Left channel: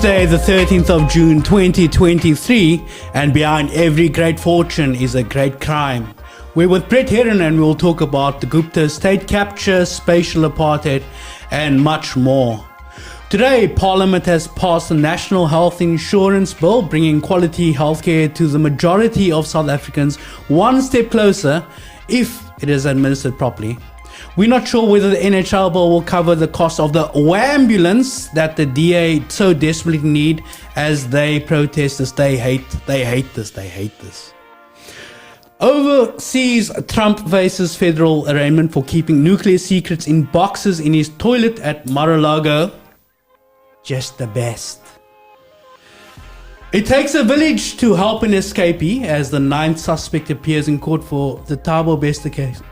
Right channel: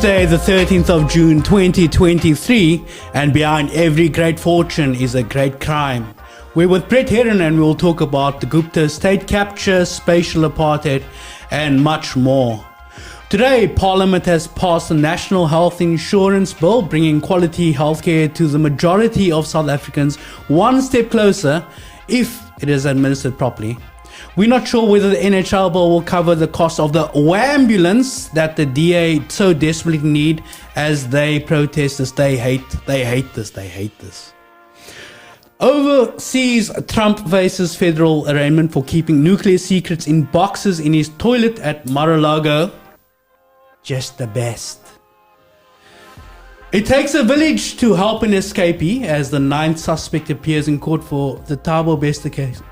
Tuesday, the 13th of June 2023, and behind every great fortune is a great crime. We're with Brett Herron and we'll talk about the Gupta state capture, spatial apartheid, and much more. Today, Parliament has passed the National Health Insurance Bill, bringing quality healthcare to the majority of South Africans one step closer if it is administered properly. We're not sure whether the NHL bill will cover the cost of the ambulance that the DA so desperately need as they protest this. They hate this. Overseas, Trump faces federal arraignment for keeping nuclear secrets in boxes in his toilet at Mar-a-Lago. Just the best. It takes a village to help an escapee as the ninth suspect appears in court for the Thabo Bester case,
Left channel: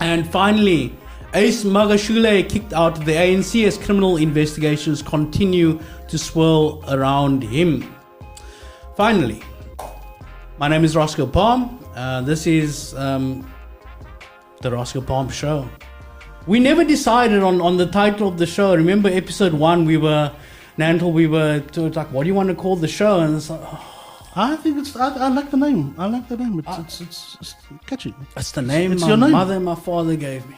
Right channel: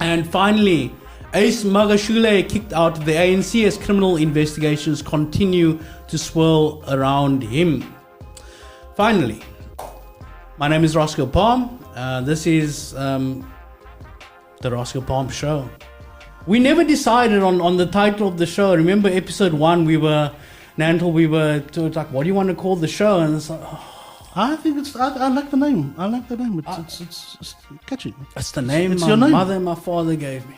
And finally, Ace Magashule kicked out of the ANC as criminal investigations continue to swirl around him. Finally, my name is Roscoe Palm. This is the Roscoe Palm Show. We never decided on the title of the show. Remember episode 1, we were like, what do you want to call the show? And it's like, I think I like the name. It's catchy. It's the name my mother and my father gave me.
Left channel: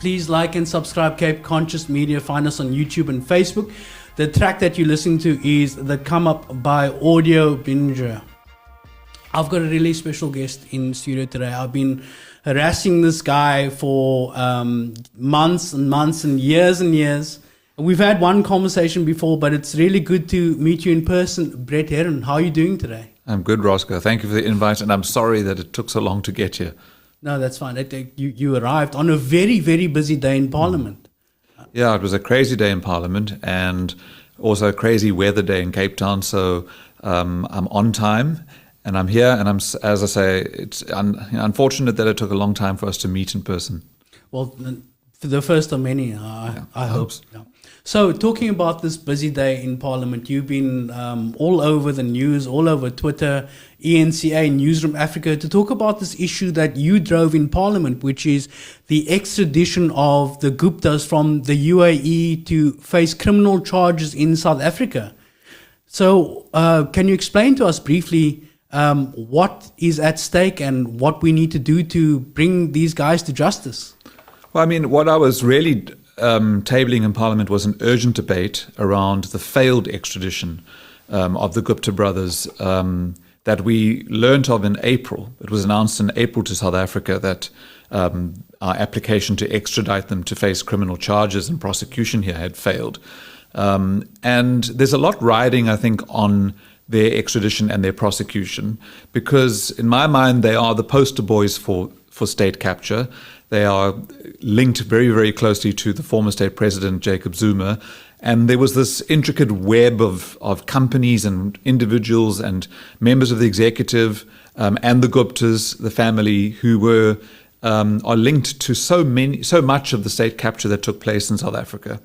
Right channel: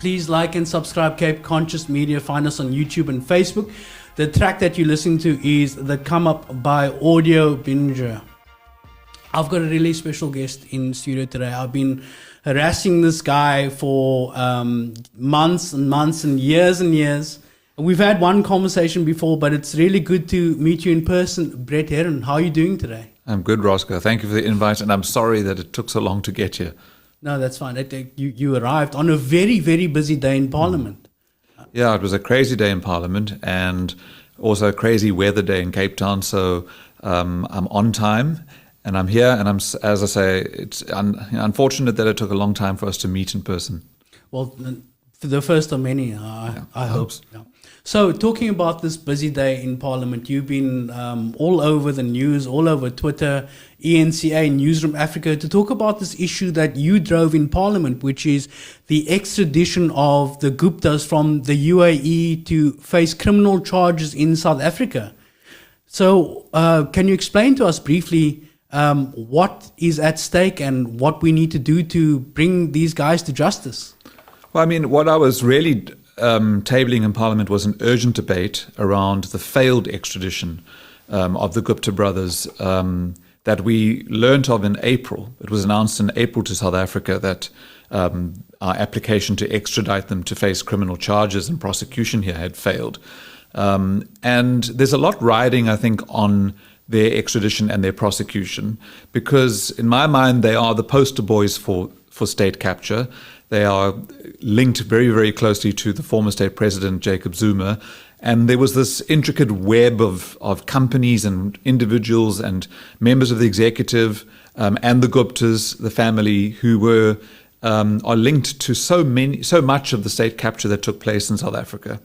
Please like and subscribe Cape Conscious Media. Find us on YouTube and Facebook. The track that you're listening to is The Come Up by Audio Binger. I've got a really special guest in studio today. I've been harassing this guy for months and months and years. We've had one conversation before, but it's really good to meet you in person. Brett Herron, how are you doing today? I'm good, Roscoe. Thank you for the invite, and I'm sorry that it took so long to get here. No, that's fine. You arrived on a very, very busy day in Parliament. Yeah, it was a crazy day in Parliament and also a crazy weather day in Cape Town, so I'm on time. And I'm here, and as I say, it's unfortunate that it took a long time for us to meet in person. Well, for the first of many, I hope so. Yeah. So, talking about this busy day in Parliament, you've been all over the news, all over Twitter, ENCA, Newsroom Africa, to talk about this issue that you drove in Parliament, which is the extradition of the Guptas from the UAE to face criminal charges in South Africa. So, can you explain to us briefly what is at stake and what we need to do to bring these guys to justice? Well, I mean, what I was really tabling in Parliament was an urgent debate around the failed extradition of the Gupta brothers that we learnt of in April. It was announced in April to South Africa that our application to extradite them to face criminal charges and prosecution here had failed. And there's a lot riding, I think, on their extradition and their prosecution, because in my mind, they are the poster boys for state capture. They are linked very, very closely to the former state president, Jacob Zuma. And there was this intricate web of companies and individuals and members of the executive and the Guptas, the family, who are linked to so much of the state capture that took place in South Africa.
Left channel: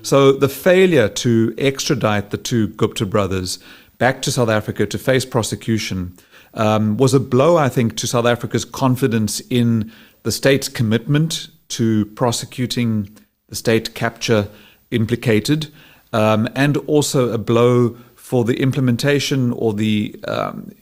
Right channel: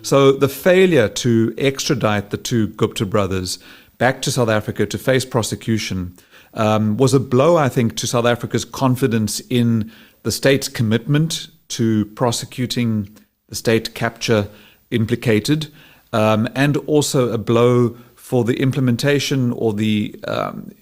So the failure to extradite the two Gupta brothers back to South Africa to face prosecution was a blow, I think, to South Africa's confidence in the state's commitment to prosecuting the state capture implicated, and also a blow for the implementation or the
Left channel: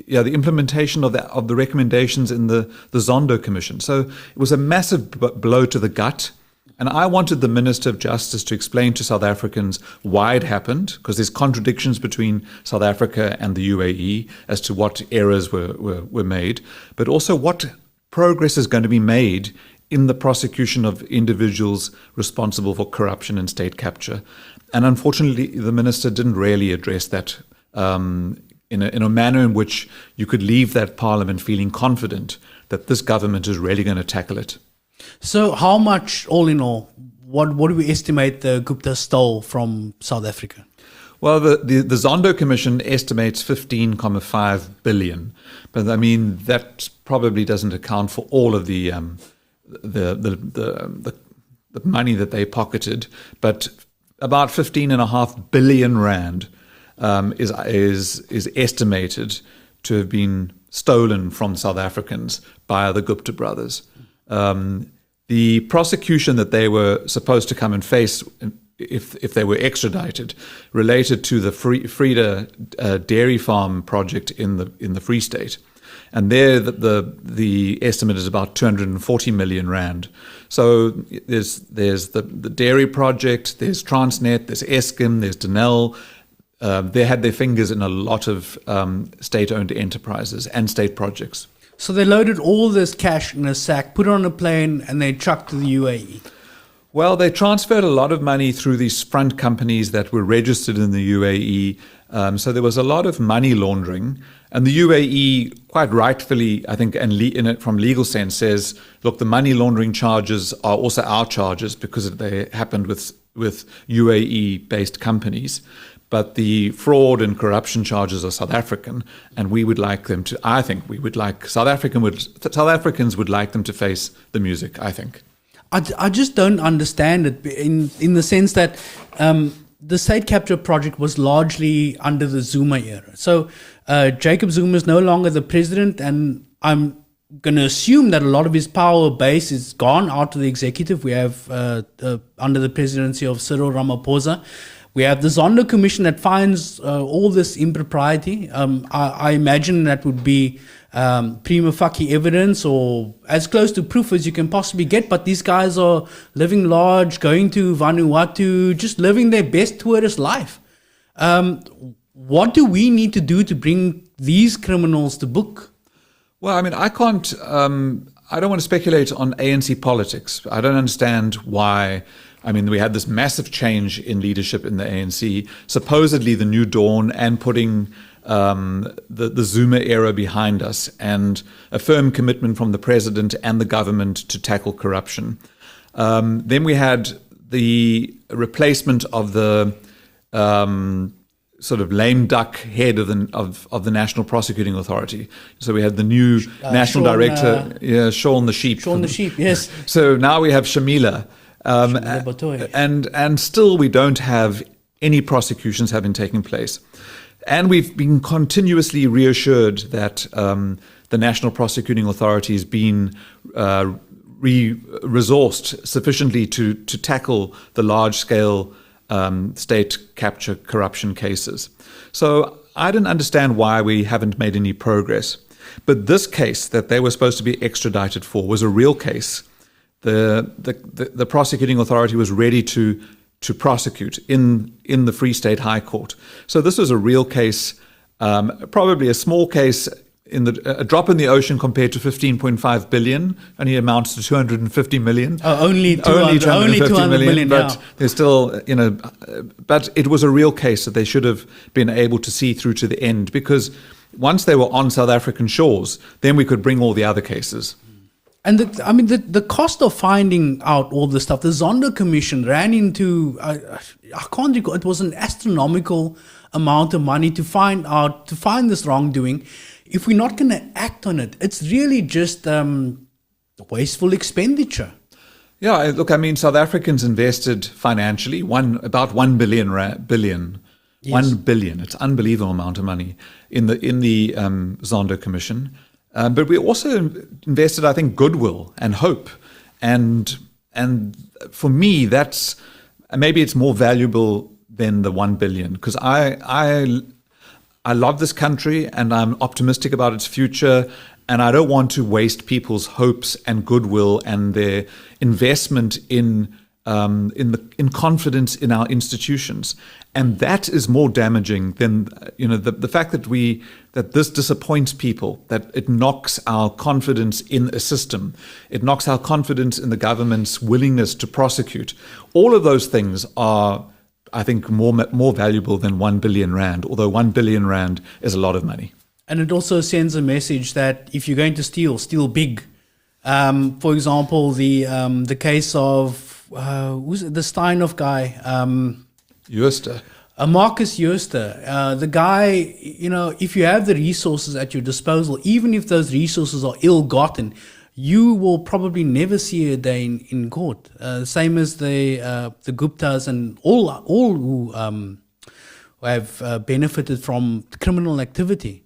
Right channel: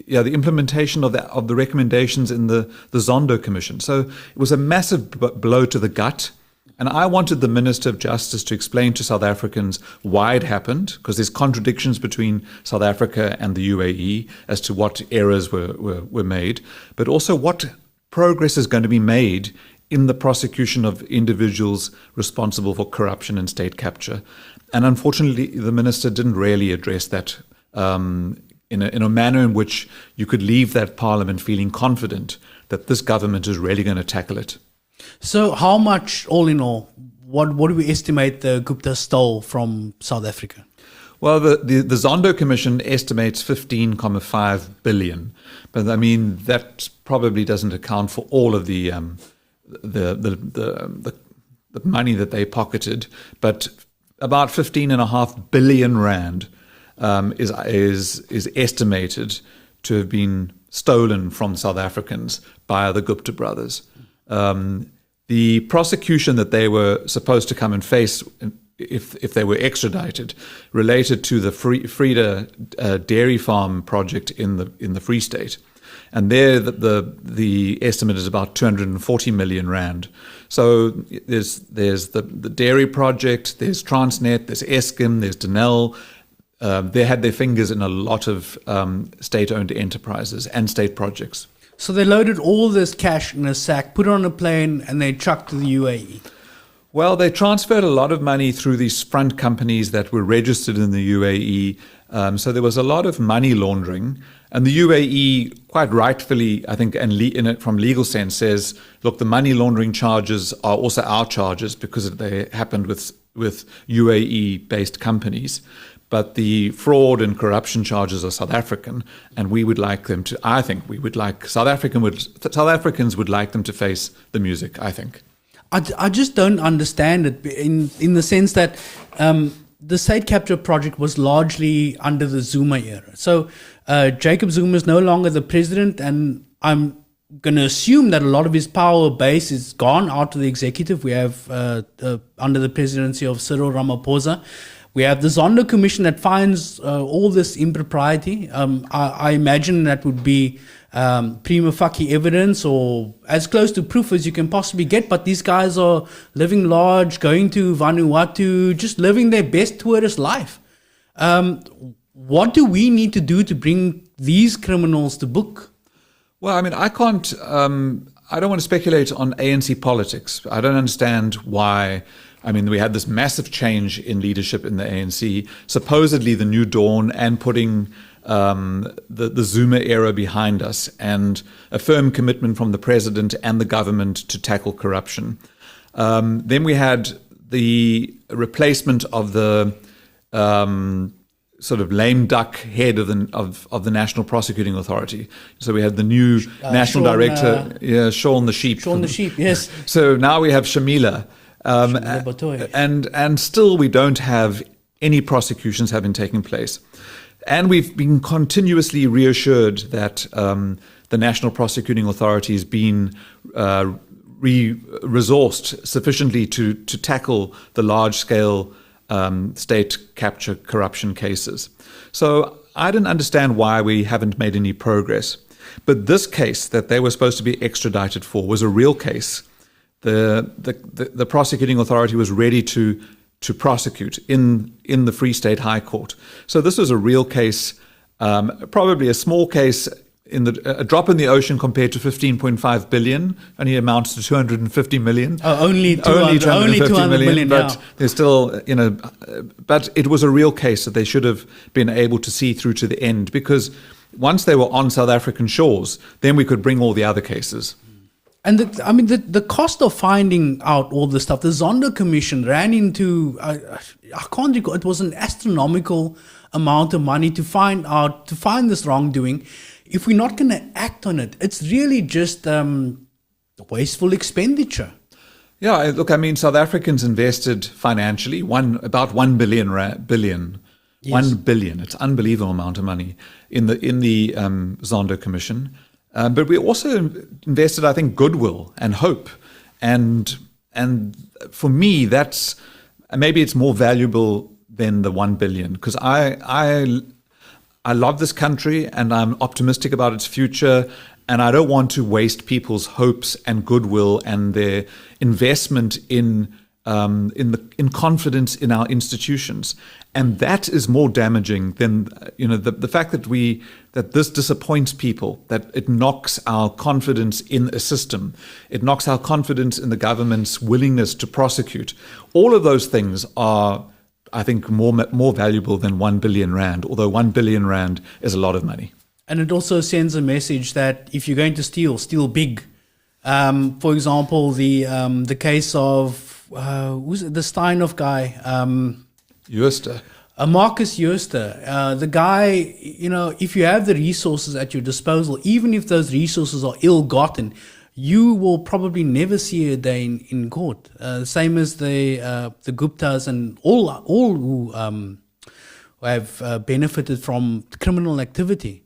implementation of the recommendations in the Zondo Commission. So it was a massive blow to the gut. And I wanted the Minister of Justice to explain to South Africans why it happened, because there's contradictions between South Africa and the UAE as to what errors were made, but also what progress is going to be made in the prosecution of individuals responsible for corruption and state capture. And unfortunately, the Minister didn't really address that in a manner in which you could leave that Parliament feeling confident that this government is really going to tackle it. So how much, all in all, what do we estimate the Gupta stole from South Africa? Well, the Zondo Commission estimates 15.5 billion. But I mean, that probably doesn't account for all of the money that they pocketed. But about 15.5 billion rand is estimated to have been stolen from South Africans by the Gupta brothers. The prosecution that they were supposed to come and face if they were extradited, related to the Frida dairy farm project in the Free State. And there, the estimate is about 240 million rand. So there's the dairy project, there's Transnet, there's Eskom, there's Denel. They had their fingers in a lot of state-owned enterprises and state projects. So they loaded all this cash in a sack, put it on a plane, and they trucked to the UAE. Well, they transferred a lot of money through these front companies that were registered in the UAE. So there was a lot of money laundering. And the UAE, quite rightfully, I think, and from legal sense, says, look, the money laundering charges are also our charges because they happened with UAE-based companies. But the fraud and corruption charges are South African, and we would like them to. I think we would like South Africans would like them to face the music. I think. I just don't understand it in the sense that the state capture project was largely under the Zuma era. So Jacob Zuma is no longer the president, and I'm going to assume that a lot of his power base is gone out of the executive. We have under the presidency of Cyril Ramaphosa. We have the Zondo Commission that finds all this impropriety. I imagine that would be prima facie evidence or as close to proof as you can possibly get. But these guys are living large, going to Vanuatu, just living their best tourist life. What do we need to do to bring these criminals to book? Well, I mean, I can't, I don't want to speculate on ANC politics. I don't understand why. I mean, we had this massive change in leadership in the ANC, supposedly the new dawn, and putting the Zuma era behind us, and a firm commitment from the president and the government to tackle corruption. Then we had the replacement of the sort of lame duck head of the National Prosecuting Authority. So we had the new national director, Shaun the Sheep. Shaun the Sheep, yes. So now we have Shamila. And still we don't have any prosecutions having taken place. And we've been continuously reassured that the National Prosecuting Authority has been resourced sufficiently to tackle the large-scale state capture corruption cases. So I don't understand why we haven't made any progress. But this case that they were supposed to be extradited for was a real case. The prosecuting authority was ready to prosecute in the Free State High Court. So this was a real case, probably a small case, a drop in the ocean compared to 15.5 billion, only amounts to 250 million. Only 200 million, but yeah. There's still, but it was a real case that they should have been able to see through to the end, because once they were on South African shores, then we could bring all the other cases. And the cost of finding out all this stuff, the Zondo Commission ran into, I can't recall, it was an astronomical amount of money to find this wrongdoing. If we're not going to act on it, it's really just wasteful expenditure. Yeah, look, I mean, South Africans invested financially about 1 billion. Yes. 1 billion. It's an unbelievable amount of money in the Zondo Commission. But we also invested, I think, goodwill and hope. And for me, that's maybe it's more valuable than the 1 billion, because I love this country and I'm optimistic about its future. And I don't want to waste people's hopes and goodwill and their investment in confidence in our institutions. And that is more damaging than the fact that this disappoints people, that it knocks our confidence in a system, it knocks our confidence in the government's willingness to prosecute. All of those things are, I think, more valuable than 1 billion rand, although 1 billion rand is a lot of money. And it also sends a message that if you're going to steal big. For example, the case of who's it, the Steinhoff guy, Jooste. Marcus Jooste, the guy, if you have the resources at your disposal, even if those resources are ill-gotten, you will probably never see a day in court. Same as the Guptas and all who have benefited from criminal activity.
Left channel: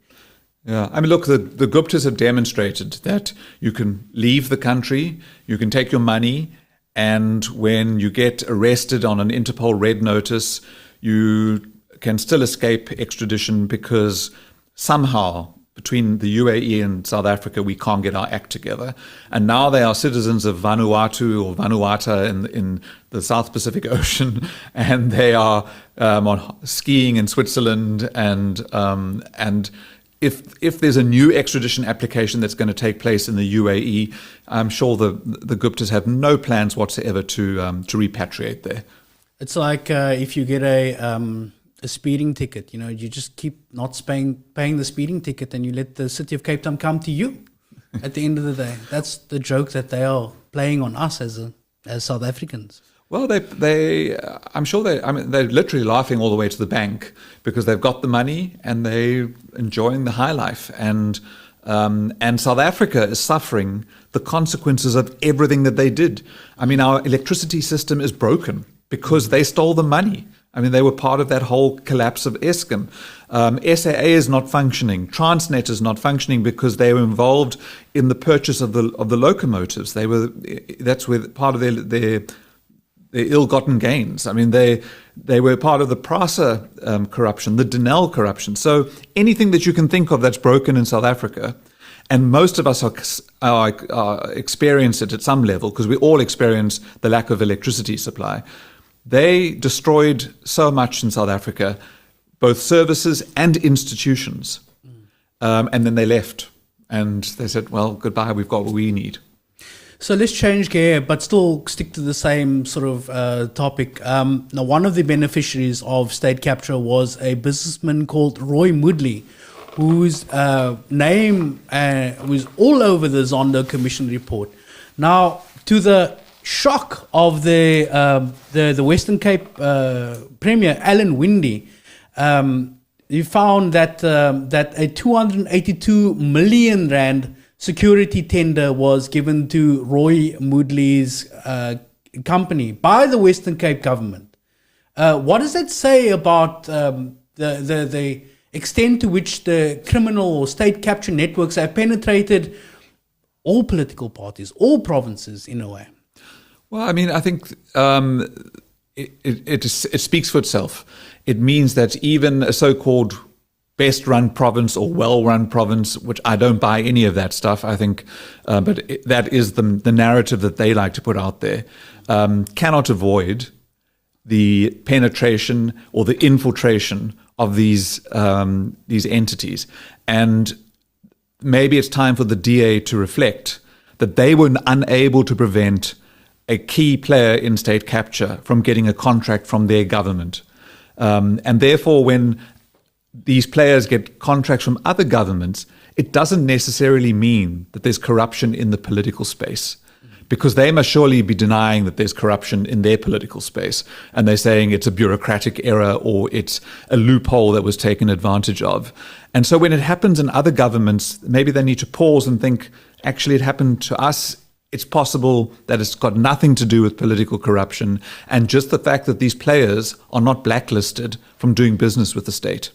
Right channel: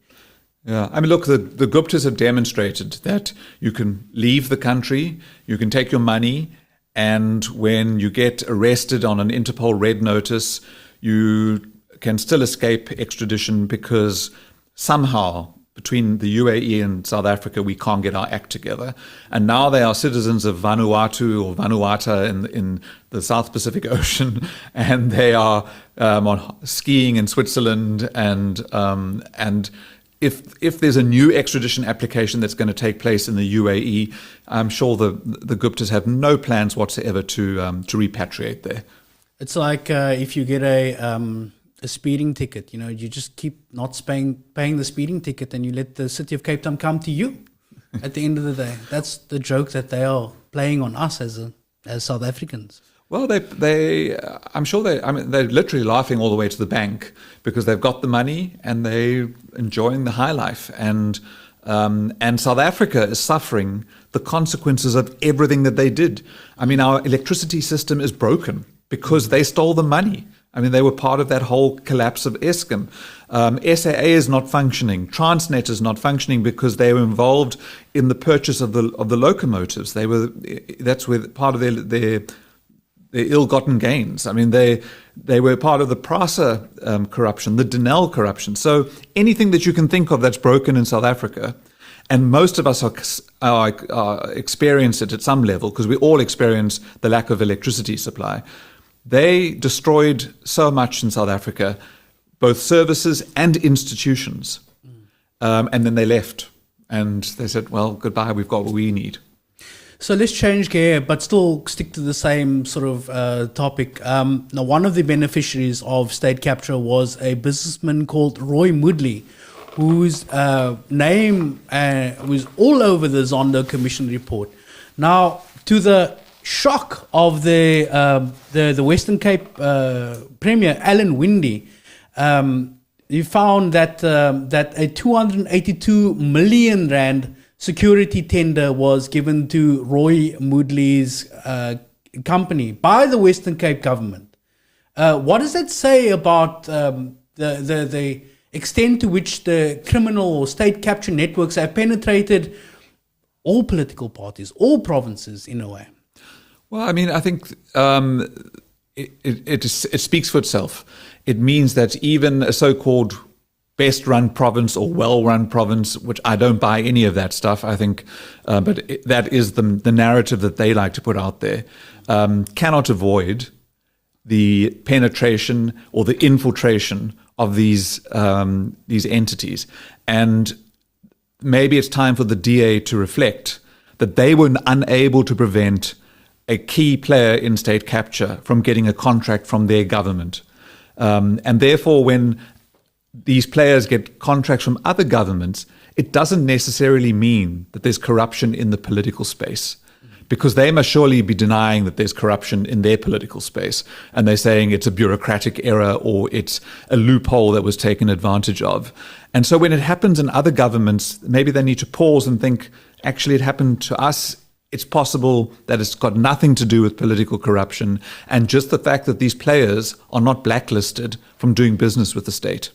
Yeah, I mean, look, the Guptas have demonstrated that you can leave the country, you can take your money, And when you get arrested on an Interpol red notice, you can still escape extradition because somehow between the UAE and South Africa, we can't get our act together. And now they are citizens of Vanuatu or Vanuata in the South Pacific Ocean, and they are on skiing in Switzerland. And if there's a new extradition application that's going to take place in the UAE, I'm sure the Guptas have no plans whatsoever to repatriate there. It's like if you get a speeding ticket, you just keep not paying the speeding ticket, and you let the city of Cape Town come to you at the end of the day. That's the joke that they are playing on us as South Africans. Well, I'm sure they're literally laughing all the way to the bank because they've got the money and they're enjoying the high life. And South Africa is suffering the consequences of everything that they did. I mean, our electricity system is broken because they stole the money. I mean, they were part of that whole collapse of Eskom. SAA is not functioning. Transnet is not functioning because they were involved in the purchase of the locomotives. That's where part of their ill-gotten gains. I mean, they were part of the PRASA corruption, the Denel corruption. So anything that you can think of that's broken in South Africa, and most of us are experience it at some level because we all experience the lack of electricity supply. They destroyed so much in South Africa, both services and institutions. And then they left and they said, well, goodbye, we've got what we need. So let's change gear, but still stick to the same sort of topic. Now, one of the beneficiaries of state capture was a businessman called Roy Moodley, whose name was all over the Zondo Commission report. Now, to the shock of the Western Cape Premier, Alan Winde, he found that a 282 million rand security tender was given to Roy Moodley's company by the Western Cape government. What does that say about the extent to which the criminal or state capture networks have penetrated all political parties, all provinces in a way? Well, I mean, I think it speaks for itself. It means that even a so-called best-run province or well-run province, which I don't buy any of that stuff, I think, but that is the narrative that they like to put out there, cannot avoid the penetration or the infiltration of these entities. And maybe it's time for the DA to reflect that they were unable to prevent a key player in state capture from getting a contract from their government. And therefore, when these players get contracts from other governments, it doesn't necessarily mean that there's corruption in the political space, because they must surely be denying that there's corruption in their political space. And they're saying it's a bureaucratic error or it's a loophole that was taken advantage of. And so when it happens in other governments, maybe they need to pause and think, actually, it happened to us. It's possible that it's got nothing to do with political corruption and just the fact that these players are not blacklisted from doing business with the state.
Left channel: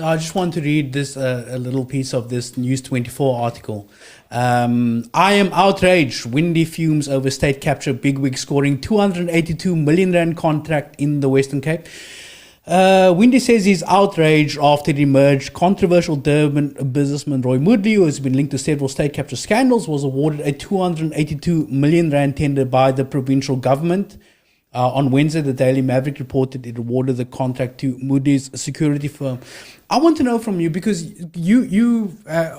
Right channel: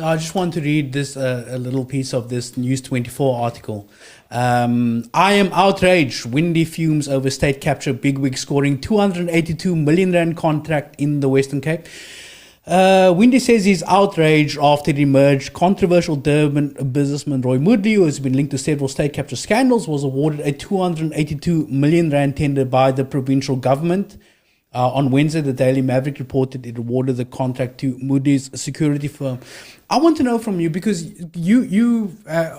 I just want to read this a little piece of this News 24 article. I am outraged. Winde fumes over state capture bigwig scoring 282 million rand contract in the Western Cape. Winde says he's outraged after it emerged controversial Durban businessman Roy Moodley, who has been linked to several state capture scandals, was awarded a 282 million rand tender by the provincial government. On Wednesday, the Daily Maverick reported it awarded the contract to Moodley's security firm. I want to know from you, because you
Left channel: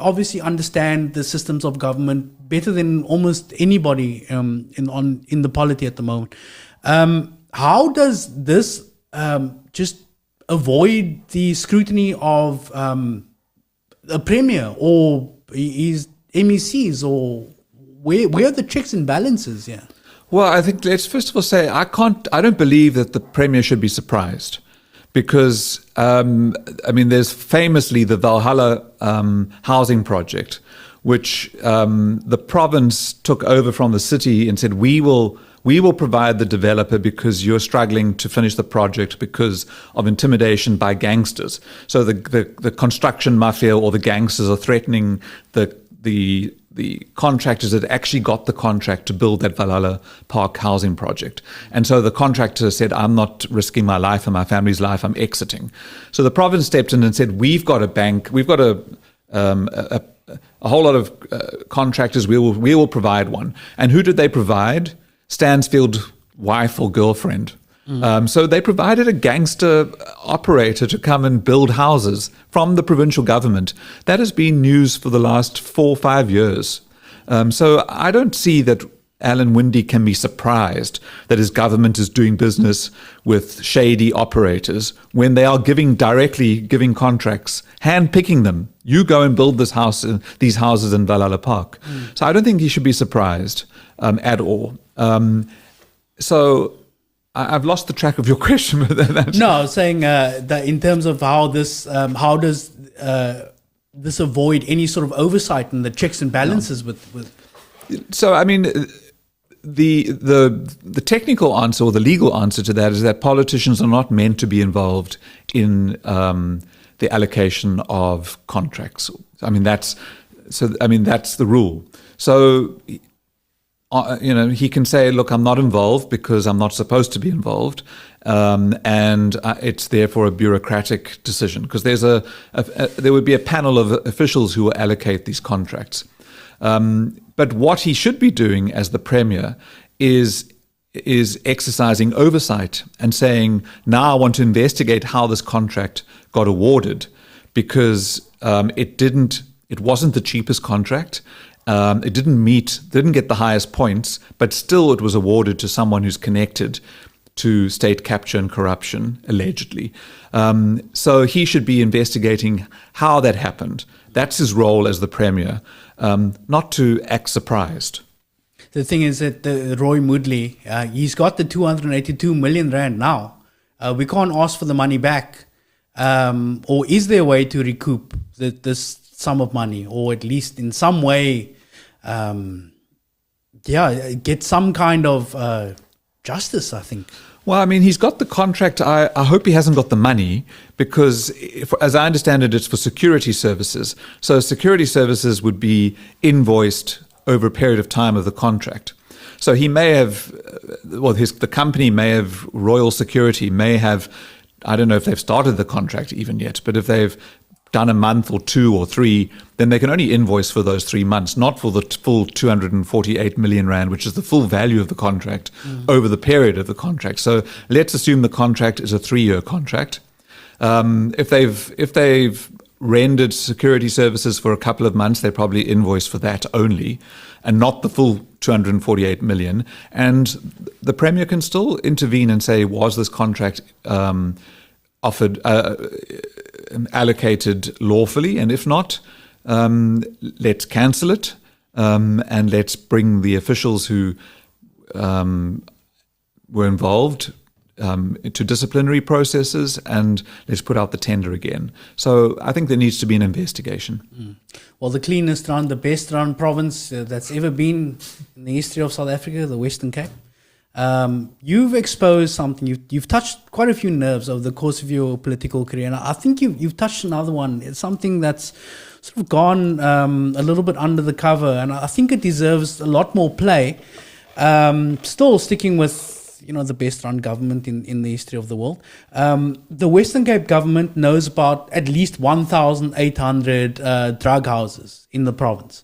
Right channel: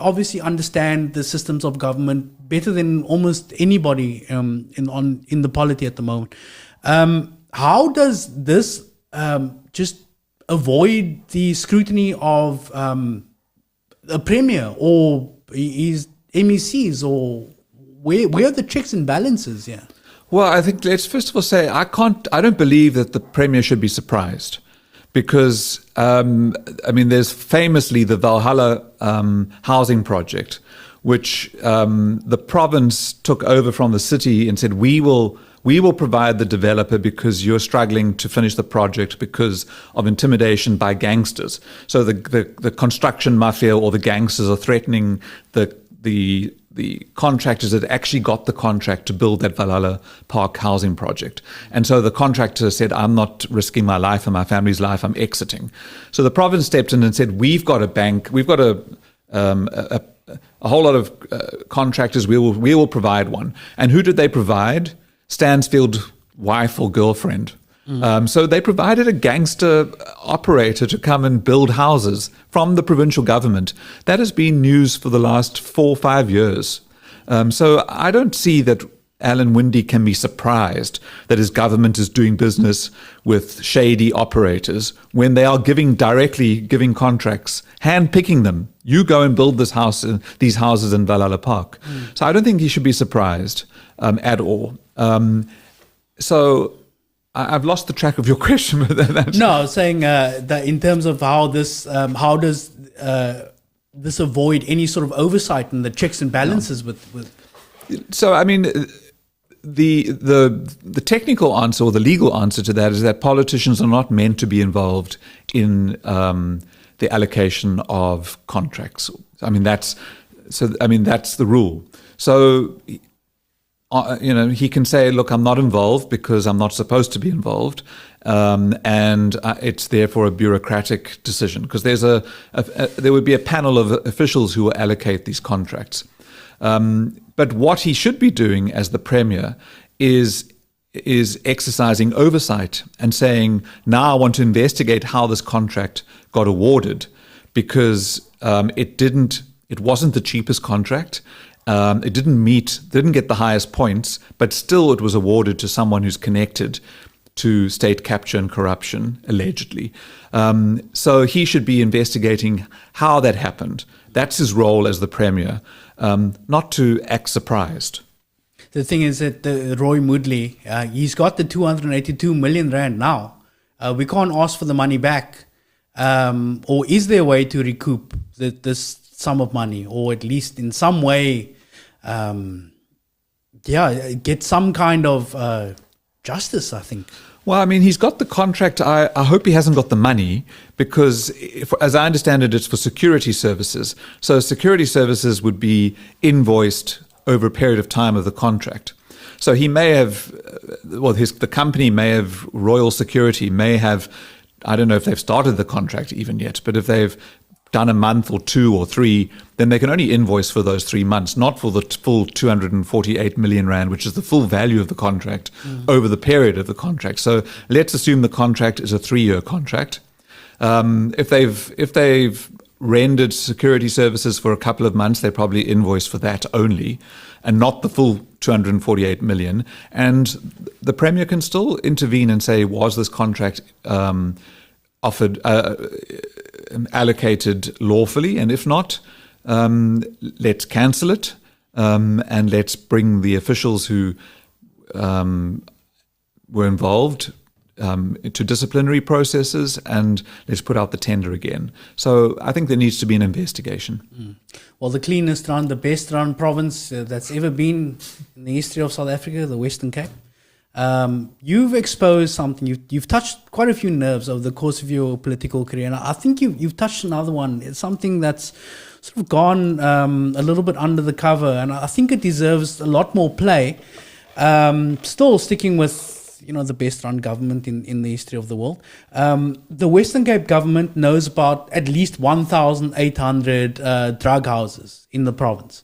obviously understand the systems of government better than almost anybody in the polity at the moment. How does this just avoid the scrutiny of a premier or his MECs, or where are the checks and balances here? Well, I think let's first of all say I don't believe that the premier should be surprised, because I mean, there's famously the Valhalla housing project, which the province took over from the city and said, we will provide the developer because you're struggling to finish the project because of intimidation by gangsters. So the construction mafia or the gangsters are threatening the the contractors had actually got the contract to build that Valhalla Park housing project. And so the contractor said, I'm not risking my life and my family's life, I'm exiting. So the province stepped in and said, we've got a bank, we've got a whole lot of contractors, we will provide one. And who did they provide? Stansfield wife or girlfriend. So they provided a gangster operator to come and build houses from the provincial government. That has been news for the last 4 or 5 years. So I don't see that Alan Winde can be surprised that his government is doing business with shady operators when they are directly giving contracts, hand-picking them. You go and build these houses in Valhalla Park. So I don't think he should be surprised at all. So I've lost the track of your question. No, I was saying that in terms of how does this avoid any sort of oversight and the checks and balances with. So I mean, the technical answer or the legal answer to that is that politicians are not meant to be involved in the allocation of contracts. I mean that's the rule. So. He can say, look, I'm not involved because I'm not supposed to be involved. And it's therefore a bureaucratic decision because there would be a panel of officials who will allocate these contracts. But what he should be doing as the Premier is exercising oversight and saying, now I want to investigate how this contract got awarded because it wasn't the cheapest contract. It didn't get the highest points, but still it was awarded to someone who's connected to state capture and corruption, allegedly. So he should be investigating how that happened. That's his role as the Premier, not to act surprised. The thing is that Roy Moodley, he's got the 282 million rand now. We can't ask for the money back. Or is there a way to recoup this sum of money, or at least in some way, get some kind of justice, I think. Well, I mean, he's got the contract. I hope he hasn't got the money because, as I understand it, it's for security services. So security services would be invoiced over a period of time of the contract. So he may have, the company may have, Royal Security may have, I don't know if they've started the contract even yet, but if they've done a month or 2 or 3, then they can only invoice for those 3 months, not for the full 248 million rand, which is the full value of the contract over the period of the contract. So let's assume the contract is a 3-year contract. If they've rendered security services for a couple of months, they probably invoice for that only, and not the full 248 million. And the Premier can still intervene and say, was this contract allocated lawfully, and if not, let's cancel it, and let's bring the officials who were involved to disciplinary processes, and let's put out the tender again. So I think there needs to be an investigation. Well, the cleanest run, the best run province that's ever been in the history of South Africa, the Western Cape. You've exposed something. You've touched quite a few nerves over the course of your political career, and I think you've touched another one. It's something that's sort of gone a little bit under the cover, and I think it deserves a lot more play. Still sticking with the best run government in the history of the world. The Western Cape government knows about at least 1,800 drug houses in the province.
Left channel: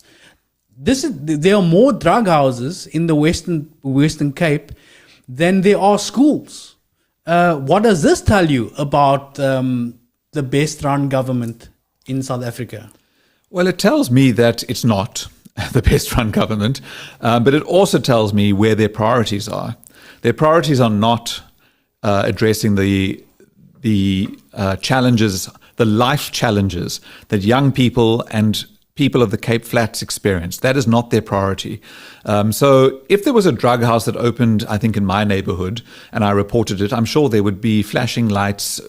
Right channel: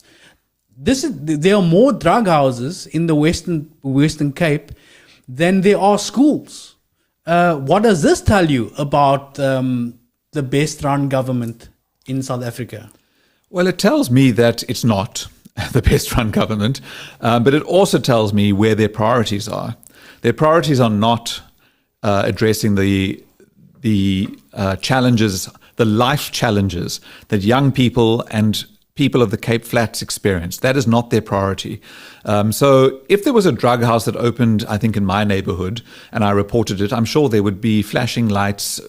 There are more drug houses in the Western Cape than there are schools. What does this tell you about the best run government in South Africa? Well, it tells me that it's not the best run government, but it also tells me where their priorities are. Their priorities are not addressing the challenges, the life challenges that young people and people of the Cape Flats experience. That is not their priority. So if there was a drug house that opened, I think, in my neighborhood, and I reported it, I'm sure there would be flashing lights,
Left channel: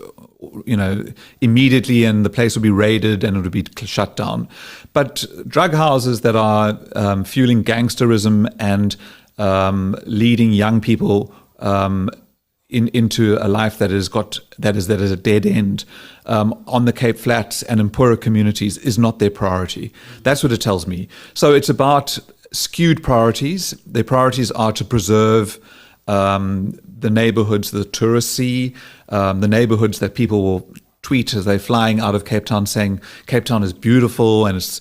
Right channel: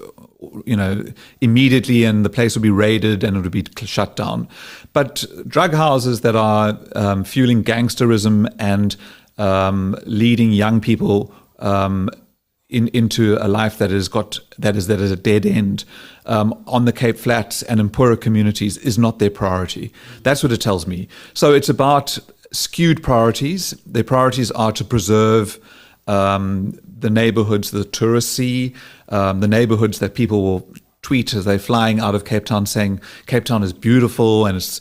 immediately, and the place would be raided and it would be shut down. But drug houses that are fueling gangsterism and leading young people into a life that is a dead end on the Cape Flats and in poorer communities is not their priority. That's what it tells me. So it's about skewed priorities. Their priorities are to preserve the neighborhoods the tourists see, the neighborhoods that people will tweet as they're flying out of Cape Town saying Cape Town is beautiful and it's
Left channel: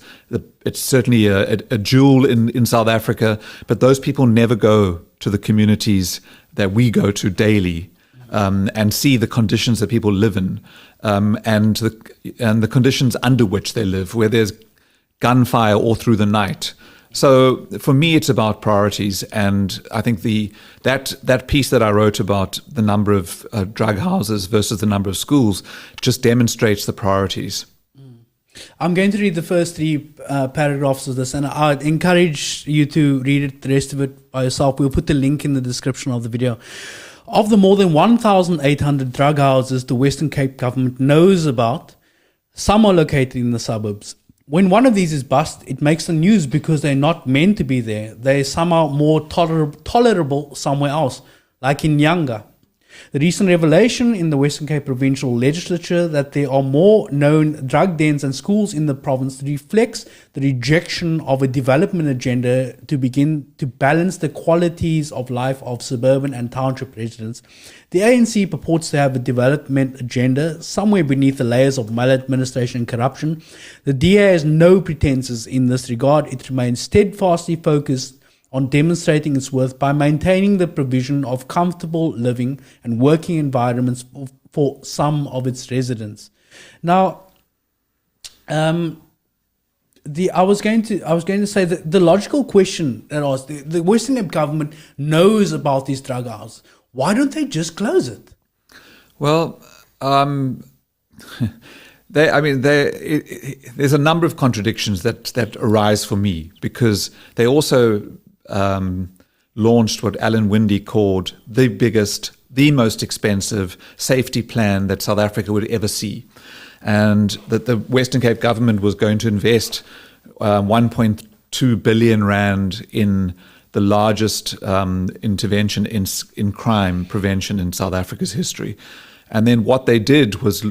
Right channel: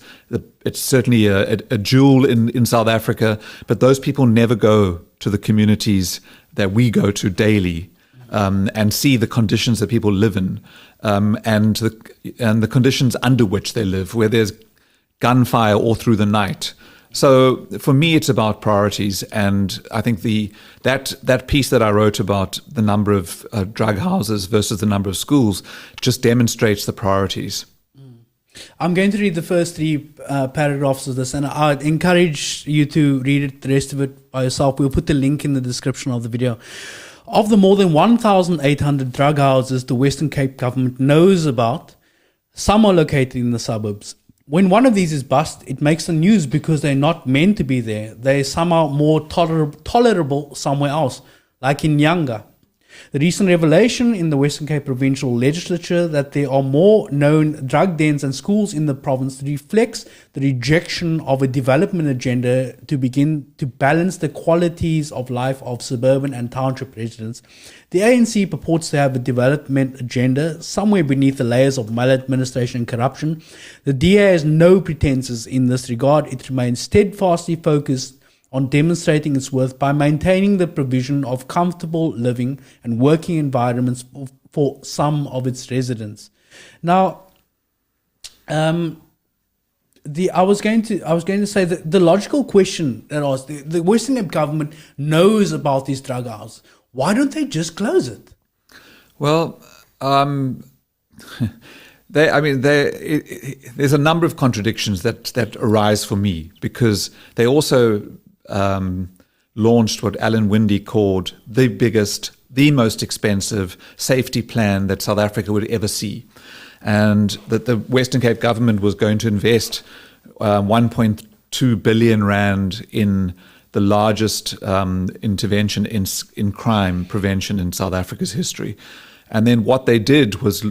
certainly a jewel in South Africa, but those people never go to the communities that we go to daily and see the conditions that people live in and the conditions under which they live, where there's gunfire all through the night. So for me, it's about priorities, and I think that piece that I wrote about the number of drug houses versus the number of schools just demonstrates the priorities. I'm going to read the first three paragraphs of this, and I'd encourage you to read it, the rest of it by yourself. We'll put the link in the description of the video. Of the more than 1,800 drug houses the Western Cape government knows about, some are located in the suburbs. When one of these is bust, it makes the news because they're not meant to be there. They're somehow more tolerable somewhere else, like in Nyanga. The recent revelation in the Western Cape Provincial Legislature that there are more known drug dens and schools in the province reflects the rejection of a development agenda to begin to balance the qualities of life of suburban and township residents. The ANC purports to have a development agenda somewhere beneath the layers of maladministration and corruption. The DA has no pretenses in this regard. It remains steadfastly focused on demonstrating its worth by maintaining the provision of comfortable living and working environments for some of its residents. Now, I was going to say that the logical question that I asked, the Western Cape government knows about these drug houses. Why don't they just close it? Well, there's a number of contradictions that arise for me, because they also launched what Alan Winde called the biggest, the most expensive safety plan that South Africa would ever see. And that the Western Cape government was going to invest 1.2 billion rand in the largest intervention in crime prevention in South Africa's history. And then what they did was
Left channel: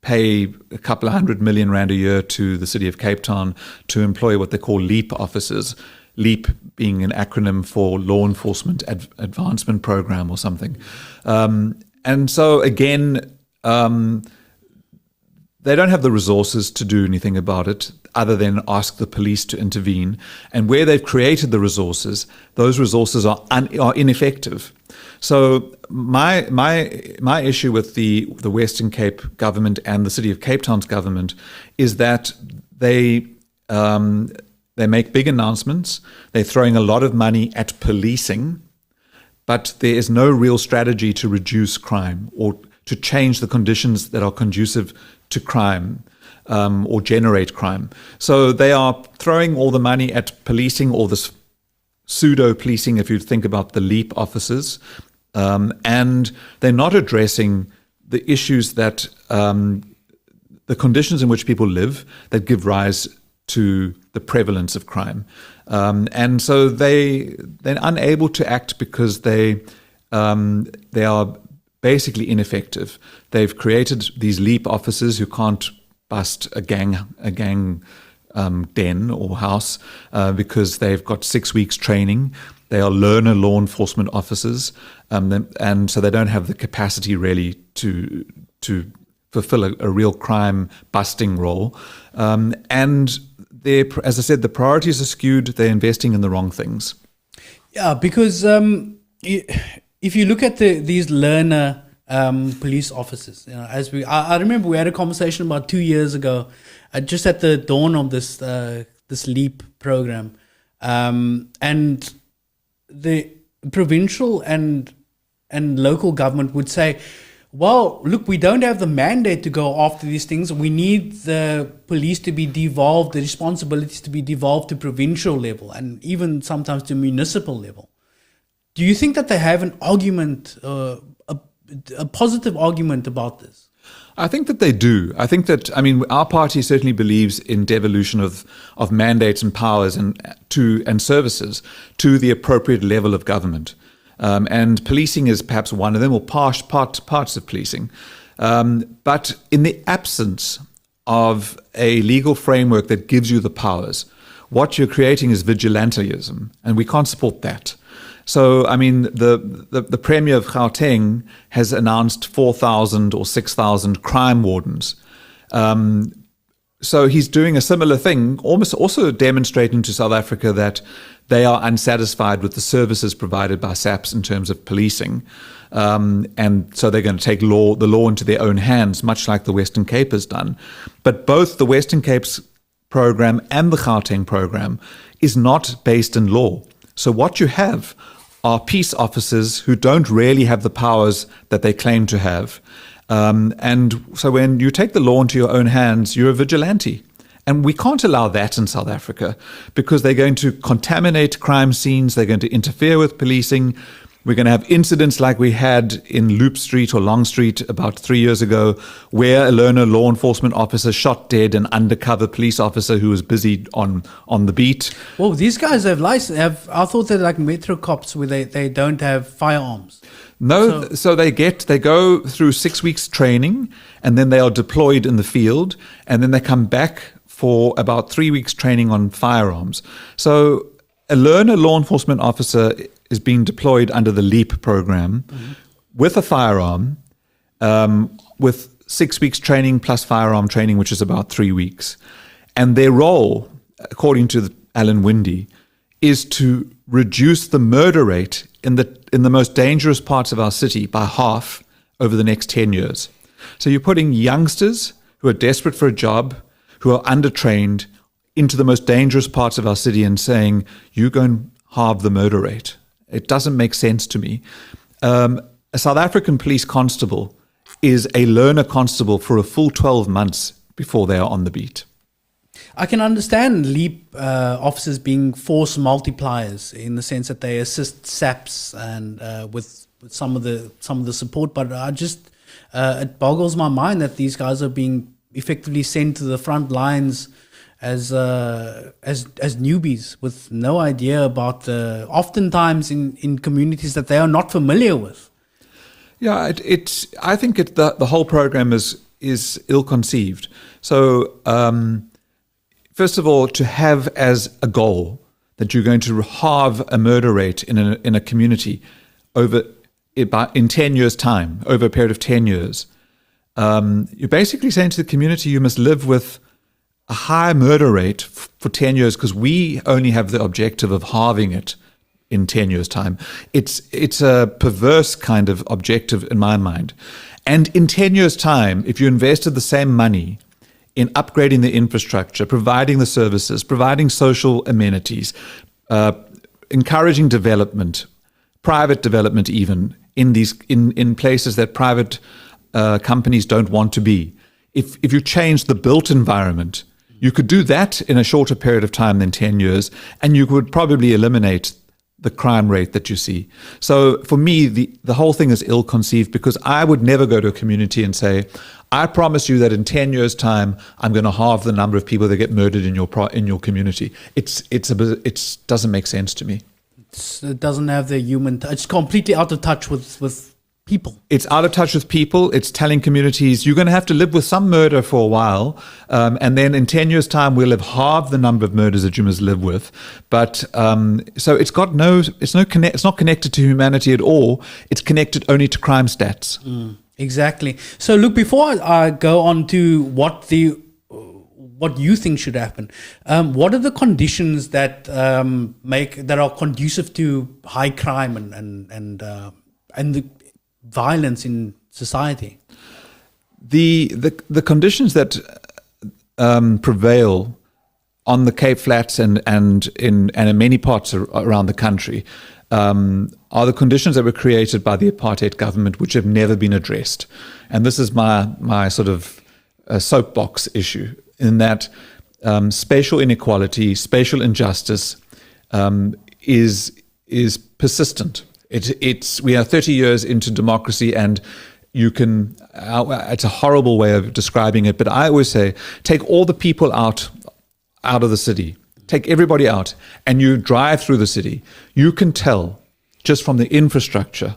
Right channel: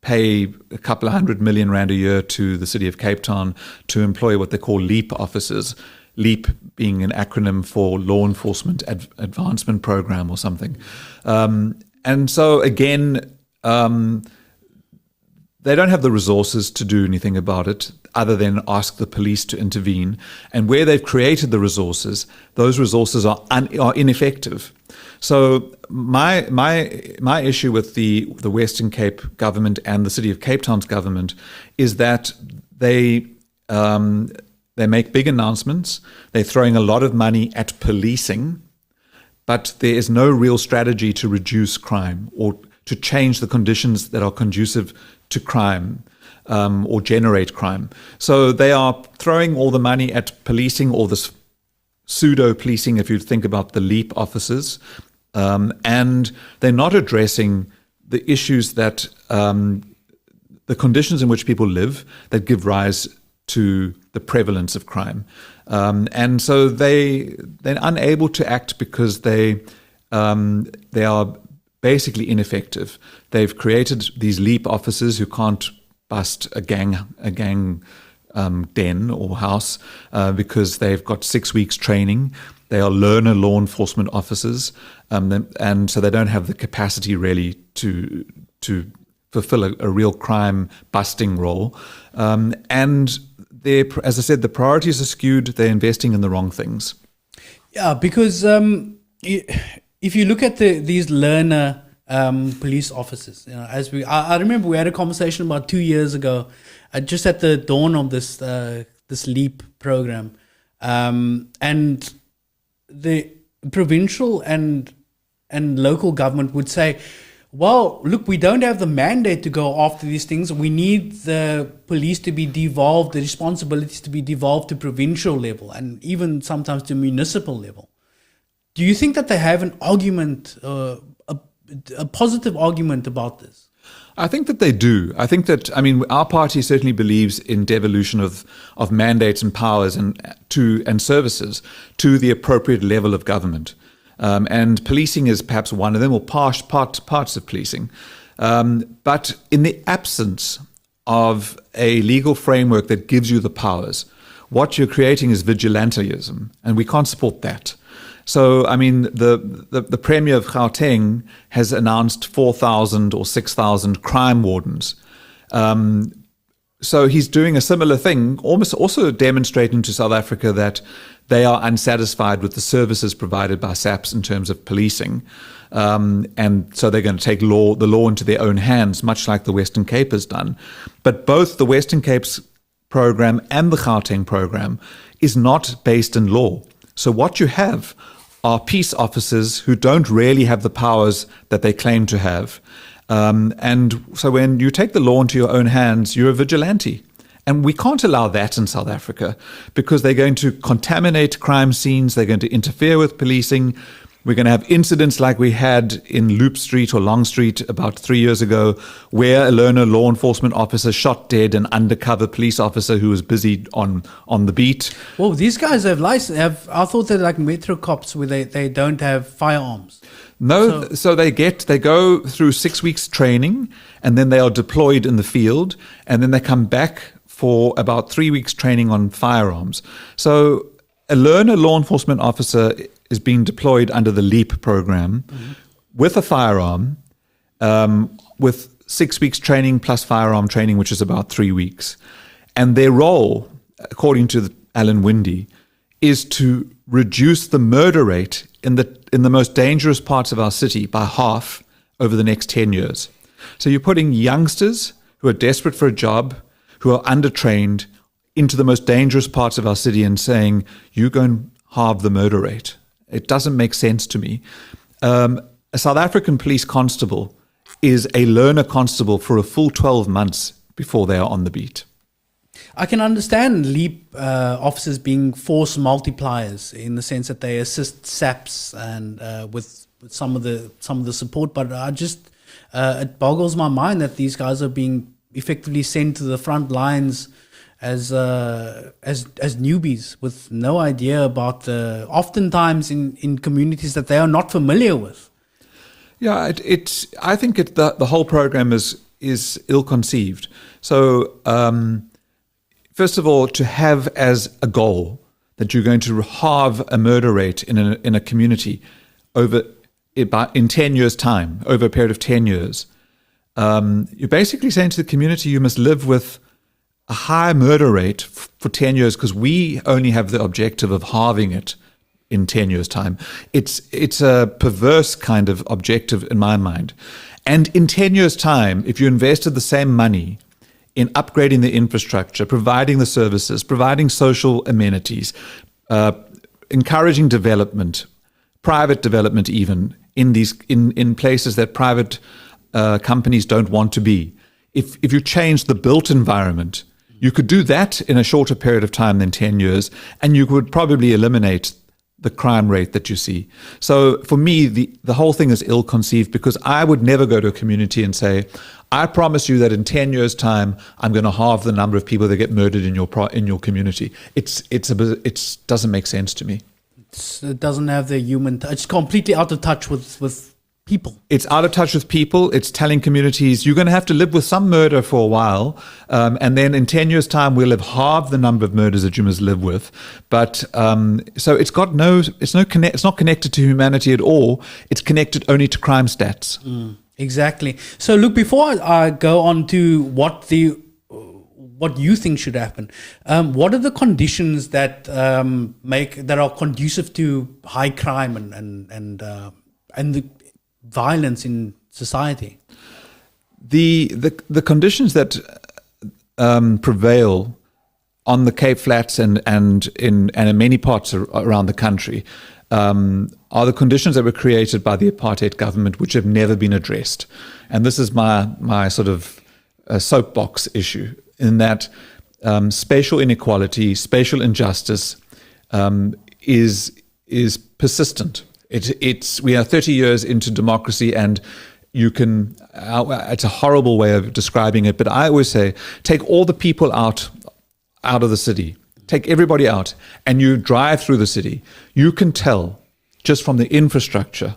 pay a couple of 100 million rand a year to the city of Cape Town to employ what they call LEAP officers, LEAP being an acronym for Law Enforcement Advancement Program or something. And so again, they don't have the resources to do anything about it other than ask the police to intervene. And where they've created the resources, those resources are ineffective. So my issue with the Western Cape government and the City of Cape Town's government is that they make big announcements. They're throwing a lot of money at policing, but there is no real strategy to reduce crime or to change the conditions that are conducive to crime or generate crime. So they are throwing all the money at policing, all this pseudo-policing, if you think about the LEAP officers, and they're not addressing the issues that the conditions in which people live that give rise to the prevalence of crime. And so they're unable to act because they are basically ineffective. They've created these LEAP officers who can't bust a gang den or house because they've got 6 weeks training. They are learner law enforcement officers, and so they don't have the capacity really to fulfill a real crime busting role. And as I said, the priorities are skewed. They're investing in the wrong things. Yeah, because if you look at these learner police officers, I remember we had a conversation about 2 years ago, just at the dawn of this LEAP program, and the provincial and local government would say, well, look, we don't have the mandate to go after these things. We need the police to be devolved, the responsibilities to be devolved to provincial level and even sometimes to municipal level. Do you think that they have an argument, a positive argument about this? I think that they do. I think that, our party certainly believes in devolution of mandates and powers and services to the appropriate level of government. And policing is perhaps one of them, or parts of policing. But in the absence of a legal framework that gives you the powers, what you're creating is vigilantism, and we can't support that. So, I mean, the Premier of Gauteng has announced 4,000 or 6,000 crime wardens. So he's doing a similar thing, almost also demonstrating to South Africa that they are unsatisfied with the services provided by SAPS in terms of policing. And so they're going to take the law into their own hands, much like the Western Cape has done. But both the Western Cape's program and the Gauteng program is not based in law. So what you have are peace officers who don't really have the powers that they claim to have. And so when you take the law into your own hands, you're a vigilante. And we can't allow that in South Africa because they're going to contaminate crime scenes. They're going to interfere with policing. We're going to have incidents like we had in Loop Street or Long Street about 3 years ago, where a learner law enforcement officer shot dead an undercover police officer who was busy on the beat. Well, these guys have license. I thought they're like metro cops where they don't have firearms. No, so they go through 6 weeks training, and then they are deployed in the field, and then they come back for about 3 weeks training on firearms. So a learner law enforcement officer is being deployed under the LEAP program with a firearm, with 6 weeks training plus firearm training, which is about 3 weeks. And their role, according to Alan Winde, is to reduce the murder rate in the most dangerous parts of our city by half over the next 10 years. So you're putting youngsters who are desperate for a job, who are undertrained, into the most dangerous parts of our city and saying, you go and halve the murder rate. It doesn't make sense to me. A South African police constable is a learner constable for a full 12 months before they are on the beat. I can understand LEAP officers being force multipliers in the sense that they assist SAPs and with some of the support, but it boggles my mind that these guys are being effectively sent to the front lines as newbies with no idea about oftentimes in communities that they are not familiar with. Yeah, I think the whole program is ill-conceived. So first of all, to have as a goal that you're going to halve a murder rate in a community in 10 years' time, over a period of 10 years, you're basically saying to the community you must live with a high murder rate for 10 years because we only have the objective of halving it in 10 years' time. It's a perverse kind of objective in my mind. And in 10 years' time, if you invested the same money in upgrading the infrastructure, providing the services, providing social amenities, encouraging development, private development even, in places that private companies don't want to be. If you change the built environment, you could do that in a shorter period of time than 10 years, and you would probably eliminate the crime rate that you see. So for me, the whole thing is ill-conceived because I would never go to a community and say, I promise you that in 10 years' time, I'm going to halve the number of people that get murdered in your community. It doesn't make sense to me. It doesn't have the human touch. It's completely out of touch with people. It's out of touch with people. It's telling communities you're going to have to live with some murder for a while, and then in 10 years' time we'll have halved the number of murders that you must live with. But so it's not connected to humanity at all. It's connected only to crime stats. Exactly. So look, before I go on to what you think should happen, what are the conditions that are conducive to high crime and the violence in society? The conditions that prevail on the Cape Flats and in many parts around the country are the conditions that were created by the apartheid government, which have never been addressed. And this is my sort of soapbox issue, in that spatial inequality, spatial injustice is persistent. We are 30 years into democracy, and it's a horrible way of describing it, but I always say, take all the people out of the city, take everybody out, and you drive through the city. You can tell just from the infrastructure,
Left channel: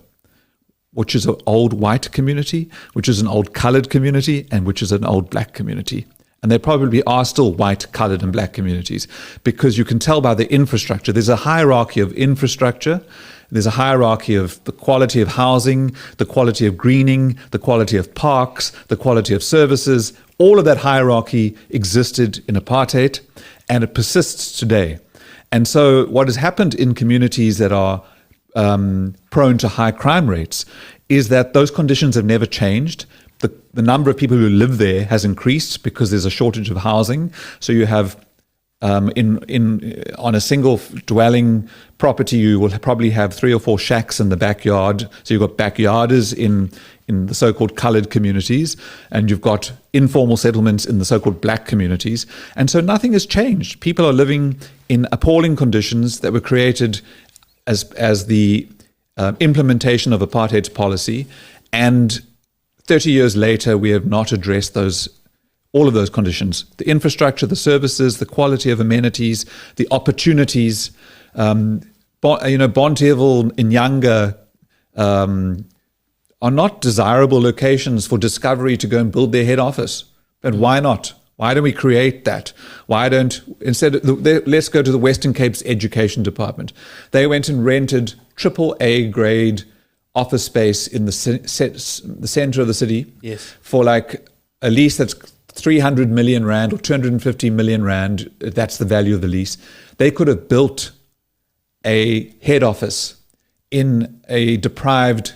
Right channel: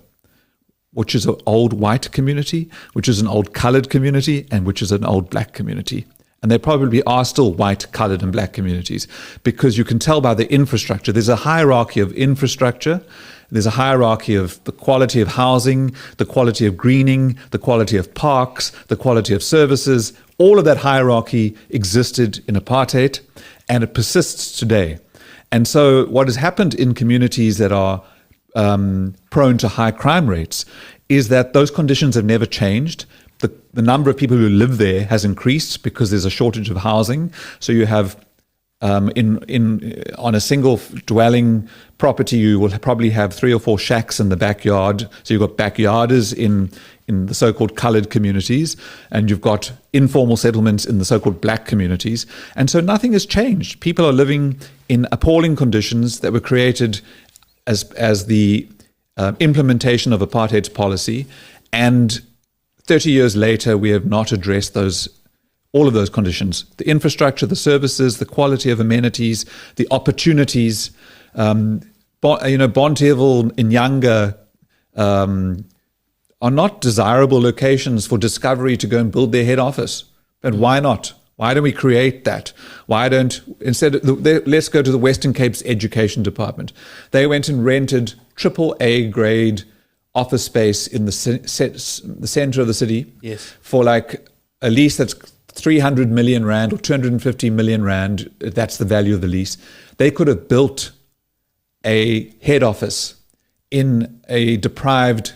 which is an old white community, which is an old colored community, and which is an old black community. And there probably are still white, colored, and black communities, because you can tell by the infrastructure. There's a hierarchy of infrastructure. There's a hierarchy of the quality of housing, the quality of greening, the quality of parks, the quality of services. All of that hierarchy existed in apartheid, and it persists today. And so what has happened in communities that are prone to high crime rates is that those conditions have never changed. The number of people who live there has increased because there's a shortage of housing. So you have on a single dwelling property, you will probably have 3 or 4 shacks in the backyard. So you've got backyarders in the so-called colored communities, and you've got informal settlements in the so-called black communities. And so nothing has changed. People are living in appalling conditions that were created as the implementation of apartheid's policy. And 30 years later, we have not addressed all of those conditions: the infrastructure, the services, the quality of amenities, the opportunities. Bonteheuwel in Nyanga are not desirable locations for Discovery to go and build their head office. But why not? Why don't we create that? Let's go to the Western Cape's Education Department. They went and rented AAA grade office space in the center of the city, yes, for like a lease that's 300 million rand or 250 million rand. That's the value of the lease. They could have built a head office in a deprived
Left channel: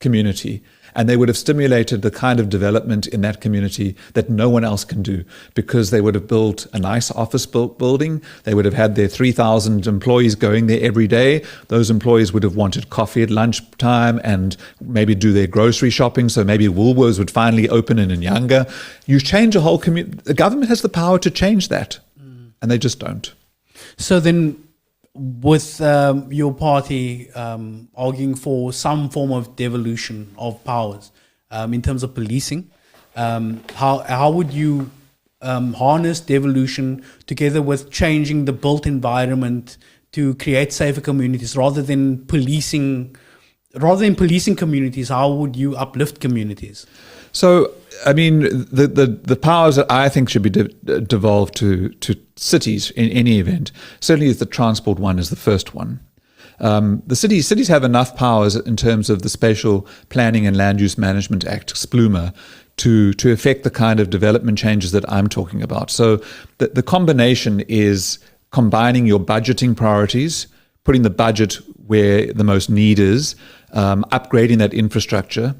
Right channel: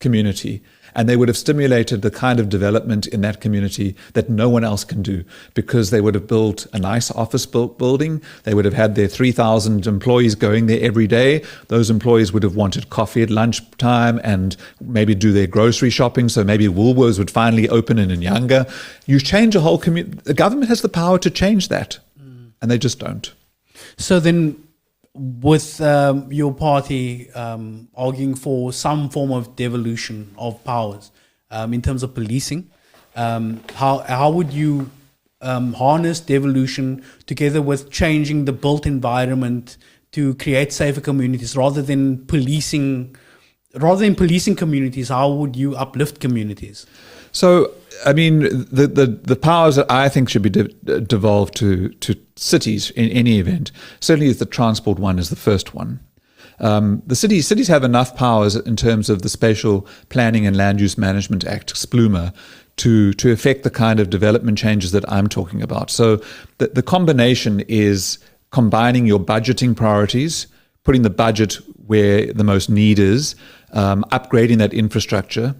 community, and they would have stimulated the kind of development in that community that no one else can do, because they would have built a nice office building. They would have had their 3,000 employees going there every day. Those employees would have wanted coffee at lunchtime and maybe do their grocery shopping. So maybe Woolworths would finally open in Nyanga. You change a whole community. The government has the power to change that, and they just don't. So then, with your party arguing for some form of devolution of powers in terms of policing, how would you harness devolution together with changing the built environment to create safer communities rather than policing communities? How would you uplift communities? So, I mean, the powers that I think should be devolved to cities in any event, certainly the transport one is the first one. The cities have enough powers in terms of the Spatial Planning and Land Use Management Act, SPLUMA, to affect the kind of development changes that I'm talking about. So the combination is combining your budgeting priorities, putting the budget where the most need is, upgrading that infrastructure,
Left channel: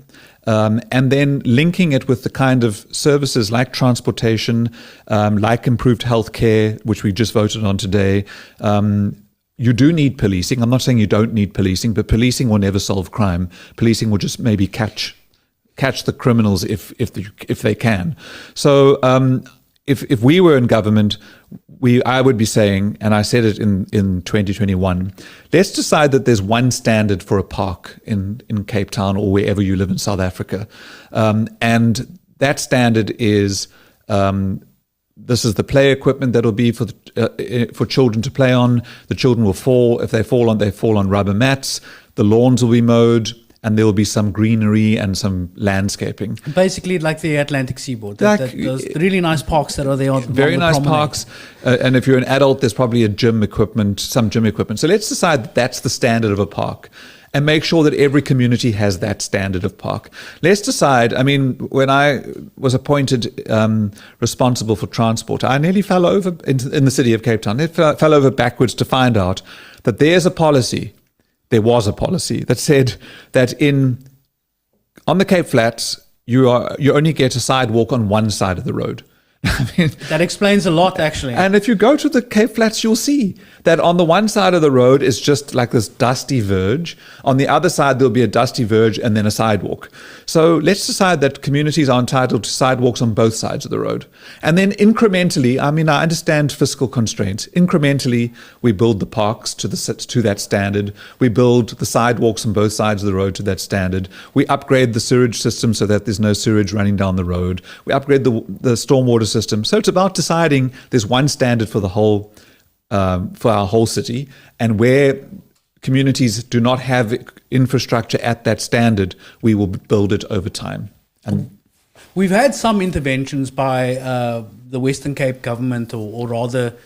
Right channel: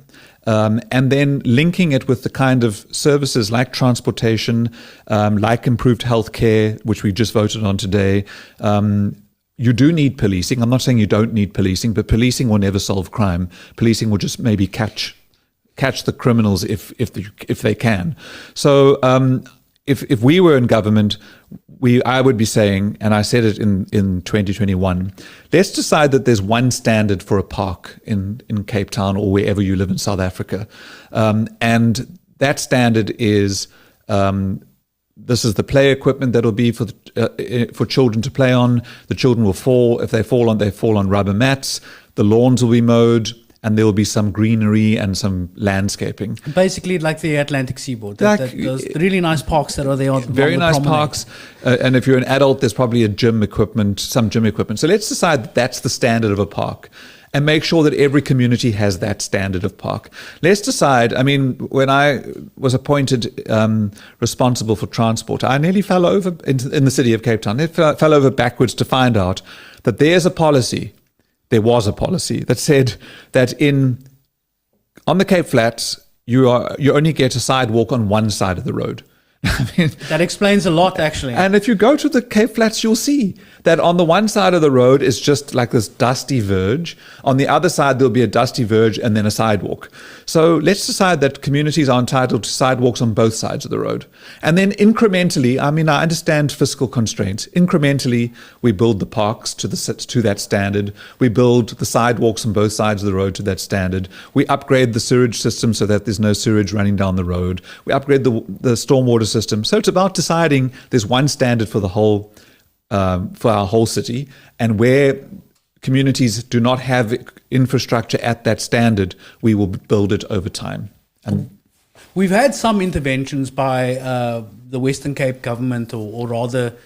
and then linking it with the kind of services like transportation, like improved healthcare, which we just voted on today. You do need policing. I'm not saying you don't need policing, but policing will never solve crime. Policing will just maybe catch the criminals if they can. So if we were in government, I would be saying, and I said it in 2021, let's decide that there's one standard for a park in Cape Town or wherever you live in South Africa. And that standard is, this is the play equipment that'll be for children to play on. The children will fall. If they fall on rubber mats. The lawns will be mowed, and there will be some greenery and some landscaping. Basically like the Atlantic seaboard. Those really nice parks that are there. Very nice parks. And if you're an adult, there's probably some gym equipment. So let's decide that's the standard of a park, and make sure that every community has that standard of park. Let's decide, I mean, when I was appointed responsible for transport, I nearly fell over in the city of Cape Town. I fell over backwards to find out that there was a policy that said that on the Cape Flats, you only get a sidewalk on one side of the road. I mean, that explains a lot, actually. And if you go to the Cape Flats, you'll see that on the one side of the road is just like this dusty verge. On the other side, there'll be a dusty verge and then a sidewalk. So let's decide that communities are entitled to sidewalks on both sides of the road. And then incrementally, I mean, I understand fiscal constraints. Incrementally, we build the parks to that standard. We build the sidewalks on both sides of the road to that standard. We upgrade the sewage system so that there's no sewage running down the road. We upgrade the stormwater system. So it's about deciding there's one standard for the whole, for our whole city, and where communities do not have infrastructure at that standard, we will build it over time. And we've had some interventions by the Western Cape government, or rather,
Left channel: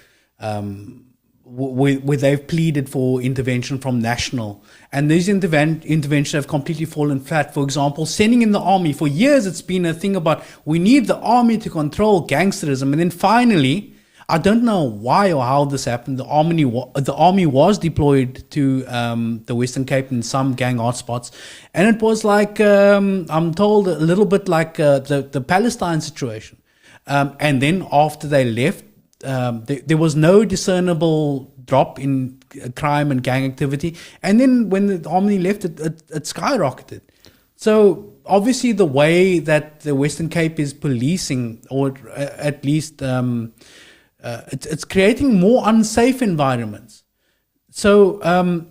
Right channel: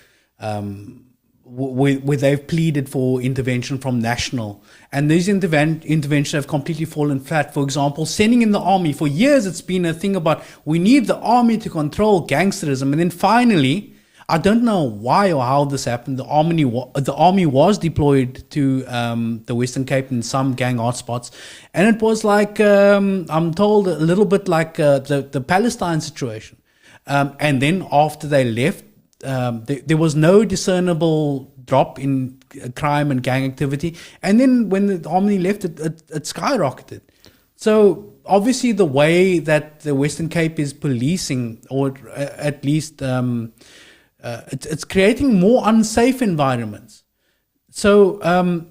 where they've pleaded for intervention from national. And these interventions have completely fallen flat. For example, sending in the army. For years, it's been a thing about we need the army to control gangsterism. And then finally, I don't know why or how this happened, the army was deployed to the Western Cape in some gang hotspots. And it was like, I'm told, a little bit like the Palestine situation. And then after they left, there was no discernible drop in crime and gang activity. And then when the army left, it skyrocketed. So obviously the way that the Western Cape is policing, or at least it's creating more unsafe environments. So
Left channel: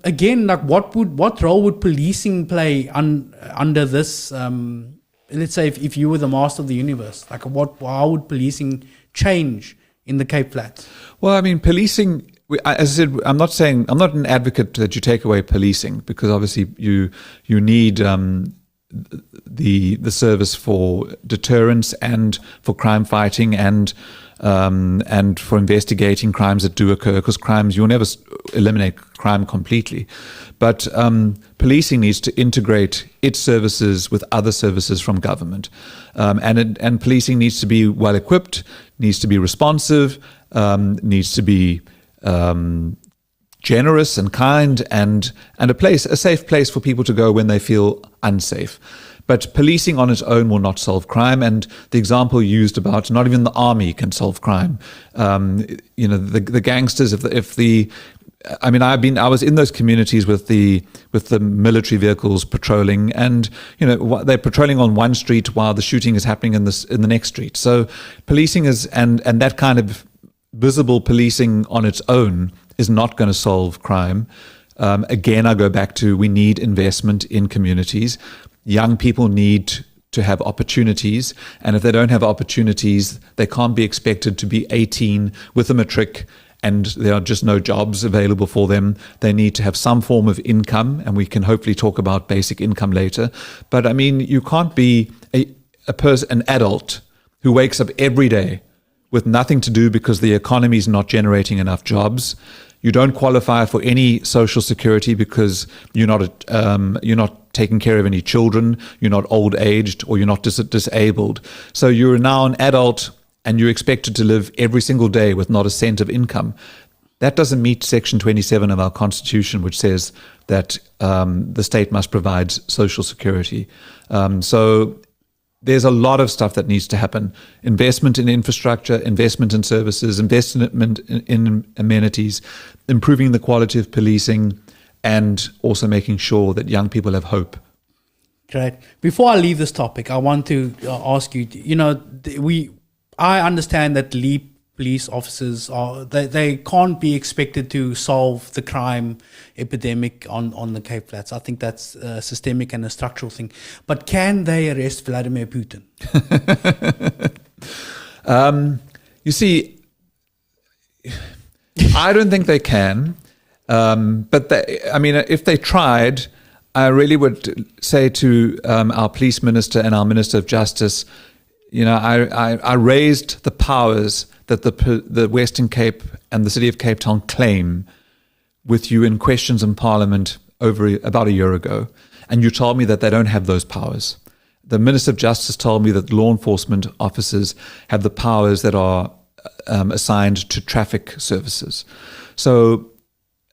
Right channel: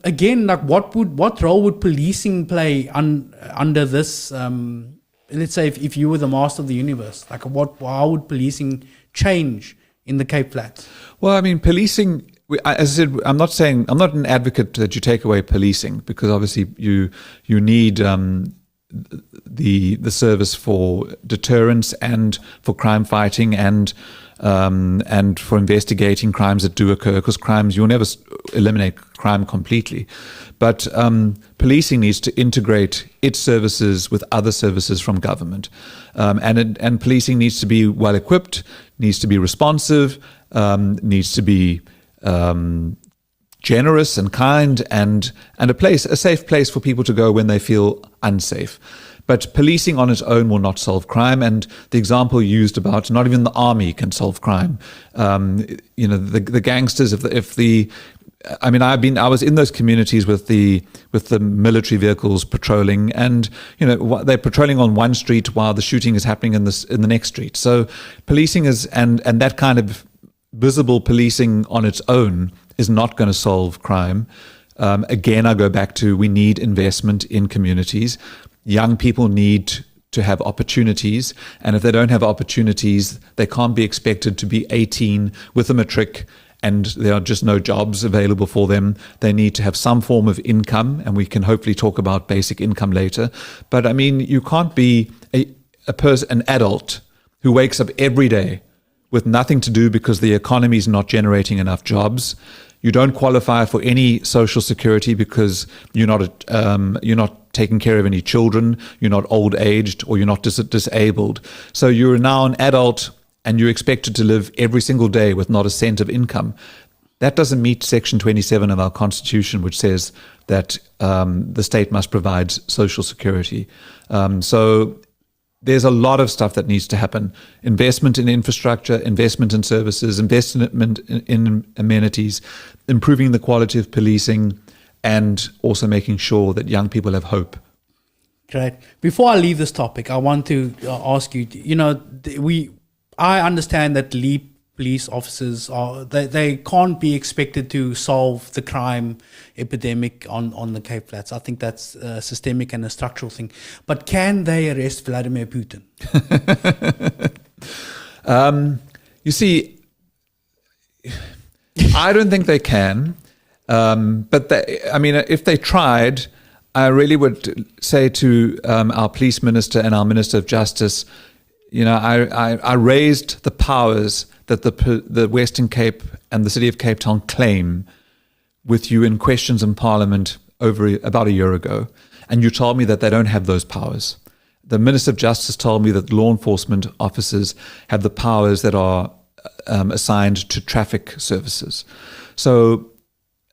again, like what role would policing play under this? Let's say if you were the master of the universe, like how would policing change in the Cape Flats? Well, I mean, policing, as I said, I'm not an advocate that you take away policing, because obviously you need the service for deterrence and for crime fighting and for investigating crimes that do occur, because you'll never eliminate crime completely. But policing needs to integrate its services with other services from government. And policing needs to be well equipped, needs to be responsive, needs to be generous and kind, and a safe place for people to go when they feel unsafe. But policing on its own will not solve crime. And the example used about not even the army can solve crime. The gangsters, I was in those communities with the military vehicles patrolling, and they're patrolling on one street while the shooting is happening in the next street. So policing is and that kind of visible policing on its own is not going to solve crime. Again, I go back to, we need investment in communities. Young people need to have opportunities, and if they don't have opportunities, they can't be expected to be 18 with a matric and there are just no jobs available for them. They need to have some form of income, and we can hopefully talk about basic income later. But I mean, you can't be an adult who wakes up every day with nothing to do because the economy is not generating enough jobs. You don't qualify for any social security because you're not taking care of any children, you're not old aged, or you're not disabled. So you're now an adult and you're expected to live every single day with not a cent of income. That doesn't meet Section 27 of our Constitution, which says that the state must provide social security. So there's a lot of stuff that needs to happen. Investment in infrastructure, investment in services, investment in amenities, improving the quality of policing, and also making sure that young people have hope. Great. Before I leave this topic, I want to ask you, I understand that lead police officers they can't be expected to solve the crime epidemic on the Cape Flats. I think that's a systemic and a structural thing. But can they arrest Vladimir Putin? You see, I don't think they can. But if they tried, I really would say to our police minister and our minister of justice, I raised the powers that the Western Cape and the city of Cape Town claim with you in questions in Parliament about a year ago, and you told me that they don't have those powers. The Minister of Justice told me that law enforcement officers have the powers that are assigned to traffic services. So,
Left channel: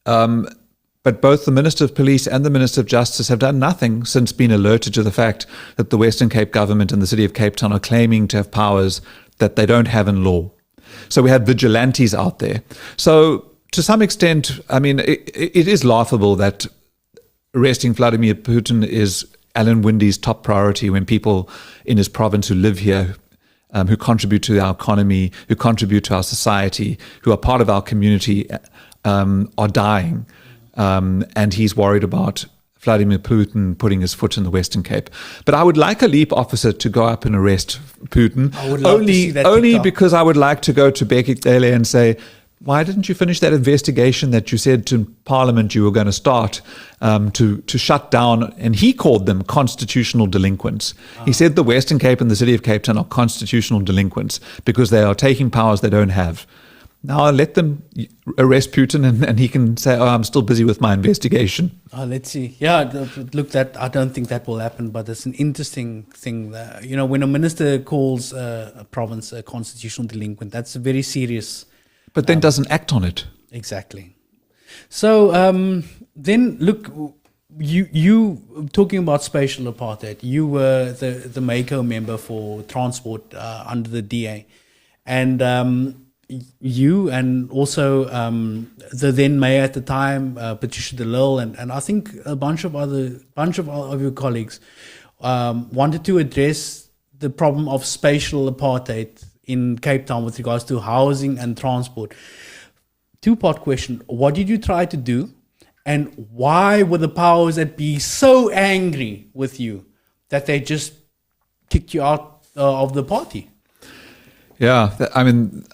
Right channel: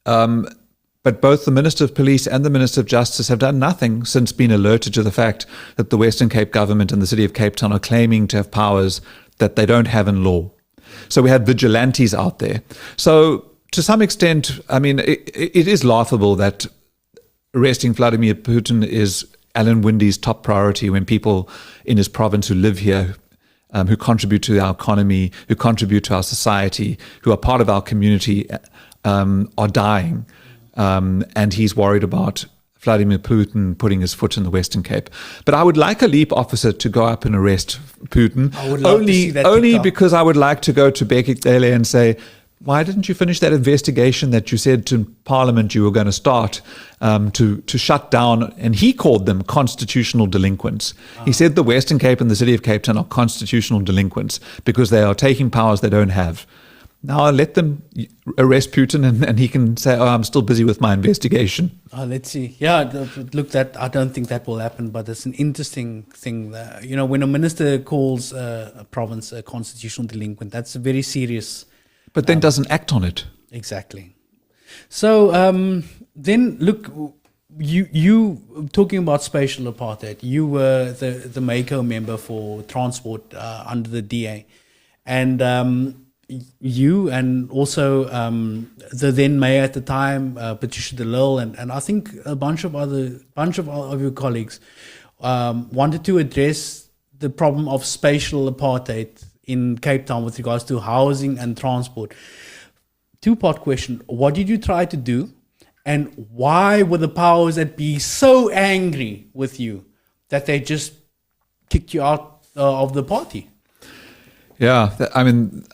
but both the Minister of Police and the Minister of Justice have done nothing since being alerted to the fact that the Western Cape government and the city of Cape Town are claiming to have powers that they don't have in law. So we had vigilantes out there. So to some extent, it is laughable that arresting Vladimir Putin is Alan Winde's top priority when people in his province who live here, who contribute to our economy, who contribute to our society, who are part of our community, are dying. And he's worried about Vladimir Putin putting his foot in the Western Cape. But I would like a LEAP officer to go up and arrest Putin. I would love to see that only because I would like to go to Bekik Dele and say, why didn't you finish that investigation that you said to Parliament you were going to start to shut down? And he called them constitutional delinquents. He said the Western Cape and the City of Cape Town are constitutional delinquents because they are taking powers they don't have. Now let them arrest Putin and he can say, oh, I'm still busy with my investigation. Let's see. Yeah, look, I don't think that will happen, but it's an interesting thing. When a minister calls a province a constitutional delinquent, that's a very serious... But then doesn't act on it. Exactly. So then, look, you talking about spatial apartheid, you were the MACO member for transport under the DA. And... you and also the then mayor at the time, Patricia de Lille, and I think a bunch of your colleagues wanted to address the problem of spatial apartheid in Cape Town with regards to housing and transport. Two-part question: what did you try to do, and why were the powers that be so angry with you that they just kicked you out of the party? Yeah, I mean.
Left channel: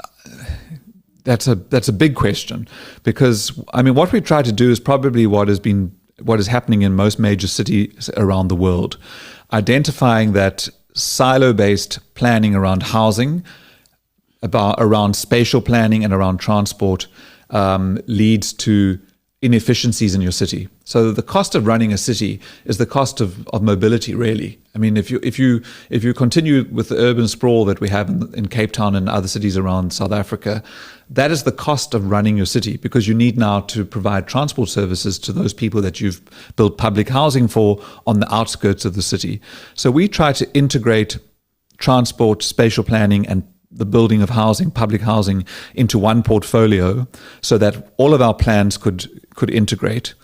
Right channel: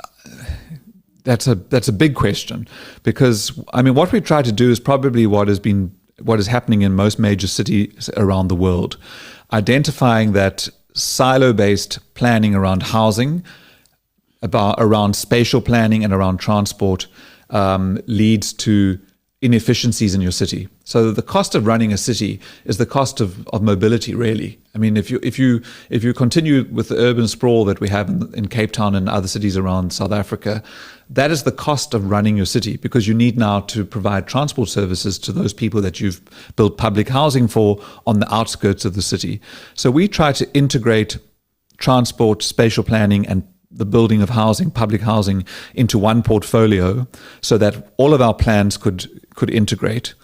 That's a big question, because I mean what we try to do is probably what is happening in most major cities around the world, identifying that silo-based planning around housing, around spatial planning and around transport leads to inefficiencies in your city. So the cost of running a city is the cost of mobility, really. I mean, if you continue with the urban sprawl that we have in Cape Town and other cities around South Africa, that is the cost of running your city, because you need now to provide transport services to those people that you've built public housing for on the outskirts of the city. So we try to integrate transport, spatial planning, and the building of housing, public housing, into one portfolio so that all of our plans could integrate.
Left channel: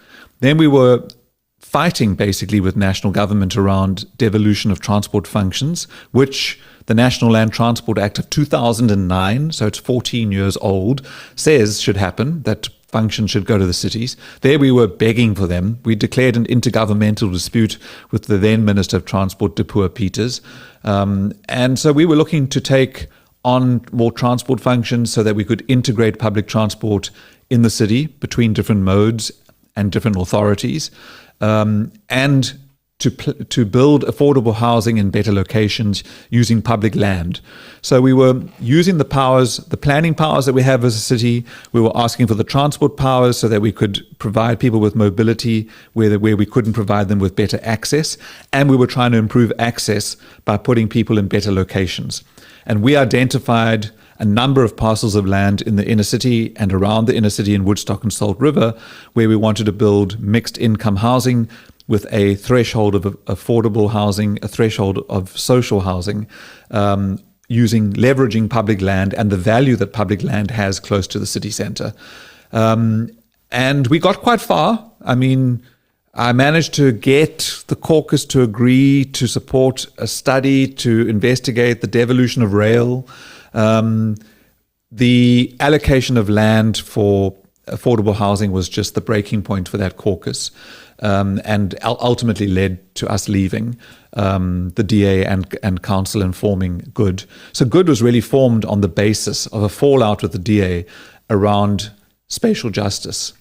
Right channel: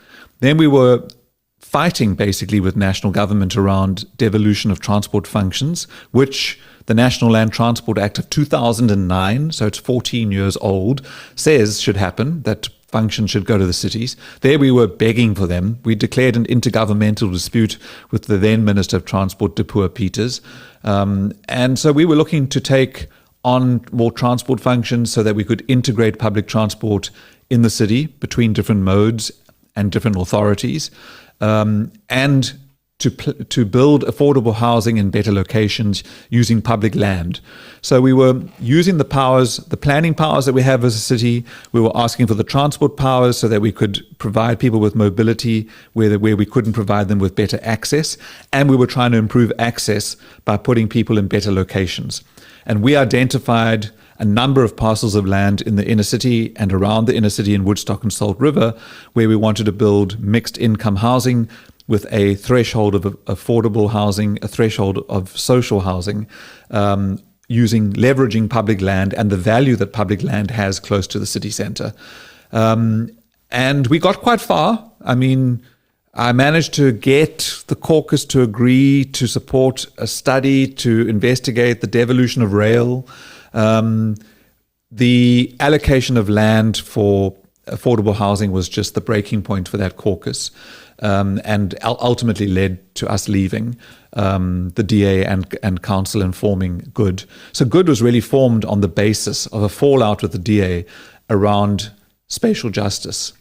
Then we were fighting basically with national government around devolution of transport functions, which the National Land Transport Act of 2009, so it's 14 years old, says should happen, that functions should go to the cities. There we were begging for them. We declared an intergovernmental dispute with the then Minister of Transport, Dipuo Peters. And so we were looking to take on more transport functions so that we could integrate public transport in the city between different modes and different authorities, and to build affordable housing in better locations using public land. So we were using the planning powers that we have as a city. We were asking for the transport powers so that we could provide people with mobility where we couldn't provide them with better access. And we were trying to improve access by putting people in better locations. And we identified a number of parcels of land in the inner city and around the inner city in Woodstock and Salt River, where we wanted to build mixed income housing with a threshold of affordable housing, a threshold of social housing, leveraging public land and the value that public land has close to the city centre. And we got quite far. I mean, I managed to get the caucus to agree to support a study to investigate the devolution of rail, the allocation of land for affordable housing was just the breaking point for that caucus, and ultimately led to us leaving the DA and council and forming Good. So Good was really formed on the basis of a fallout with the DA around spatial justice.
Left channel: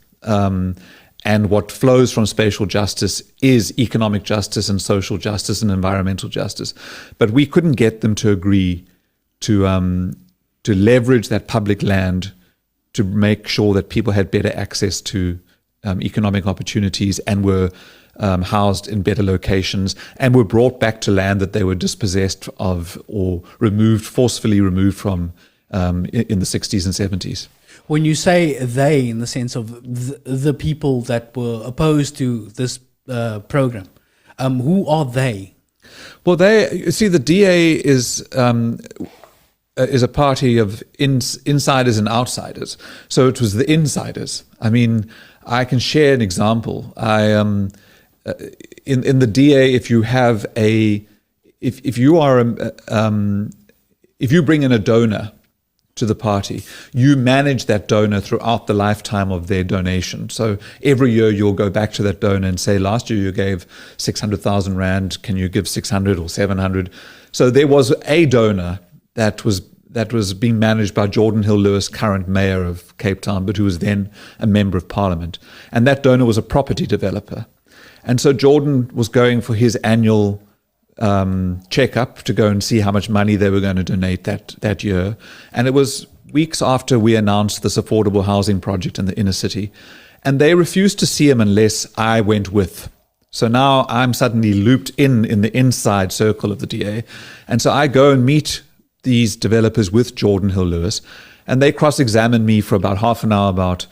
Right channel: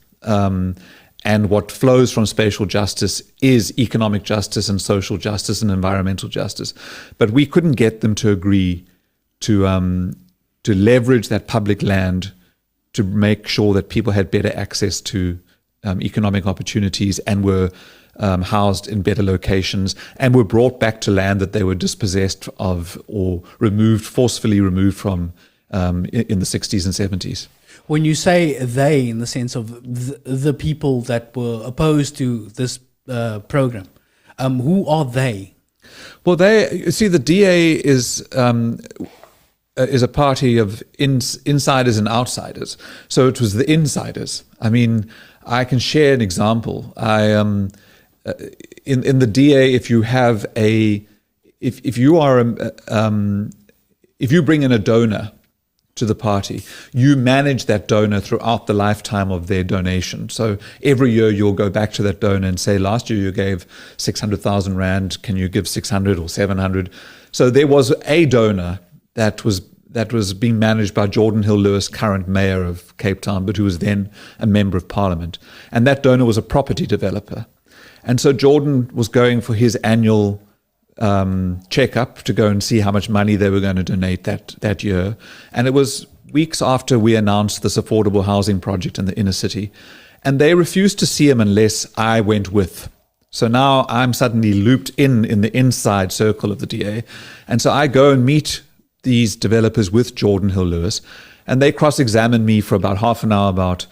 And what flows from spatial justice is economic justice and social justice and environmental justice. But we couldn't get them to agree to leverage that public land to make sure that people had better access to economic opportunities and were housed in better locations and were brought back to land that they were dispossessed of or forcefully removed from in the 60s and 70s. When you say they, in the sense of the people that were opposed to this program, who are they? Well, the DA is a party of insiders and outsiders. So it was the insiders. I mean, I can share an example. In the DA, if you have if you bring in a donor to the party, you manage that donor throughout the lifetime of their donation. So every year you'll go back to that donor and say, last year you gave 600,000 Rand, can you give 600 or 700? So there was a donor that was that was being managed by Geordin Hill-Lewis, current mayor of Cape Town, but who was then a member of parliament. And that donor was a property developer. And so Geordin was going for his annual checkup to go and see how much money they were going to donate that year. And it was weeks after we announced this affordable housing project in the inner city. And they refused to see him unless I went with. So now I'm suddenly looped in the inside circle of the DA. And so I go and meet these developers with Geordin Hill-Lewis, and they cross-examine me for about half an hour about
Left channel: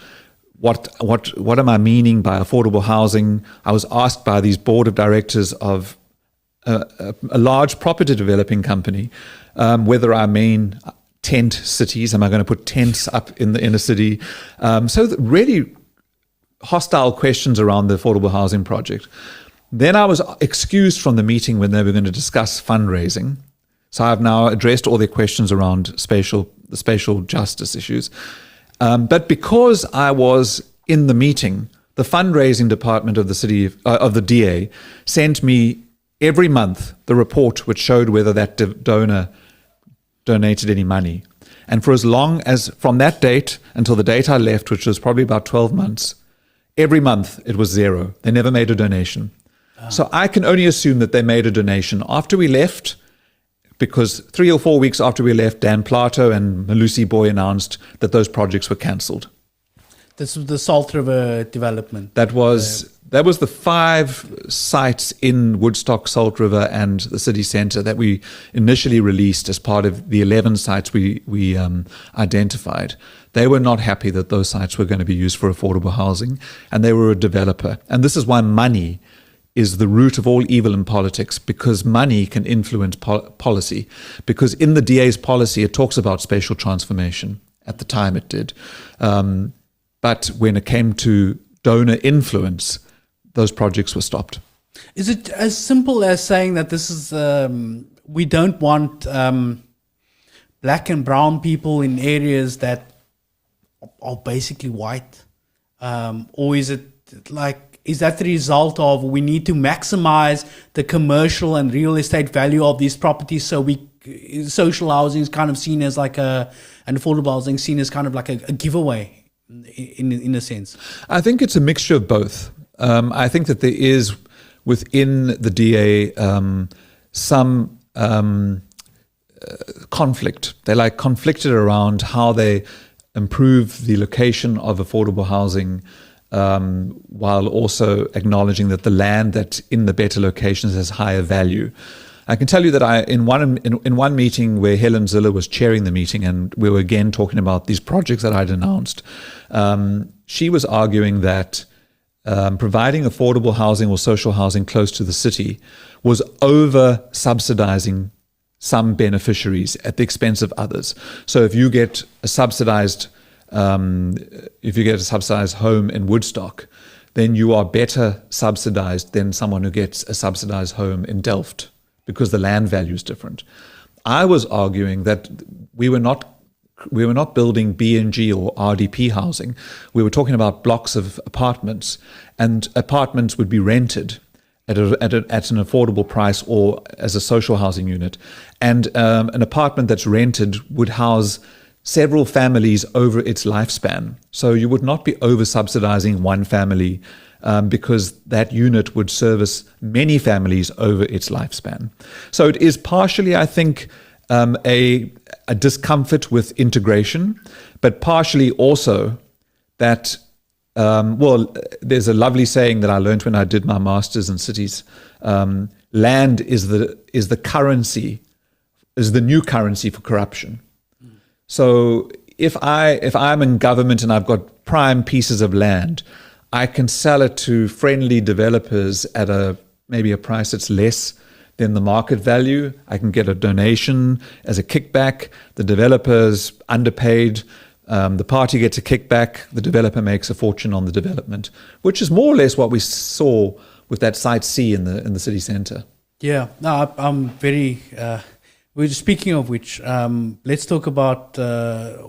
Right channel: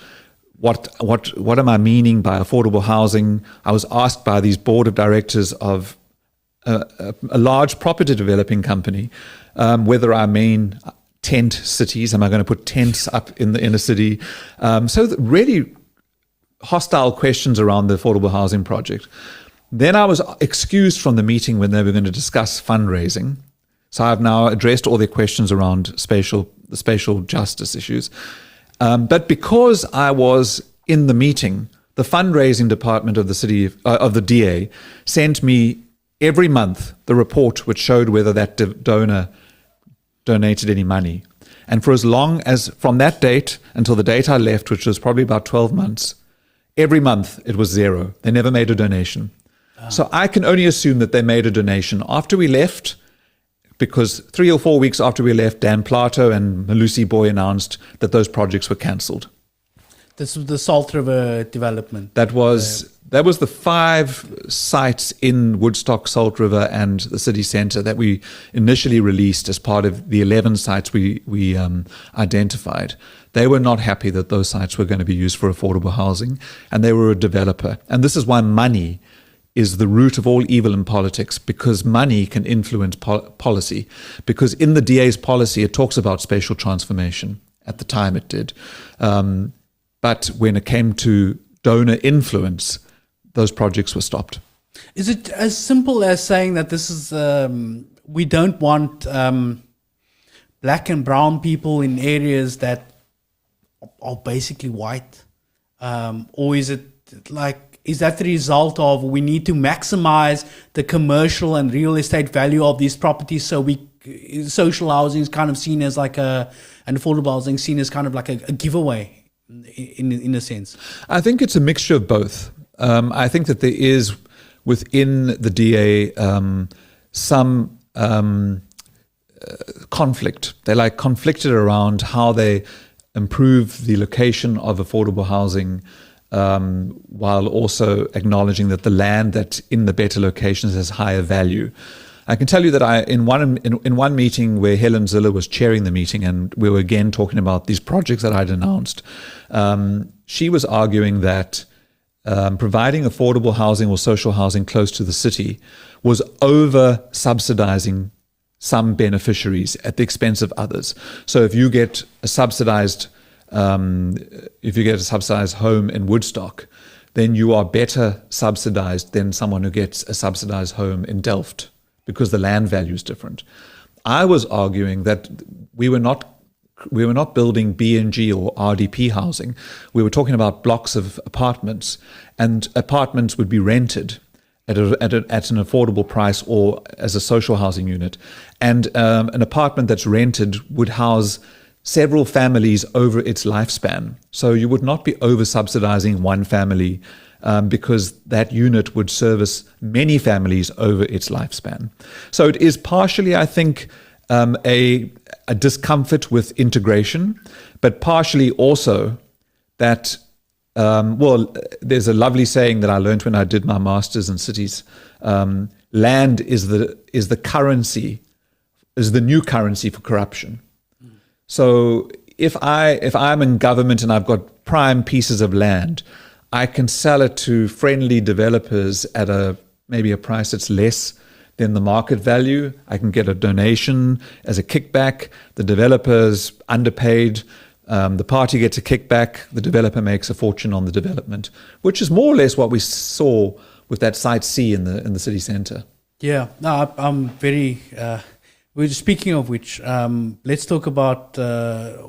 what am I meaning by affordable housing. I was asked by these board of directors of a large property developing company whether I mean tent cities. Am I going to put tents up in the inner city? So really hostile questions around the affordable housing project. Then I was excused from the meeting when they were going to discuss fundraising. So I've now addressed all their questions around the spatial justice issues. But because I was in the meeting, the fundraising department of the city of the DA sent me every month the report which showed whether that donor donated any money. And for as long as from that date until the date I left, which was probably about 12 months, every month it was zero. They never made a donation. So I can only assume that they made a donation after we left, because 3 or 4 weeks after we left, Dan Plato and Malusi Booi announced that those projects were cancelled. This was the Salt River development. That was the 5 sites in Woodstock, Salt River, and the city centre that we initially released as part of the 11 sites we identified. They were not happy that those sites were going to be used for affordable housing, and they were a developer. And this is why money is the root of all evil in politics, because money can influence policy. Because in the DA's policy, it talks about spatial transformation. At the time it did. But when it came to donor influence, those projects were stopped. Is it as simple as saying that this is, we don't want black and brown people in areas that are basically white? Or is it like, is that the result of we need to maximize the commercial and real estate value of these properties, so social housing is kind of seen as like and affordable housing seen as kind of like a giveaway in a sense? I think it's a mixture of both. I think that there is within the DA some conflict. They're like conflicted around how they improve the location of affordable housing, while also acknowledging that the land that's in the better locations has higher value. I can tell you that in one meeting where Helen Ziller was chairing the meeting, and we were again talking about these projects that I'd announced, she was arguing that providing affordable housing or social housing close to the city was over-subsidizing some beneficiaries at the expense of others. So if you get a subsidized home in Woodstock, then you are better subsidized than someone who gets a subsidized home in Delft, because the land value is different. I was arguing that we were not building B&G or RDP housing. We were talking about blocks of apartments, and apartments would be rented at an affordable price or as a social housing unit. And an apartment that's rented would house several families over its lifespan. So you would not be over-subsidizing one family because that unit would service many families over its lifespan. So it is partially, I think, a discomfort with integration, but partially also that, there's a lovely saying that I learned when I did my master's in cities. Land is the currency, is the new currency for corruption. So if I'm in government and I've got prime pieces of land, I can sell it to friendly developers at maybe a price that's less than the market value. I can get a donation as a kickback. The developer's underpaid. The party gets a kickback. The developer makes a fortune on the development, which is more or less what we saw with that Site C in the city centre. Yeah, no, I'm very... We're speaking of which, let's talk about a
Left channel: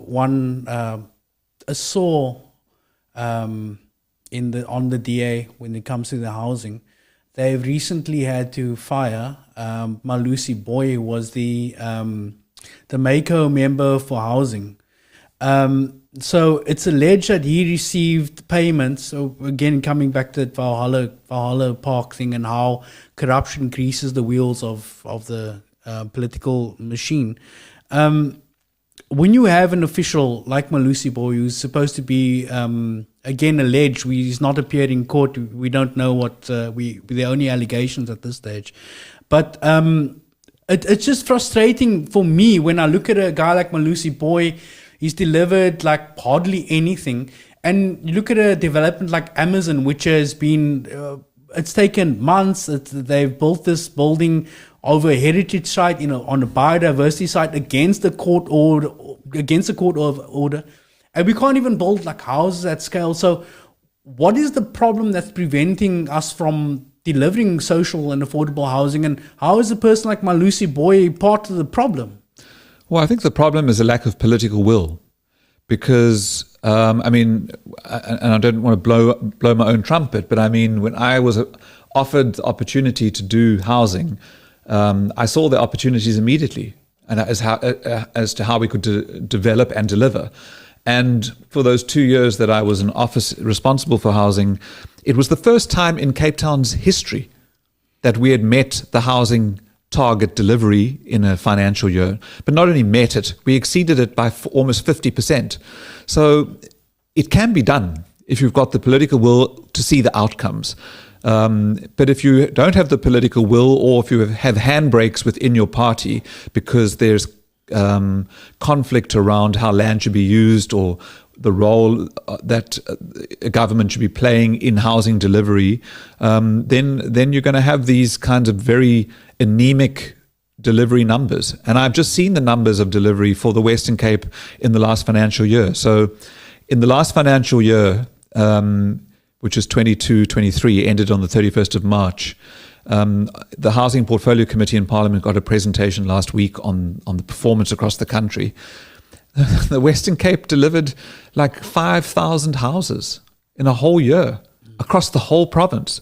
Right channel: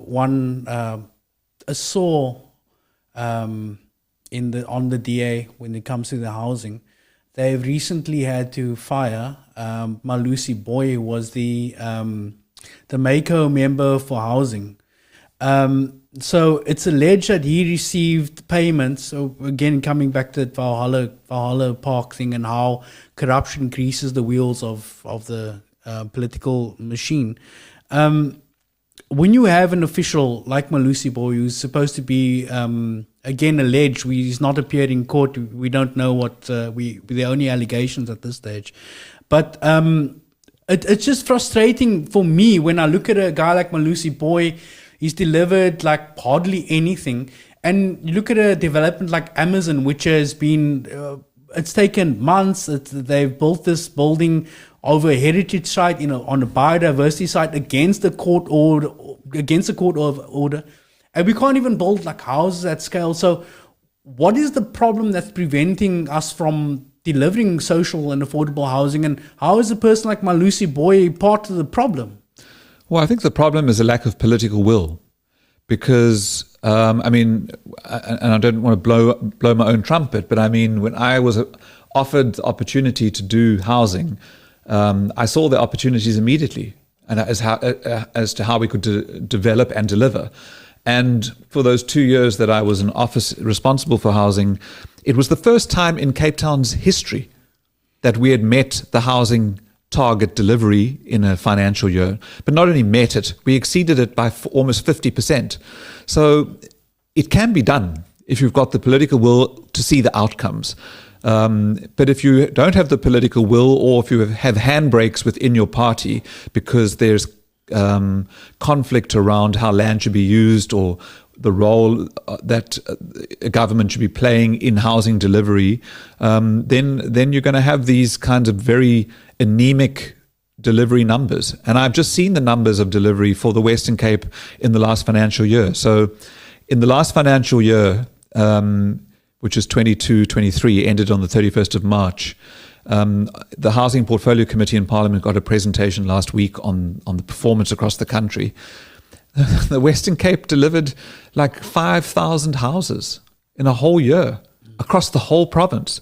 saw on the DA when it comes to the housing. They've recently had to fire Malusi Booi, who was the the Mako member for housing. So it's alleged that he received payments. So again, coming back to the Valhalla Park thing and how corruption greases the wheels of the political machine. When you have an official like Malusi Booi, who's supposed to be, again, alleged, he's not appeared in court. We don't know what, the only allegations at this stage. But it's just frustrating for me when I look at a guy like Malusi Booi. He's delivered like hardly anything. And you look at a development like Amazon, which has been, it's taken months. They've built this building over a heritage site, on a biodiversity site against the court order, and we can't even build like houses at scale. So, what is the problem that's preventing us from delivering social and affordable housing? And how is a person like Malusi Booi part of the problem? Well, I think the problem is a lack of political will, because and I don't want to blow my own trumpet, but I mean, when I was offered the opportunity to do housing, I saw the opportunities immediately, and as to how we could develop and deliver. And for those 2 years that I was in office responsible for housing, it was the first time in Cape Town's history that we had met the housing target delivery in a financial year. But not only met it, we exceeded it by almost 50%. So it can be done if you've got the political will to see the outcomes. But if you don't have the political will, or if you have handbrakes within your party because there's conflict around how land should be used, or the role that a government should be playing in housing delivery, then you're going to have these kinds of very anemic delivery numbers. And I've just seen the numbers of delivery for the Western Cape in the last financial year. So in the last financial year, which is 22-23, ended on the 31st of March, the Housing Portfolio Committee in Parliament got a presentation last week on the performance across the country. The Western Cape delivered like 5,000 houses in a whole year across the whole province.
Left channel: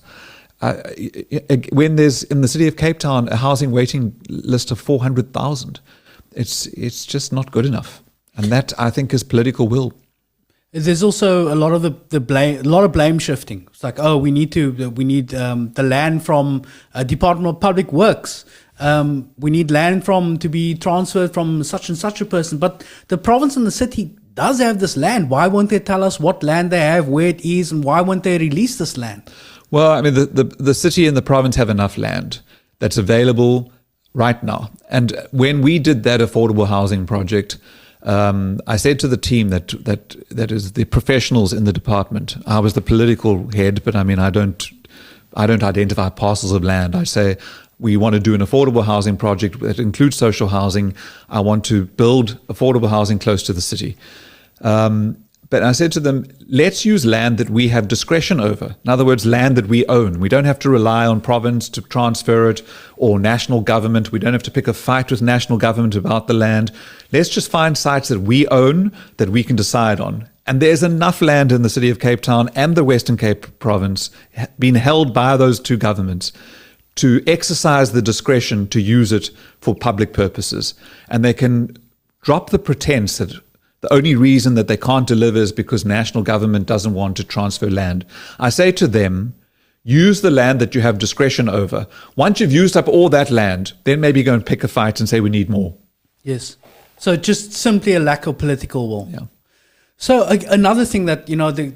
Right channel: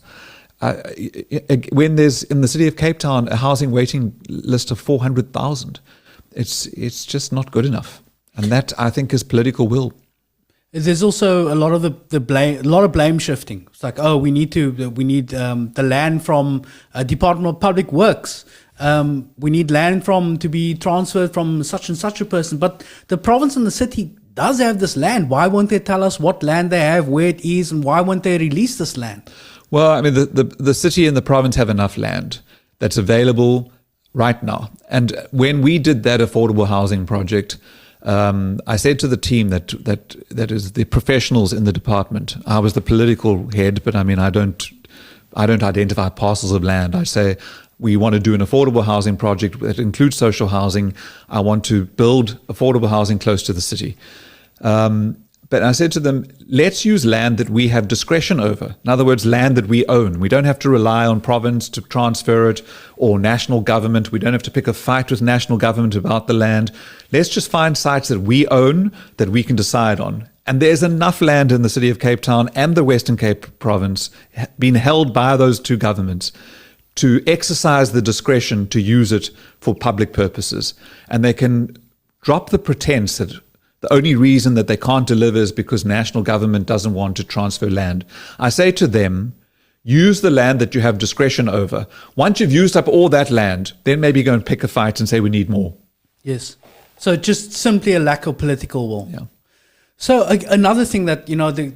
When there's in the city of Cape Town a housing waiting list of 400,000, it's just not good enough, and that, I think, is political will. There's also a lot of blame shifting. It's like, we need the land from Department of Public Works. We need land to be transferred from such and such a person. But the province and the city does have this land. Why won't they tell us what land they have, where it is, and why won't they release this land? Well, I mean, the city and the province have enough land that's available right now. And when we did that affordable housing project, I said to the team that is the professionals in the department. I was the political head, but I mean, I don't identify parcels of land. I say, we want to do an affordable housing project that includes social housing. I want to build affordable housing close to the city. But I said to them, let's use land that we have discretion over. In other words, land that we own. We don't have to rely on province to transfer it, or national government. We don't have to pick a fight with national government about the land. Let's just find sites that we own, that we can decide on. And there's enough land in the city of Cape Town and the Western Cape province being held by those two governments to exercise the discretion to use it for public purposes. And they can drop the pretense that the only reason that they can't deliver is because national government doesn't want to transfer land. I say to them, use the land that you have discretion over. Once you've used up all that land, then maybe go and pick a fight and say we need more. Yes. So just simply a lack of political will. Yeah. So another thing that,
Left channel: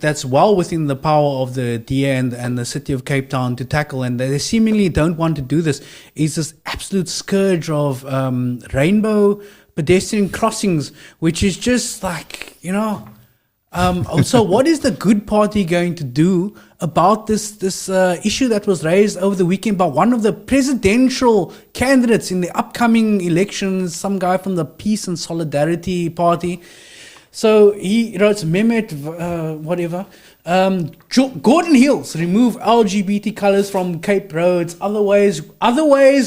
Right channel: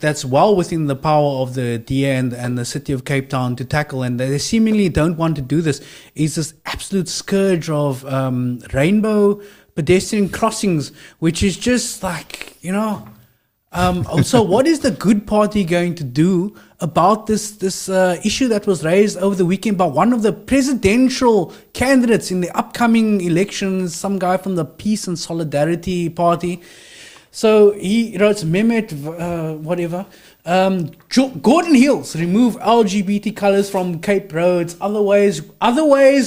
that's well within the power of the DA and the city of Cape Town to tackle, and they seemingly don't want to do this, is this absolute scourge of rainbow pedestrian crossings, which is just like, so what is the good party going to do about this issue that was raised over the weekend by one of the presidential candidates in the upcoming elections, some guy from the Peace and Solidarity Party? So he writes, Mehmet, whatever. Geordin Hills, remove LGBT colours from Cape roads. Otherwise,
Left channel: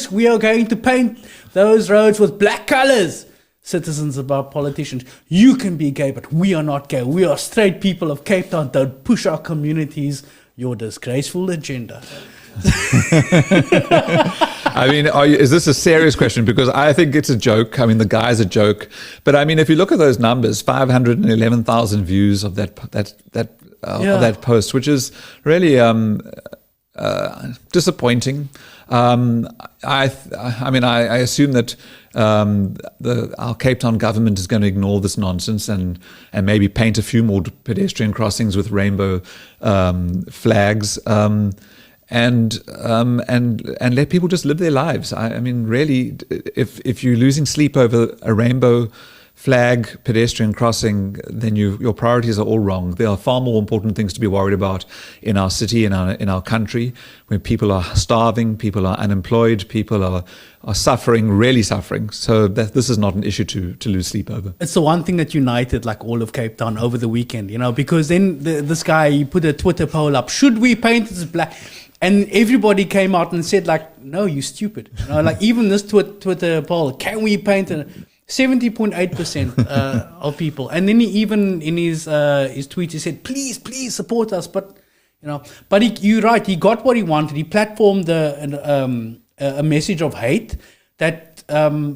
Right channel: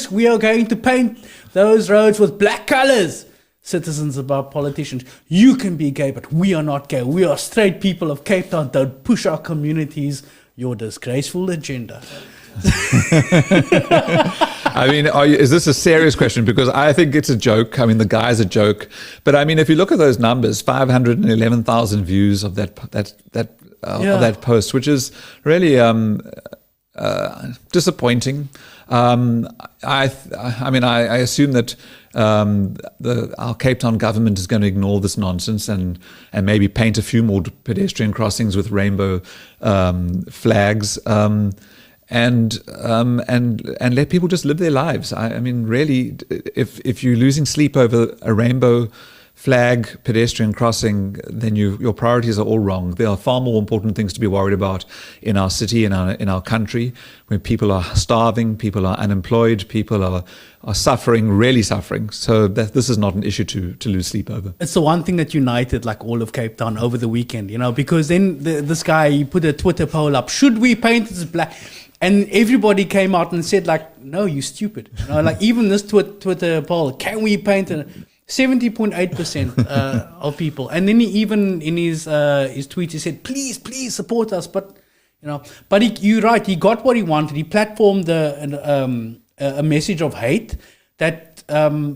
we are going to paint those roads with black colours. Citizens about politicians. You can be gay, but we are not gay. We are straight people of Cape Town. Don't push our communities. Your disgraceful agenda. I mean, is this a serious question? Because I think it's a joke. I mean, the guy's a joke. But I mean, if you look at those numbers, 511,000 views of that post, which is really disappointing. I assume that our Cape Town government is going to ignore this nonsense and maybe paint a few more pedestrian crossings with rainbow flags. And let people just live their lives. I mean, really, if you're losing sleep over a rainbow flag pedestrian crossing, then your priorities are all wrong. There are far more important things to be worried about in our city, in our country, where people are starving, people are unemployed, people are suffering, really suffering. So this is not an issue to lose sleep over. It's the one thing that united like all of Cape Town over the weekend, because then this guy, he put a Twitter poll up, should we paint this black? And everybody came out and said like, no, you stupid. Like even this Twitter poll, can we paint it? 70.8% of people. And then he even in his tweet, he said, please support us. But, you're right. He got what he wanted. He platformed a message of hate that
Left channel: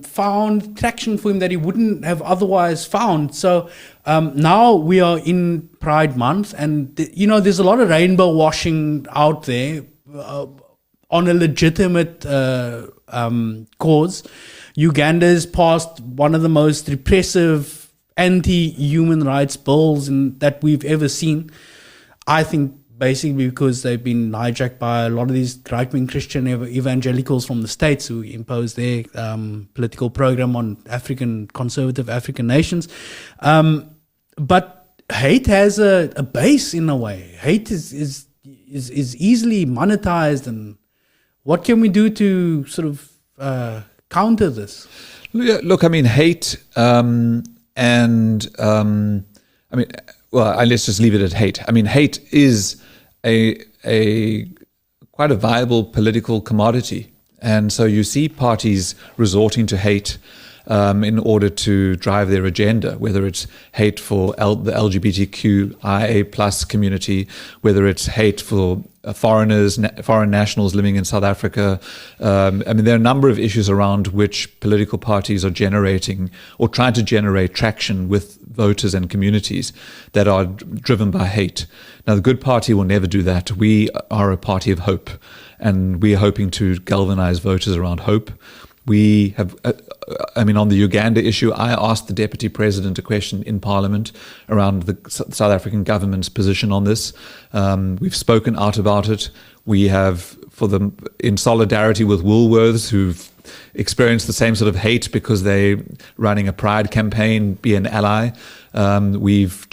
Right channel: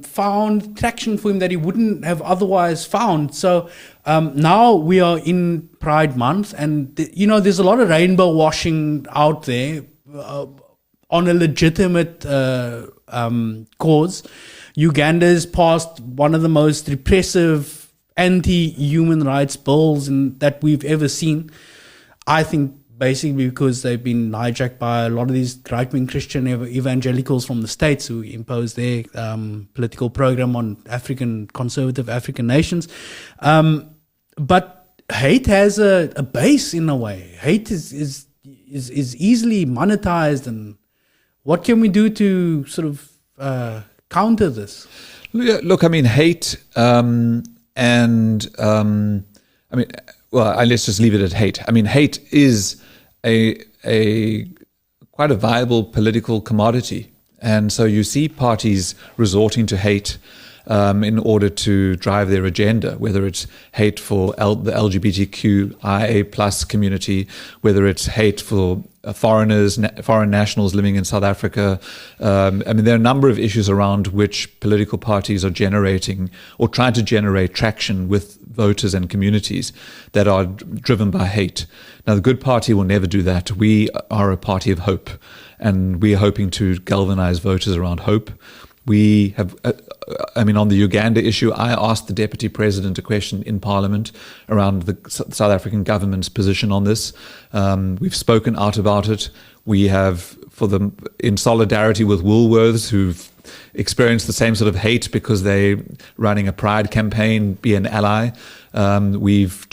found traction for him that he wouldn't have otherwise found. So now we are in Pride Month, and there's a lot of rainbow washing out there on a legitimate cause. Uganda's passed one of the most repressive anti-human rights bills that we've ever seen. I think basically because they've been hijacked by a lot of these right-wing Christian evangelicals from the States who impose their political program on conservative African nations. But hate has a base in a way. Hate is easily monetized. And what can we do to sort of counter this? Look, I mean, hate let's just leave it at hate. I mean, hate is a quite a viable political commodity. And so you see parties resorting to hate in order to drive their agenda, whether it's hate for the LGBTQIA plus community, whether it's hate for foreign nationals living in South Africa. I mean, there are a number of issues around which political parties are generating or trying to generate traction with voters and communities that are driven by hate. Now, the Good Party will never do that. We are a party of hope, and we are hoping to galvanize voters around hope. We have, on the Uganda issue, I asked the Deputy President a question in Parliament around the South African government's position on this. We've spoken out about it. We have, in solidarity with Woolworths, who've experienced the same sort of hate because they're running a pride campaign, be an ally. We've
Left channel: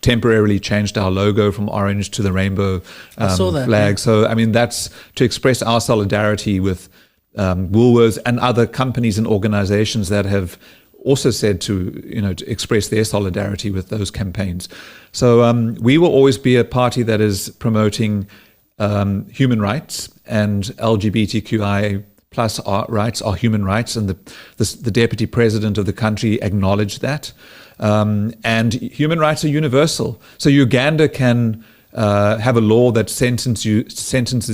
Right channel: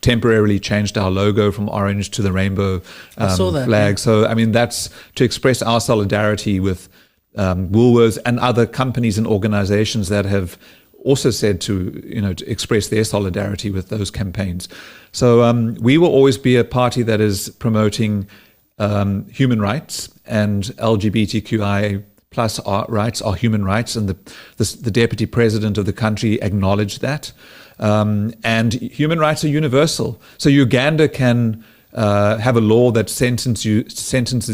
temporarily changed our logo from orange to the rainbow flag. So, that's to express our solidarity with Woolworths and other companies and organizations that have also said to express their solidarity with those campaigns. So we will always be a party that is promoting human rights, and LGBTQIA plus rights are human rights, and the Deputy President of the country acknowledged that. And human rights are universal. So Uganda can have a law that sentences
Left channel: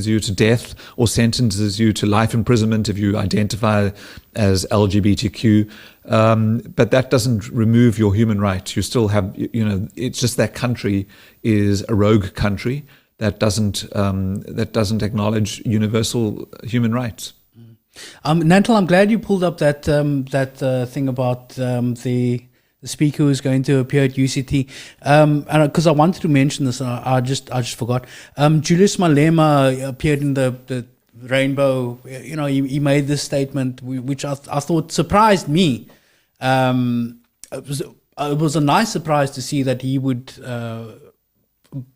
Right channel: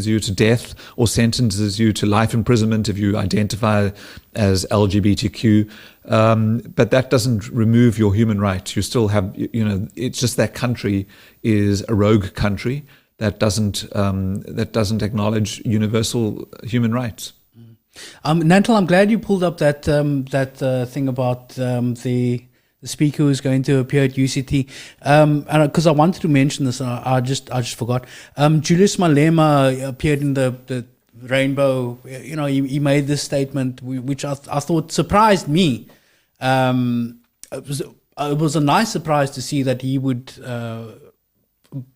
you to death or sentences you to life imprisonment if you identify as LGBTQ. But that doesn't remove your human rights. You still have, it's just that country is a rogue country that doesn't acknowledge universal human rights. Nantal, I'm glad you pulled up that thing about the speaker who's going to appear at UCT, and because I wanted to mention this, I just forgot. Julius Malema appeared in the rainbow. He made this statement, which I thought surprised me. It was a nice surprise to see that he would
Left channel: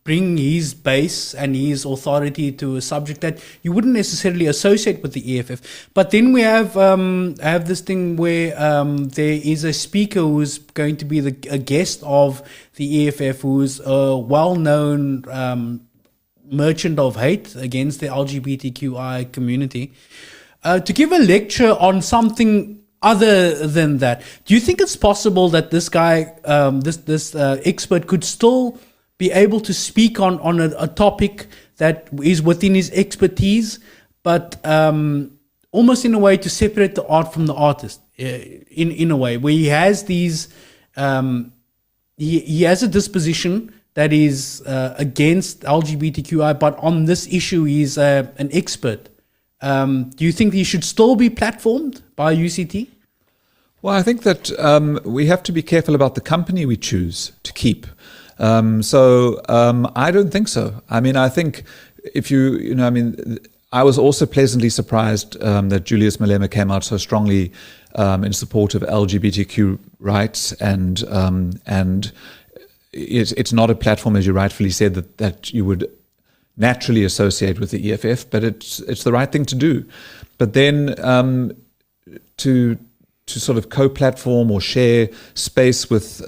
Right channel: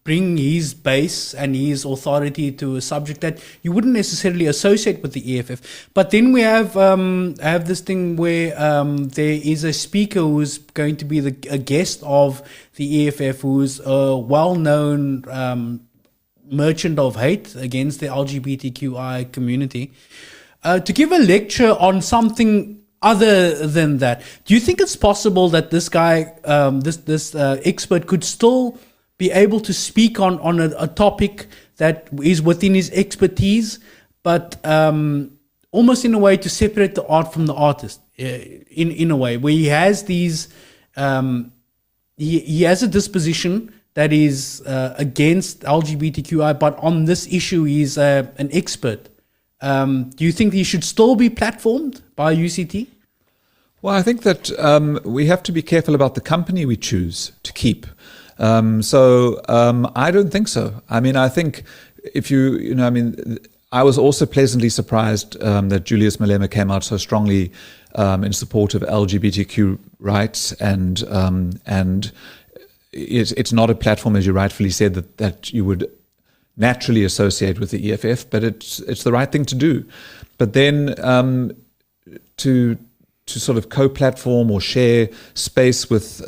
bring his base and his authority to a subject that you wouldn't necessarily associate with the EFF. But then we have this thing where there is a speaker who's going to be a guest of the EFF, who's a well-known merchant of hate against the LGBTQI community, to give a lecture on something other than that. Do you think it's possible that this guy, this expert, could still be able to speak on a topic that is within his expertise, but almost in a way to separate the art from the artist, in a way, where he has these, he has a disposition that is against LGBTQI, but on this issue he's an expert. Do you think he should still be platformed by UCT? Well, I think that we have to be careful about the company we choose to keep. I don't think so. I mean, I think if I was also pleasantly surprised that Julius Malema came out so strongly in support of LGBTQ rights, and it's not a platform, as you rightfully said, that you would naturally associate with the EFF, but it's the right thing to do. But then to sort of co-platform or share space with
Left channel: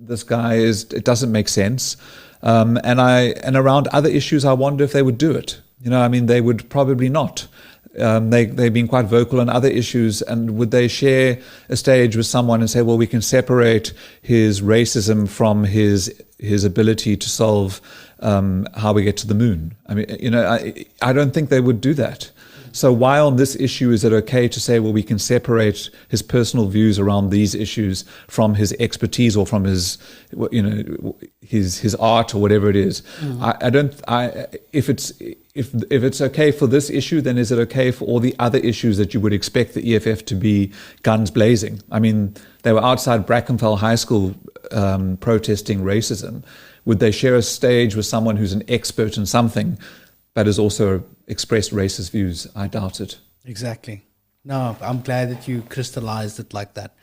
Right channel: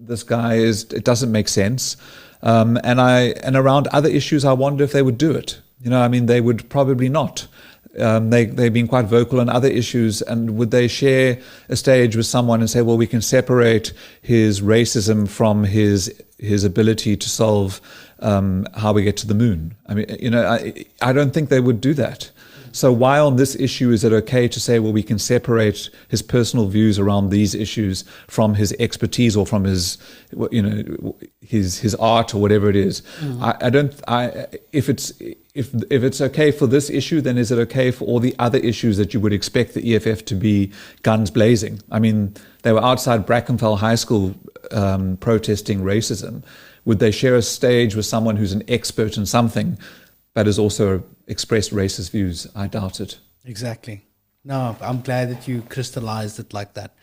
this guy it doesn't make sense. And around other issues, I wonder if they would do it. They would probably not. They've been quite vocal on other issues, and would they share a stage with someone and say, well, we can separate his racism from his ability to solve how we get to the moon? I don't think they would do that. So why on this issue is it okay to say, well, we can separate his personal views around these issues from his expertise or from his art or whatever it is? If it's okay for this issue, then is it okay for all the other issues that you would expect the EFF to be guns blazing? I mean, they were outside Brackenfell High School protesting racism. Would they share a stage with someone who's an expert in something but has also expressed racist views? I doubt it. Exactly. No, I'm glad that you crystallized it like that.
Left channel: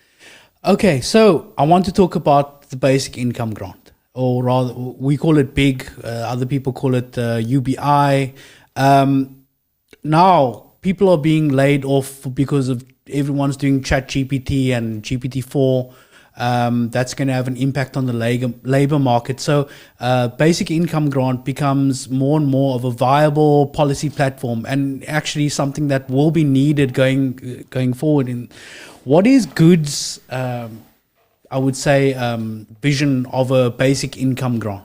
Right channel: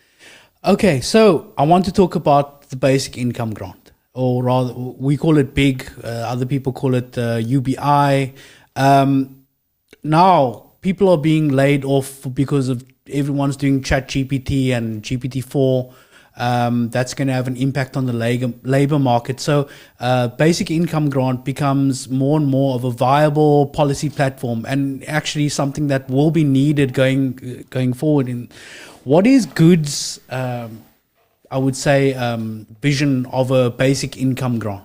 Okay, so I want to talk about the basic income grant, or rather, we call it BIG. Other people call it UBI. Now, people are being laid off because of everyone's doing ChatGPT and GPT-4. That's going to have an impact on the labor market. So basic income grant becomes more and more of a viable policy platform, and actually something that will be needed going forward. In what is Good's, I would say, vision of a basic income grant?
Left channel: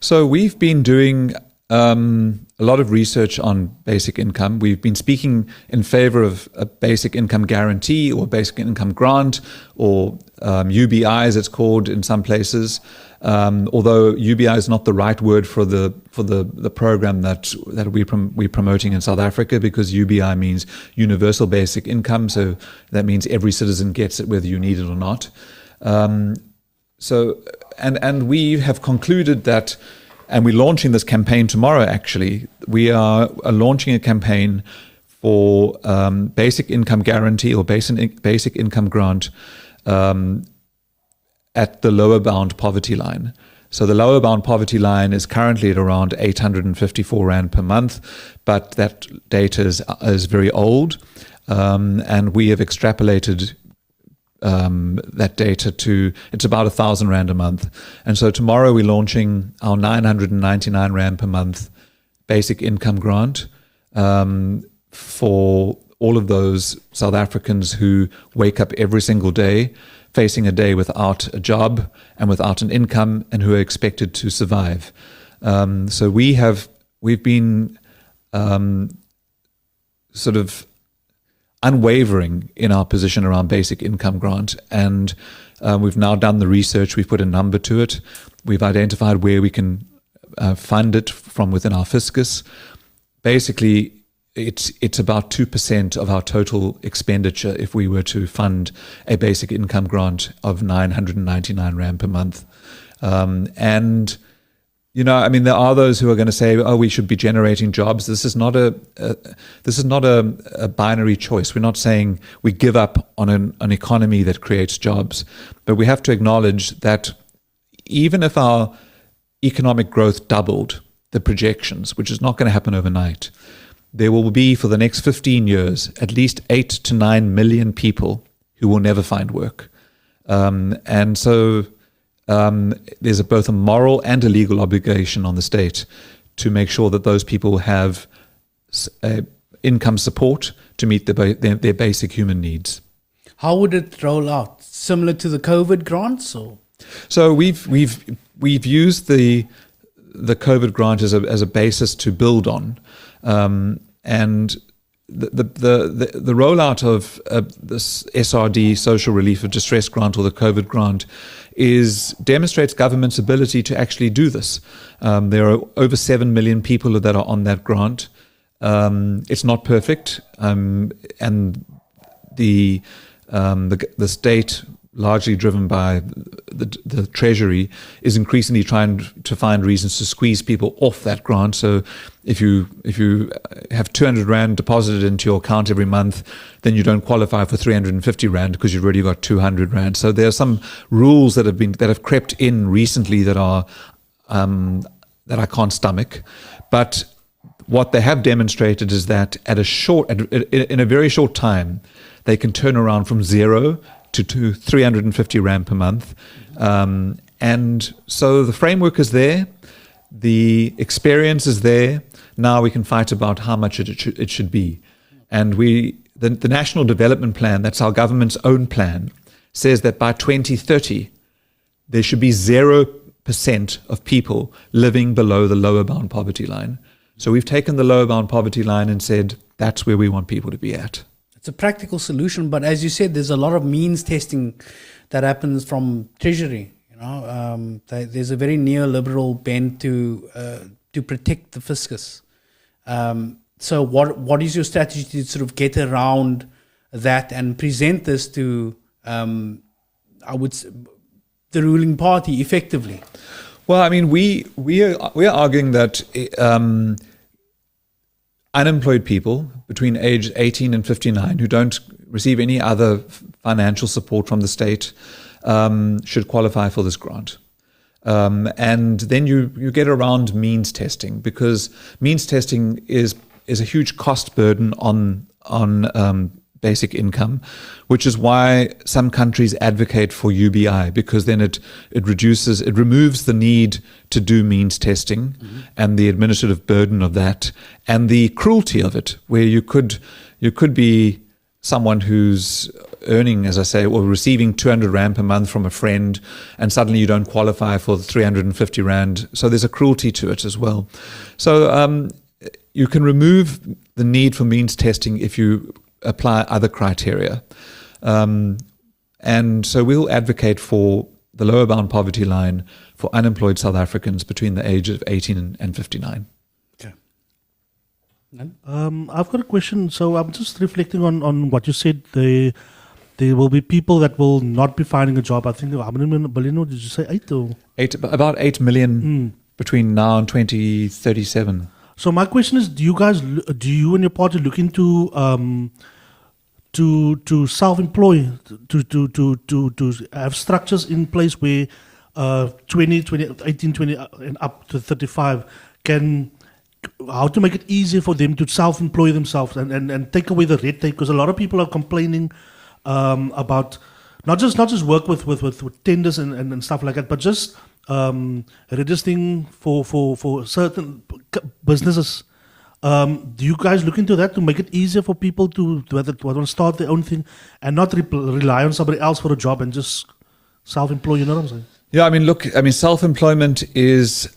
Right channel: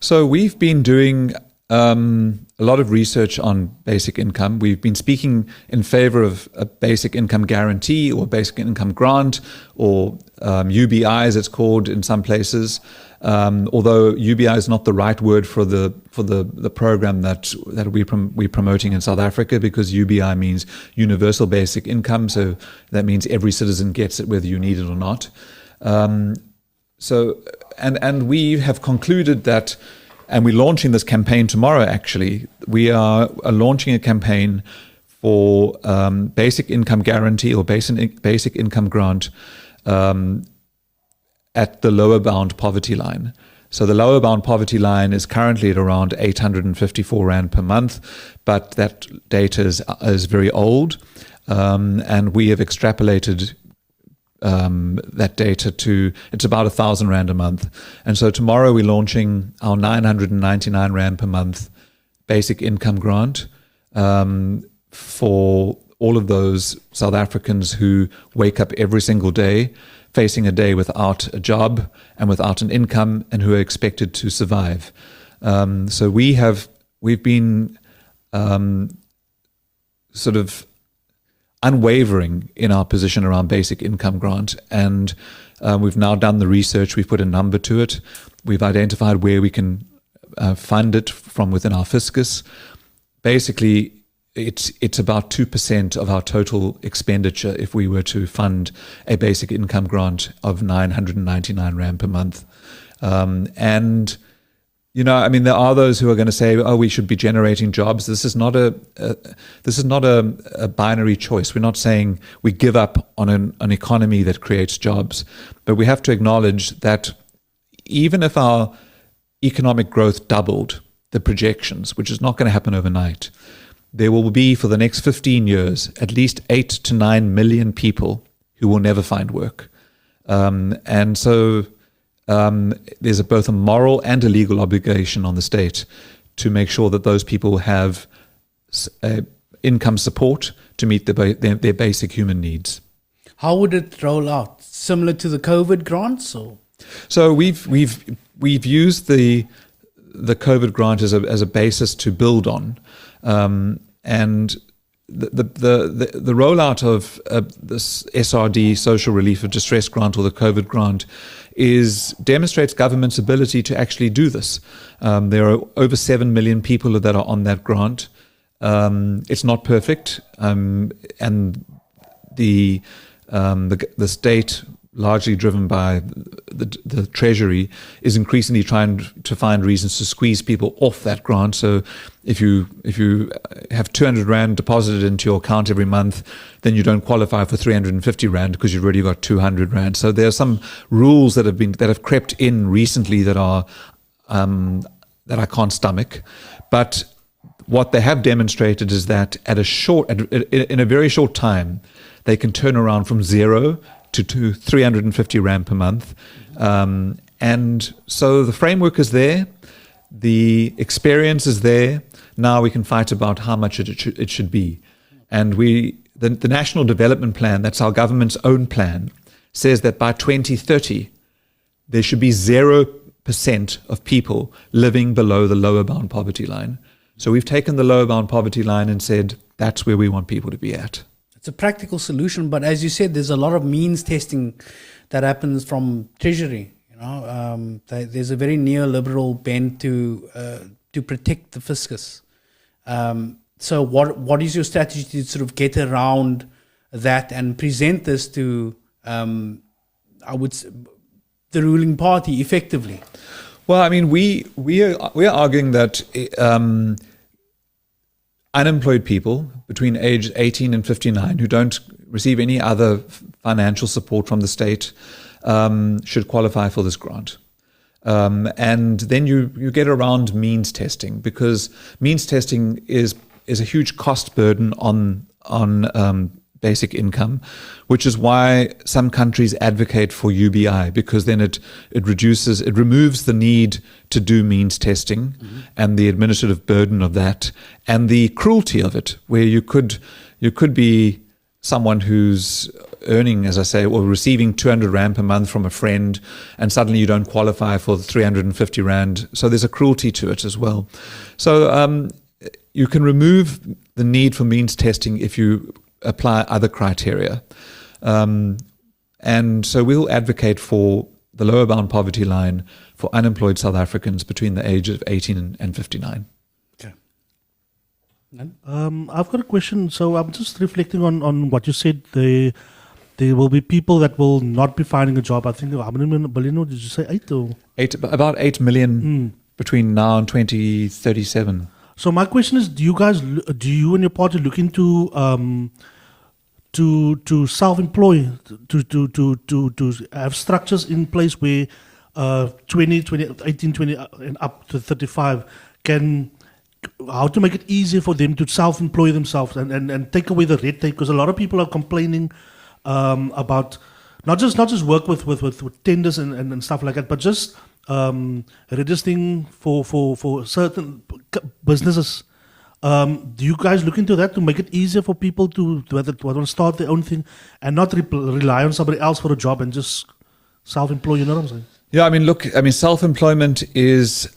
So we've been doing a lot of research on basic income. We've been speaking in favor of a basic income guarantee or basic income grant, or UBI as it's called in some places. Although UBI is not the right word for the program that we're promoting in South Africa, because UBI means universal basic income. So that means every citizen gets it whether you need it or not. And we have concluded that. And we're launching this campaign tomorrow, actually. We are launching a campaign for basic income guarantee or basic income grant at the lower bound poverty line. So the lower bound poverty line is currently at around 854 Rand per month, but that data is very old. And we have extrapolated that data to, it's about 1,000 Rand a month. And so tomorrow we're launching our 999 Rand per month basic income grant for all of those South Africans who wake up every single day facing a day without a job and without an income, and who are expected to survive. So we've been sort of unwavering in our position around basic income grant, and we've now done the research. We've put a number to it. We've identified where we can fund it from within our fiscus. Basically, it's about 2% of our total expenditure if we were to fund a basic income grant of 999 Rand per month. And there are those who are going to say, "Oh, we should be generating jobs." This is not a binary choice. We're not saying we give up on an economy that creates jobs, but we have to acknowledge that even if our economic growth doubled the projections, which is not going to happen overnight, there will be, for the next 15 years, at least 8 to 9 million people who will never find work, and so. There's both a moral and a legal obligation on the state to make sure that those people have income support to meet their basic human needs. How would it roll out? Similar to the COVID grants, or? So we've used the COVID grant as a basis to build on. And the rollout of this SRD, Social Relief of Distress Grant, or the COVID grant, demonstrates government's ability to actually do this. There are over 7 million people that are on that grant. It's not perfect, and the state, largely driven by the Treasury, is increasingly trying to find reasons to squeeze people off that grant. So if you have 200 Rand deposited into your account every month, then you don't qualify for 350 Rand because you've already got 200 Rand. So there are some rules that have crept in recently that I can't stomach. But what they have demonstrated is that in a very short time, they can turn around from 0 to 350 Rand per month. And so the framework is there, the experience is there. Now we can fight about how much it should be. And the National Development Plan, that's our government's own plan, says that by 2030, there should be 0% of people living below the lower bound poverty line. So we've taken the lower bound poverty line and said, that's where we want people to be at. It's a practical solution, but as you said, there's a lot of means testing that happens from Treasury. There's a very neoliberal bent to protect the fiscus. So what is your strategy to sort of get around that and present this to, the ruling party effectively? Well, I mean, we're arguing that unemployed people between age 18 and 59 who don't receive any other financial support from the state should qualify for this grant. And then you get around means testing, because means testing is a huge cost burden on basic income, which is why some countries advocate for UBI, because then it removes the need to do means testing and the administrative burden of that and the cruelty of it, where you could be someone who's earning, as I say, or receiving 200 Rand per month from a friend, and suddenly you don't qualify for 350 Rand. So there's a cruelty to it as well. So you can remove the need for means testing if you apply other criteria. And so we'll advocate for the lower bound poverty line for unemployed South Africans between the ages of 18 and 59. Okay. I've got a question. So I'm just reflecting on what you said. There will be people that will not be finding a job. I think, how many million, did you say 8? Or? About 8 million between now and 2037. So my question is, do you and your party look into to self-employ, to have structures in place where 18, 20 and up to 35 how to make it easier for them to self-employ themselves and take away the red tape? Because a lot of people are complaining about not just work with tenders and stuff like that, but just registering for certain businesses. Do you guys look into that to make it easier for people to want to start their own thing and not rely on somebody else for a job and just self-employ? You know what I'm saying? Yeah, self-employment is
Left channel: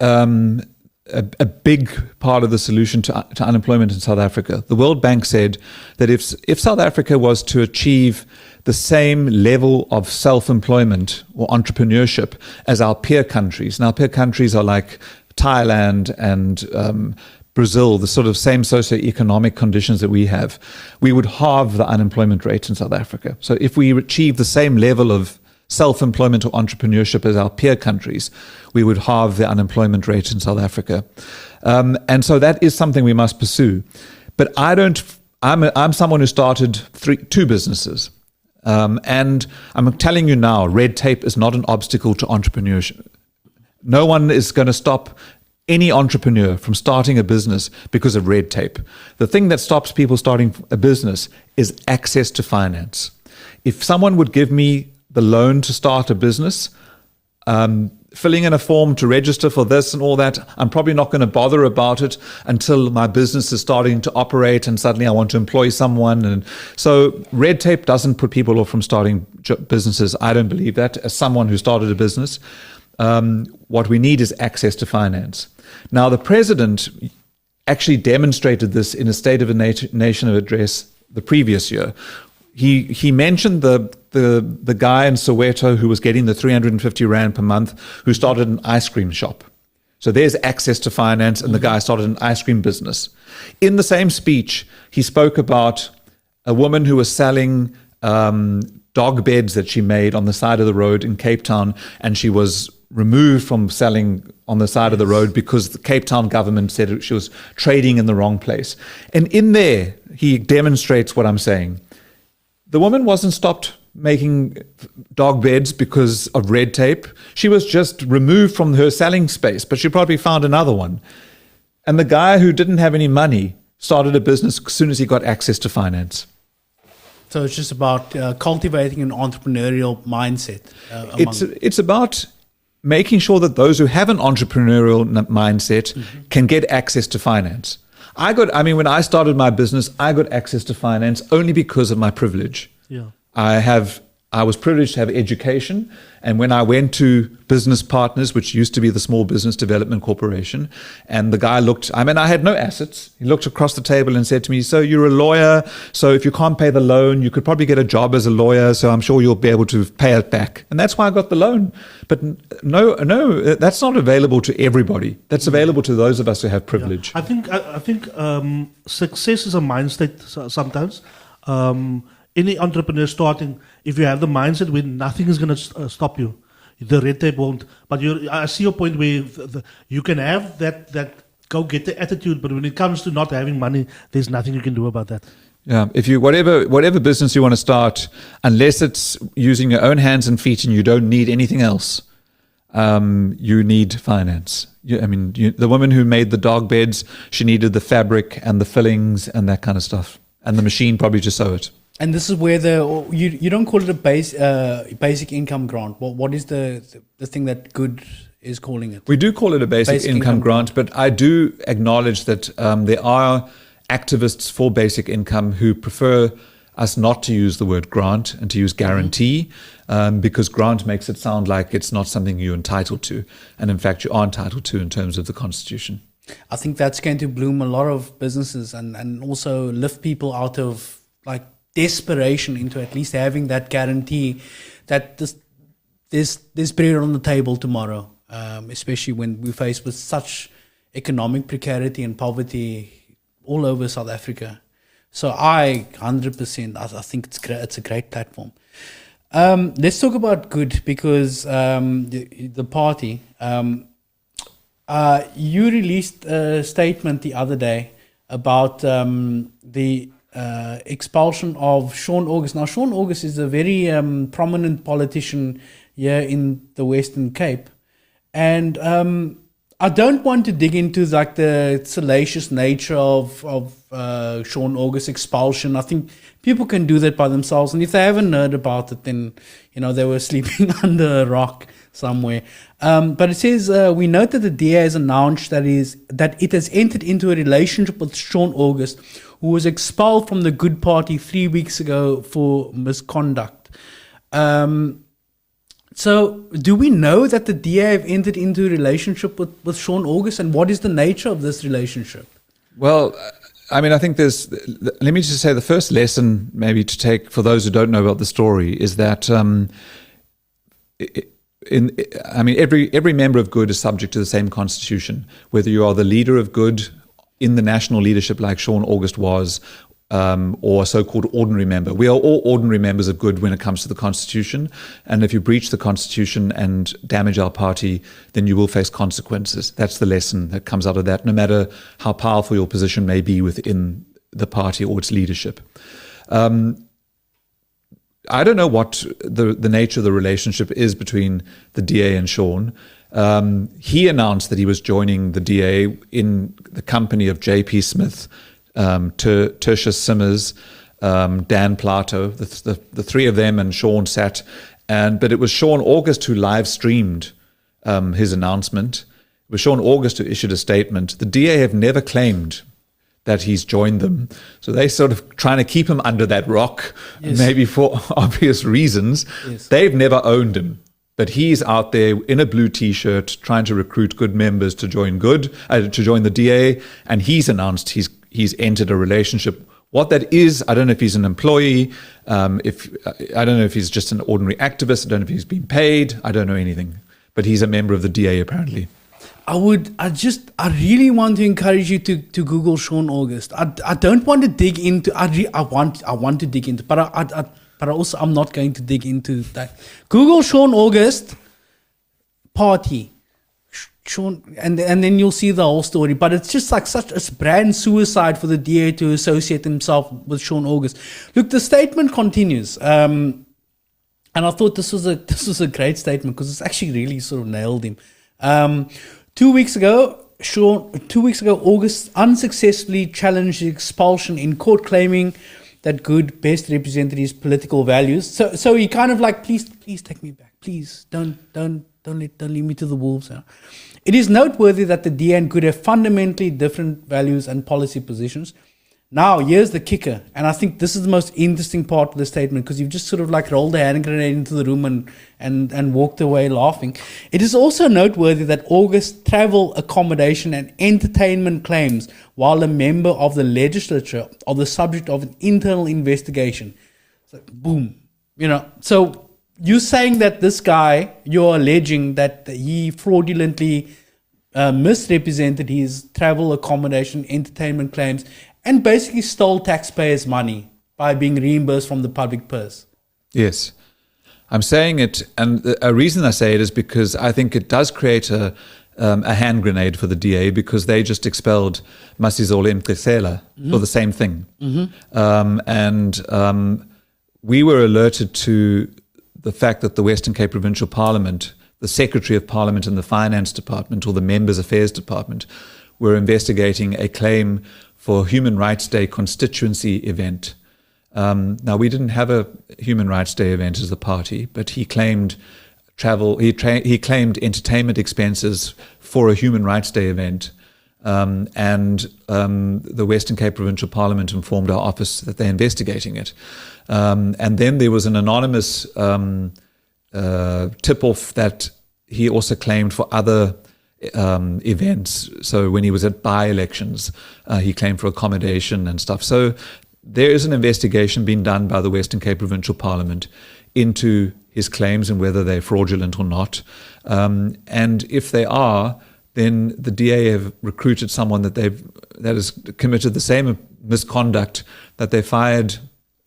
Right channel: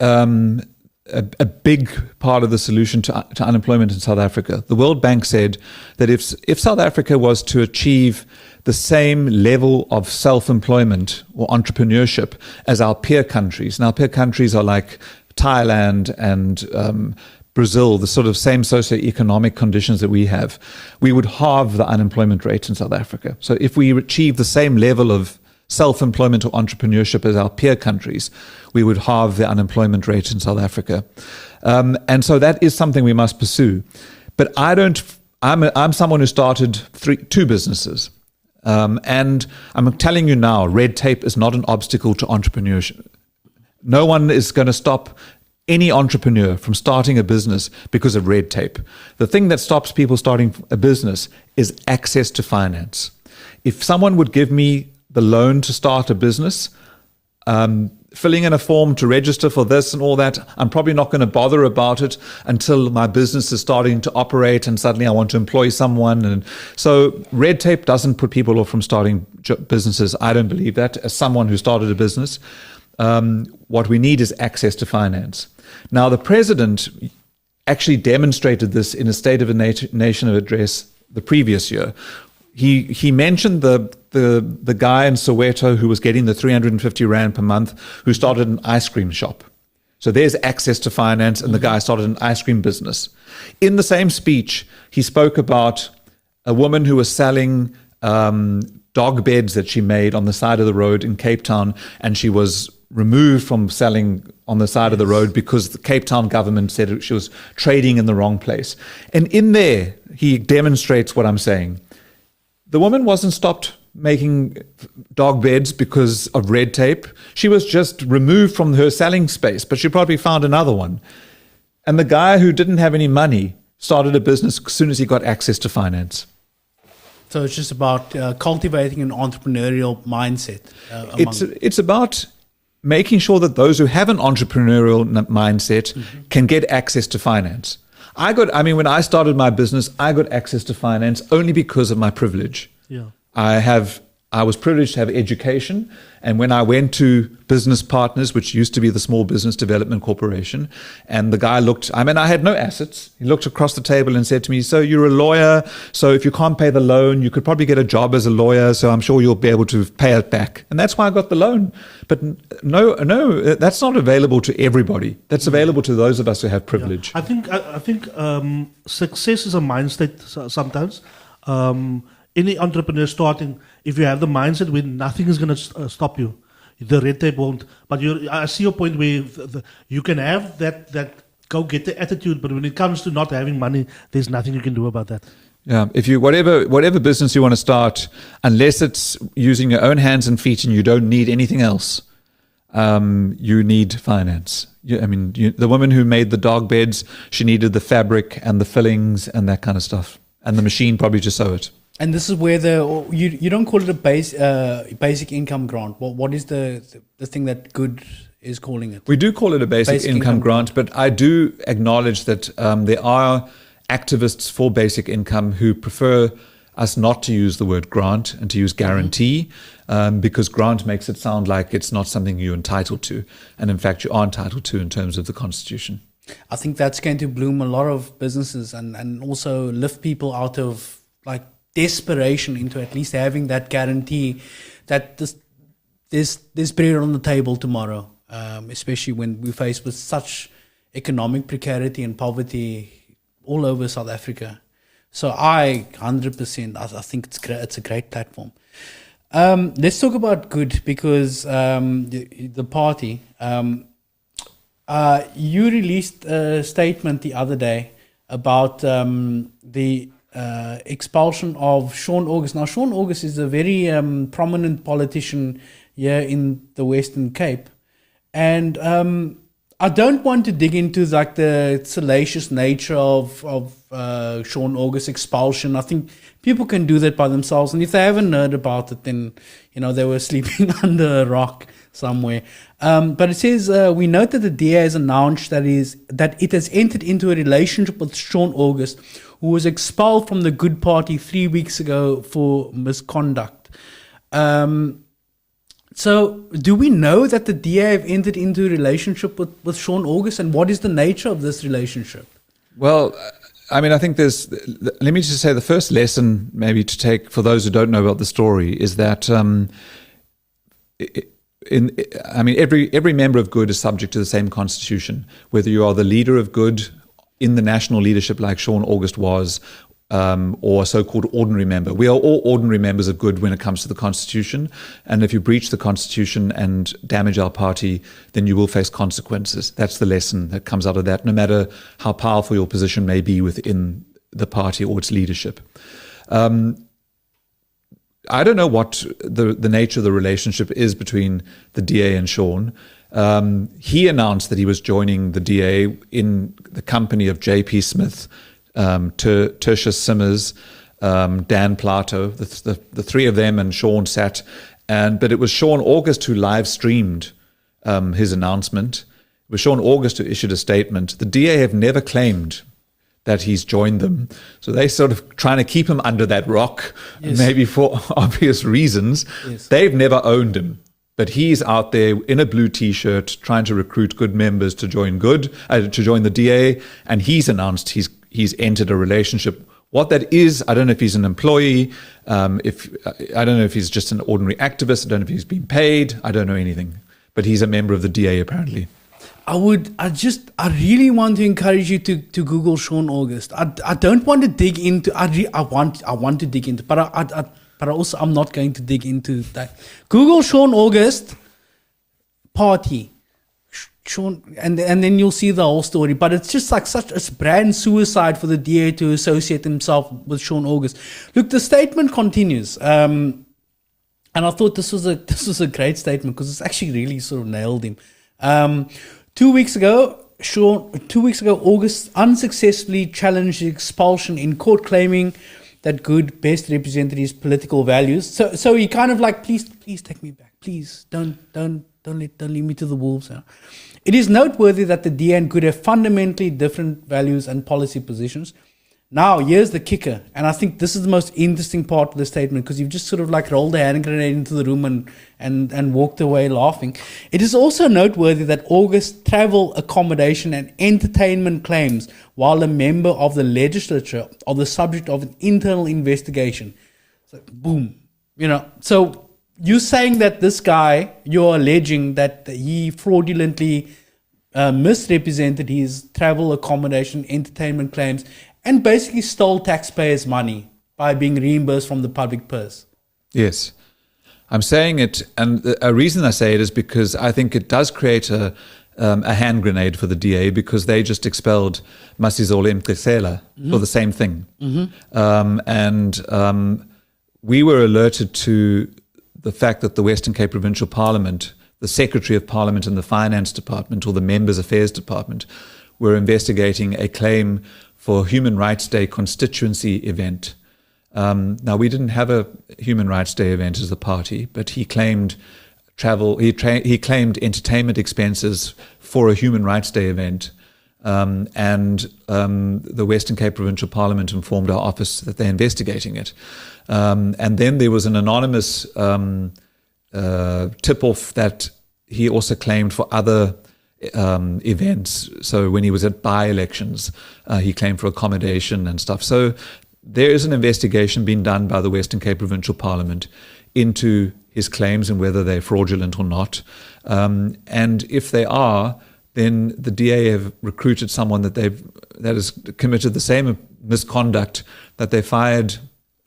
a big part of the solution to unemployment in South Africa. The World Bank said that if South Africa was to achieve the same level of self-employment or entrepreneurship as our peer countries, and our peer countries are like Thailand and Brazil, the sort of same socioeconomic conditions that we have, we would halve the unemployment rate in South Africa. So if we achieve the same level of self-employment or entrepreneurship as our peer countries, we would halve the unemployment rate in South Africa. And so that is something we must pursue. But I'm someone who started 2 businesses. And I'm telling you now, red tape is not an obstacle to entrepreneurship. No one is going to stop any entrepreneur from starting a business because of red tape. The thing that stops people starting a business is access to finance. If someone would give me the loan to start a business, filling in a form to register for this and all that, I'm probably not going to bother about it until my business is starting to operate and suddenly I want to employ someone. And so red tape doesn't put people off from starting businesses. I don't believe that. As someone who started a business, what we need is access to finance. Now, the president actually demonstrated this in a State of a Nation address the previous year. He mentioned the guy in Soweto who was getting the 350 Rand per month, who started an ice cream shop. So there's access to finance, and the guy started an ice cream business. In the same speech, he spoke about a woman who was selling dog beds that she made on the side of the road in Cape Town, and she was removed from selling on the side of the road because the Cape Town government said she was trading in the wrong place. And in there, he demonstrates what I'm saying. The woman wasn't stopped making dog beds because of red tape. She was just removed from her selling space, but she probably found another one. And the guy who didn't have any money started a business as soon as he got access to finance. So it's just about cultivating an entrepreneurial mindset. It's about making sure that those who have an entrepreneurial mindset can get access to finance. When I started my business, I got access to finance only because of my privilege. Yeah. I was privileged to have education, and when I went to Business Partners, which used to be the Small Business Development Corporation, and the guy I had no assets. He looked across the table and said to me, "So you're a lawyer, so if you can't pay the loan, you could probably get a job as a lawyer, so I'm sure you'll be able to pay it back." And that's why I got the loan. But no, that's not available to everybody. That's available to those of us who have privilege. Yeah. I think success is a mindset sometimes. Any entrepreneur starting, if you have the mindset where nothing is going to stop you, the red tape won't. But I see your point where you can have that go-getter attitude, but when it comes to not having money, there's nothing you can do about that. Yeah, if you whatever business you want to start, unless it's using your own hands and feet and you don't need anything else, you need finance. The woman who made the dog beds, she needed the fabric and the fillings and that kind of stuff, and the machine probably to sew it. And this is where you don't call it a basic income grant. What is the thing that Good is calling it? We do call it a basic income grant, but I do acknowledge that there are activists for basic income who prefer us not to use the word grant and to use guarantee, because grant makes it sound like it's not something you're entitled to, and in fact you are entitled to in terms of the Constitution. I think that's going to bloom a lot of businesses and also lift people out of desperation into at least having that guarantee that there's bread on the table tomorrow, especially when we're faced with such economic precarity and poverty all over South Africa. So 100%, I think it's a great platform. Let's talk about Good, because the party, you released a statement the other day about the expulsion of Shaun August. Now, Shaun August is a very prominent politician here in the Western Cape, and I don't want to dig into the salacious nature of Shaun August's expulsion. I think people can do that by themselves, and if they haven't heard about it, then they were sleeping under a rock somewhere. But it says, we note that the DA has announced that it has entered into a relationship with Shaun August, who was expelled from the Good Party 3 weeks ago for misconduct. So do we know that the DA have entered into a relationship with Shaun August, and what is the nature of this relationship? Well, I think let me just say the first lesson maybe to take for those who don't know about the story is that every member of Good is subject to the same constitution, whether you are the leader of Good in the national leadership like Shaun August was, or a so-called ordinary member. We are all ordinary members of Good when it comes to the Constitution, and if you breach the Constitution and damage our party, then you will face consequences. That's the lesson that comes out of that, no matter how powerful your position may be within the party or its leadership. I don't know what the nature of the relationship is between the DA and Shaun. He announced that he was joining the DA in the company of J.P. Smith, Tertius Simmers, Dan Plato, the three of them, and Shaun sat. But it was Shaun August who live streamed his announcement. It was Shaun August who issued a statement. The DA have never claimed that he's joined them. So they sort of trying to keep him under that rock, yes, maybe for obvious reasons. Yes. They've never owned him. But he's out there in a blue T-shirt trying to recruit good members to join the DA, and he's announced he's entered a relationship. What that is, I don't know if he's an employee, I don't know if he's just an ordinary activist, I don't know if he's been paid, I don't know anything. But he's a member of the DA apparently. I really want to encourage you to Google Shaun August. I don't want to dig into. I want to dig into, but I'm not going to dig into that. Google Shaun August party, Shaun, and then you'll see the whole story. But it's just like such a brand suicide for the DA to associate himself with Shaun August. Look, the statement continues, and I thought this was a great statement because it's actually really sort of nailed him. 2 weeks ago, August unsuccessfully challenged the expulsion in court, claiming that Good best represented his political values. So he kind of like, please take me back. Please don't leave me to the wolves. Huh? It is noteworthy that the DA and Good have fundamentally different values and policy positions. Now, here's the kicker, and I think this is the most interesting part of the statement because you've just sort of like rolled a hand grenade into the room and walked away laughing. It is also noteworthy that August travel accommodation and entertainment claims, while a member of the legislature, are the subject of an internal investigation. So, boom. So you're saying that this guy, you're alleging that he fraudulently misrepresented his travel accommodation, entertainment claims, and basically stole taxpayers' money by being reimbursed from the public purse. Yes. I'm saying it, and a reason I say it is because I think it does create a hand grenade for the DA because they just expelled Masizole Mqisela for the same thing. We were alerted to the fact that the Western Cape Provincial Parliament, the Secretary of Parliament and the Finance Department, or the Members Affairs Department, were investigating a claim for Human Rights Day constituency event. Now, we didn't have a Human Rights Day event as a party, but he claimed he claimed entertainment expenses for a Human Rights Day event. The Western Cape Provincial Parliament informed our office that they're investigating it. And then there was an anonymous tip-off that he also claimed for other events. So when he was at by-elections, he claimed for accommodation and stuff. So there is an investigation being done by the Western Cape Provincial Parliament into his claims and whether they're fraudulent or not. And if they are, then the DA have recruited someone that has committed the same misconduct that they fired,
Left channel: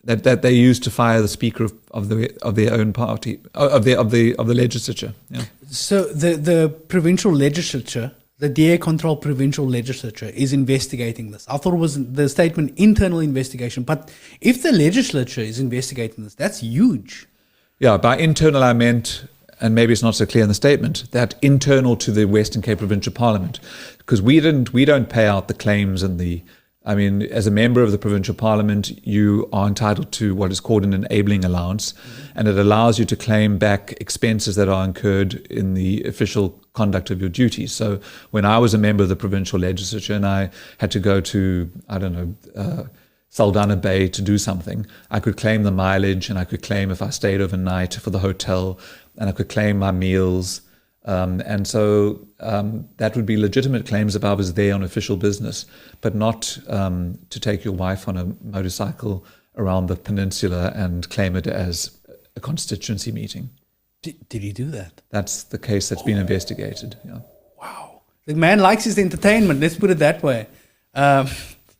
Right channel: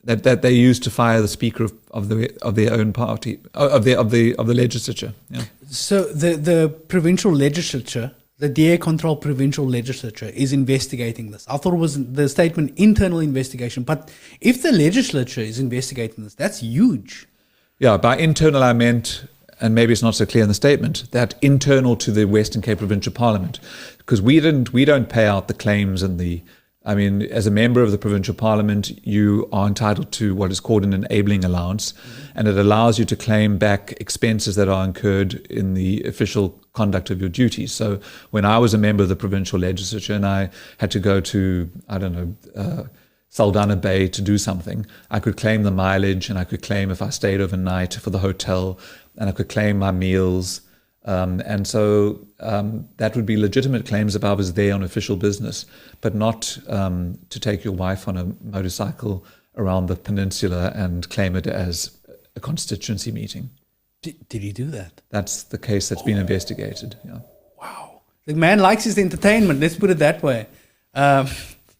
that they used to fire the Speaker of their own party, of the legislature. Yeah. So the provincial legislature, the DA-controlled provincial legislature, is investigating this. I thought it was the statement internal investigation, but if the legislature is investigating this, that's huge. Yeah, by internal I meant, and maybe it's not so clear in the statement, that internal to the Western Cape Provincial Parliament, because we don't pay out the claims as a member of the provincial parliament, you are entitled to what is called an enabling allowance, and it allows you to claim back expenses that are incurred in the official conduct of your duties. So when I was a member of the provincial legislature and I had to go to, Saldanha Bay to do something, I could claim the mileage, and I could claim if I stayed overnight for the hotel, and I could claim my meals. That would be legitimate claims if I was there on official business, but not to take your wife on a motorcycle around the peninsula and claim it as a constituency meeting. Did he do that? That's the case that's been investigated. Yeah. Wow. The man likes his entertainment, let's put it that way.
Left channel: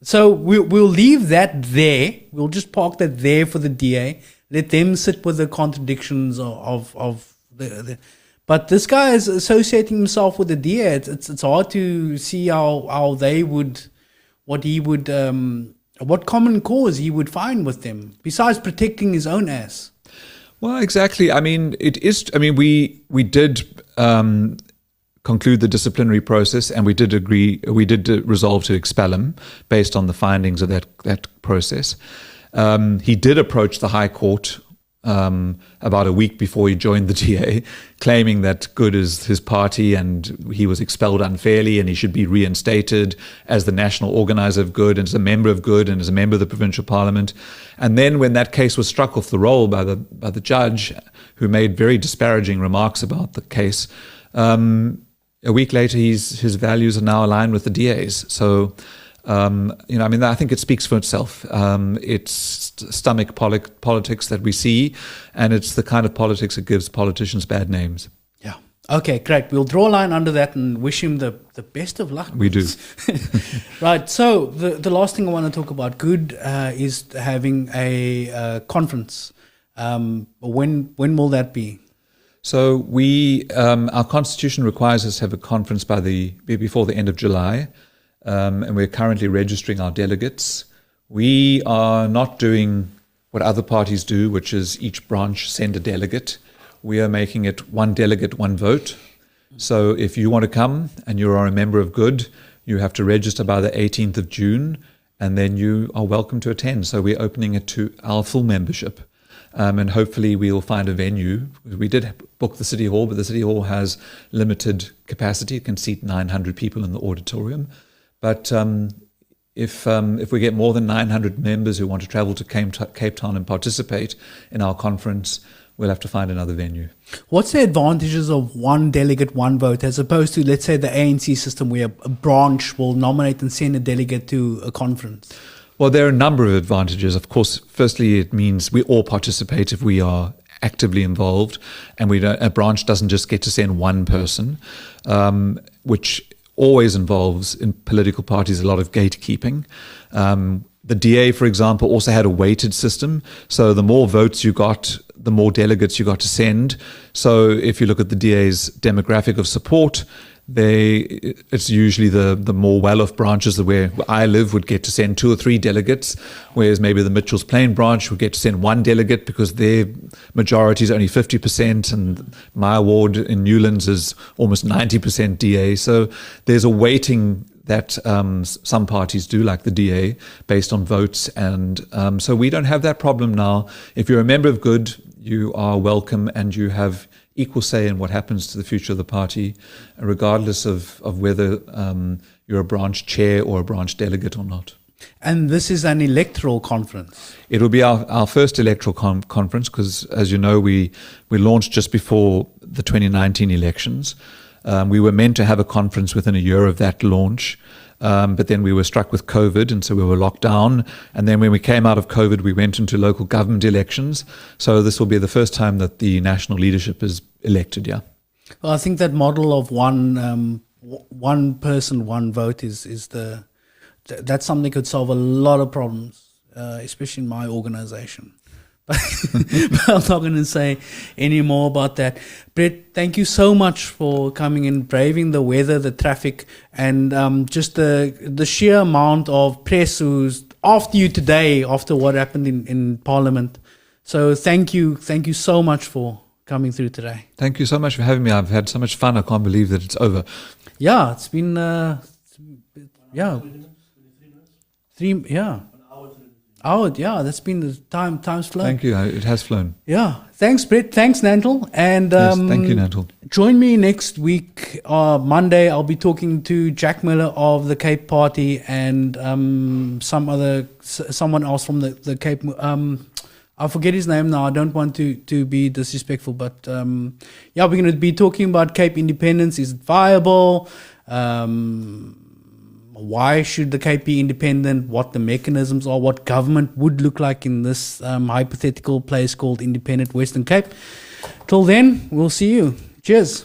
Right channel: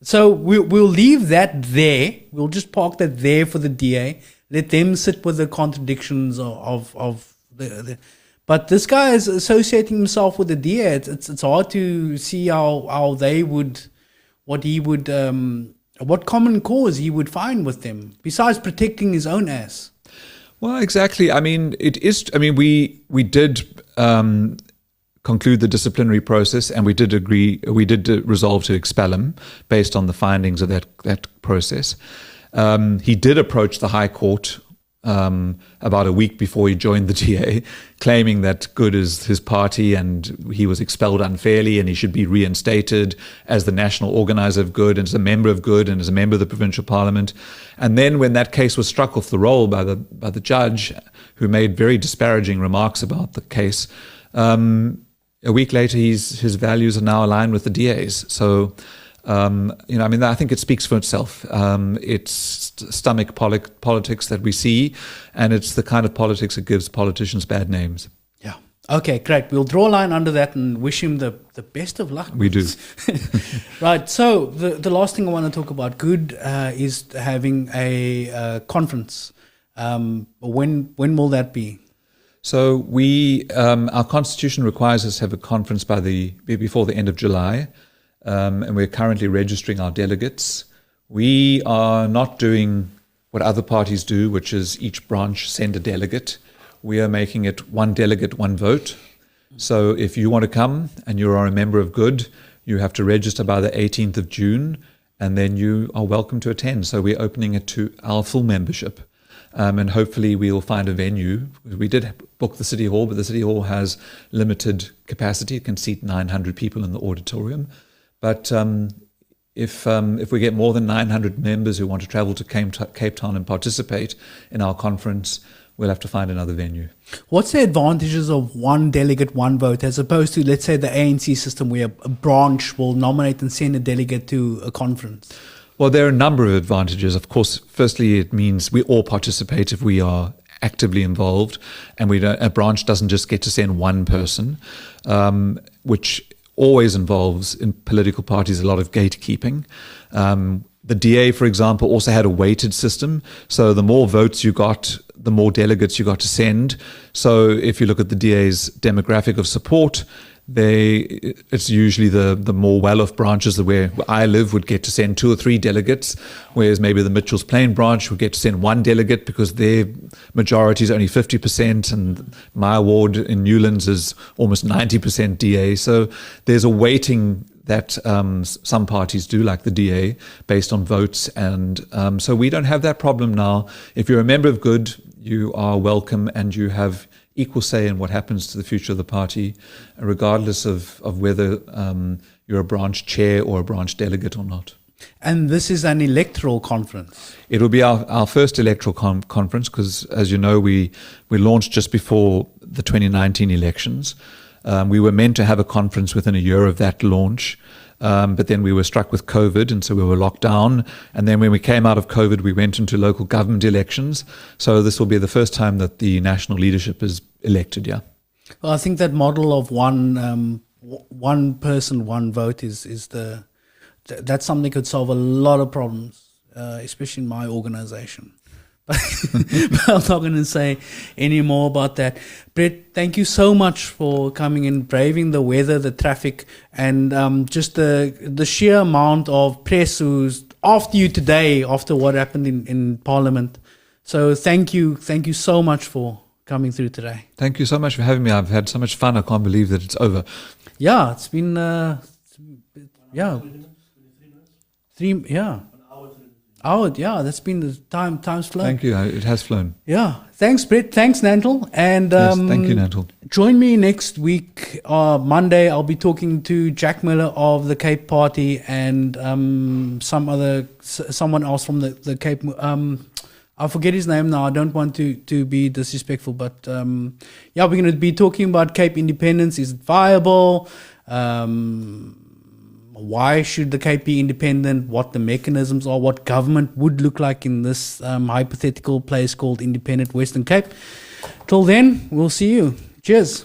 So we'll leave that there. We'll just park that there for the DA. Let them sit with the contradictions of the but this guy is associating himself with the DA. It's hard to see how they would, what common cause he would find with them, besides protecting his own ass. Well, exactly. We did conclude the disciplinary process, and we did resolve to expel him based on the findings of that process. He did approach the High Court about a week before he joined the DA, claiming that Good is his party and he was expelled unfairly and he should be reinstated as the national organizer of Good and as a member of Good and as a member of the provincial parliament. And then when that case was struck off the roll by the judge, who made very disparaging remarks about the case, a week later his values are now aligned with the DA's. So I think it speaks for itself. It's stomach politics that we see, and it's the kind of politics that gives politicians bad names. Yeah. Okay, great. We'll draw a line under that and wish him the best of luck. We do. Right. So the last thing I want to talk about, Good, is having a conference. When will that be? So our constitution requires us to have a conference before the end of July. And we're currently registering our delegates. We are not doing what other parties do, which is each branch send a delegate. We are making it one delegate, one vote. So if you want to come and you are a member of Good, you have to register by the 18th of June, and then you are welcome to attend. So we're opening it to our full membership. And hopefully we'll find a venue. We did book the City Hall, but the City Hall has limited capacity. It can seat 900 people in the auditorium. But if we get more than 900 members who want to travel to Cape Town and participate in our conference, we'll have to find another venue. What's the advantages of one delegate, one vote, as opposed to, let's say, the ANC system where a branch will nominate and send a delegate to a conference? Well, there are a number of advantages. Of course, firstly, it means we all participate if we are actively involved, and a branch doesn't just get to send one person, which always involves in political parties a lot of gatekeeping. The DA, for example, also had a weighted system. So the more votes you got, the more delegates you got to send. So if you look at the DA's demographic of support, it's usually the more well-off branches where I live would get to send 2 or 3 delegates, whereas maybe the Mitchells Plain branch would get to send 1 delegate because their majority is only 50%, and my ward in Newlands is almost 90% DA. So there's a weighting that some parties do, like the DA, based on votes. And so we don't have that problem now. If you're a member of Good, you are welcome and you have equal say in what happens to the future of the party, regardless of whether you're a branch chair or a branch delegate or not. And this is an electoral conference. It'll be our first electoral conference because, as you know, we launched just before the 2019 elections. We were meant to have a conference within a year of that launch, but then we were struck with COVID, and so we were locked down. And then when we came out of COVID, we went into local government elections. So this will be the first time that the national leadership is elected, yeah. Well, I think that model of one person, one vote that's something that could solve a lot of problems, especially in my organization. But I'm not going to say any more about that. Brett, thank you so much for coming in, braving the weather, the traffic, and just the sheer amount of press who's after you today, after what happened in Parliament. So thank you so much for coming through today. Thank you so much for having me. I've had so much fun. I can't believe that it's over. Yeah, it's been hour, yeah, that's been the time's flown. Thank you. It has flown. Yeah. Thanks, Brett. Thanks, Nantel. And yes, thank you, Nantel. Join me next week, Monday. I'll be talking to Jack Miller of the Cape Party and someone else from the Cape. I forget his name now. I don't want to be disrespectful, but we're going to be talking about Cape independence. Is it viable? Why should the Cape be independent? What the mechanisms are? What government would look like in this hypothetical place called Independent Western Cape? Till then, we'll see you. Cheers.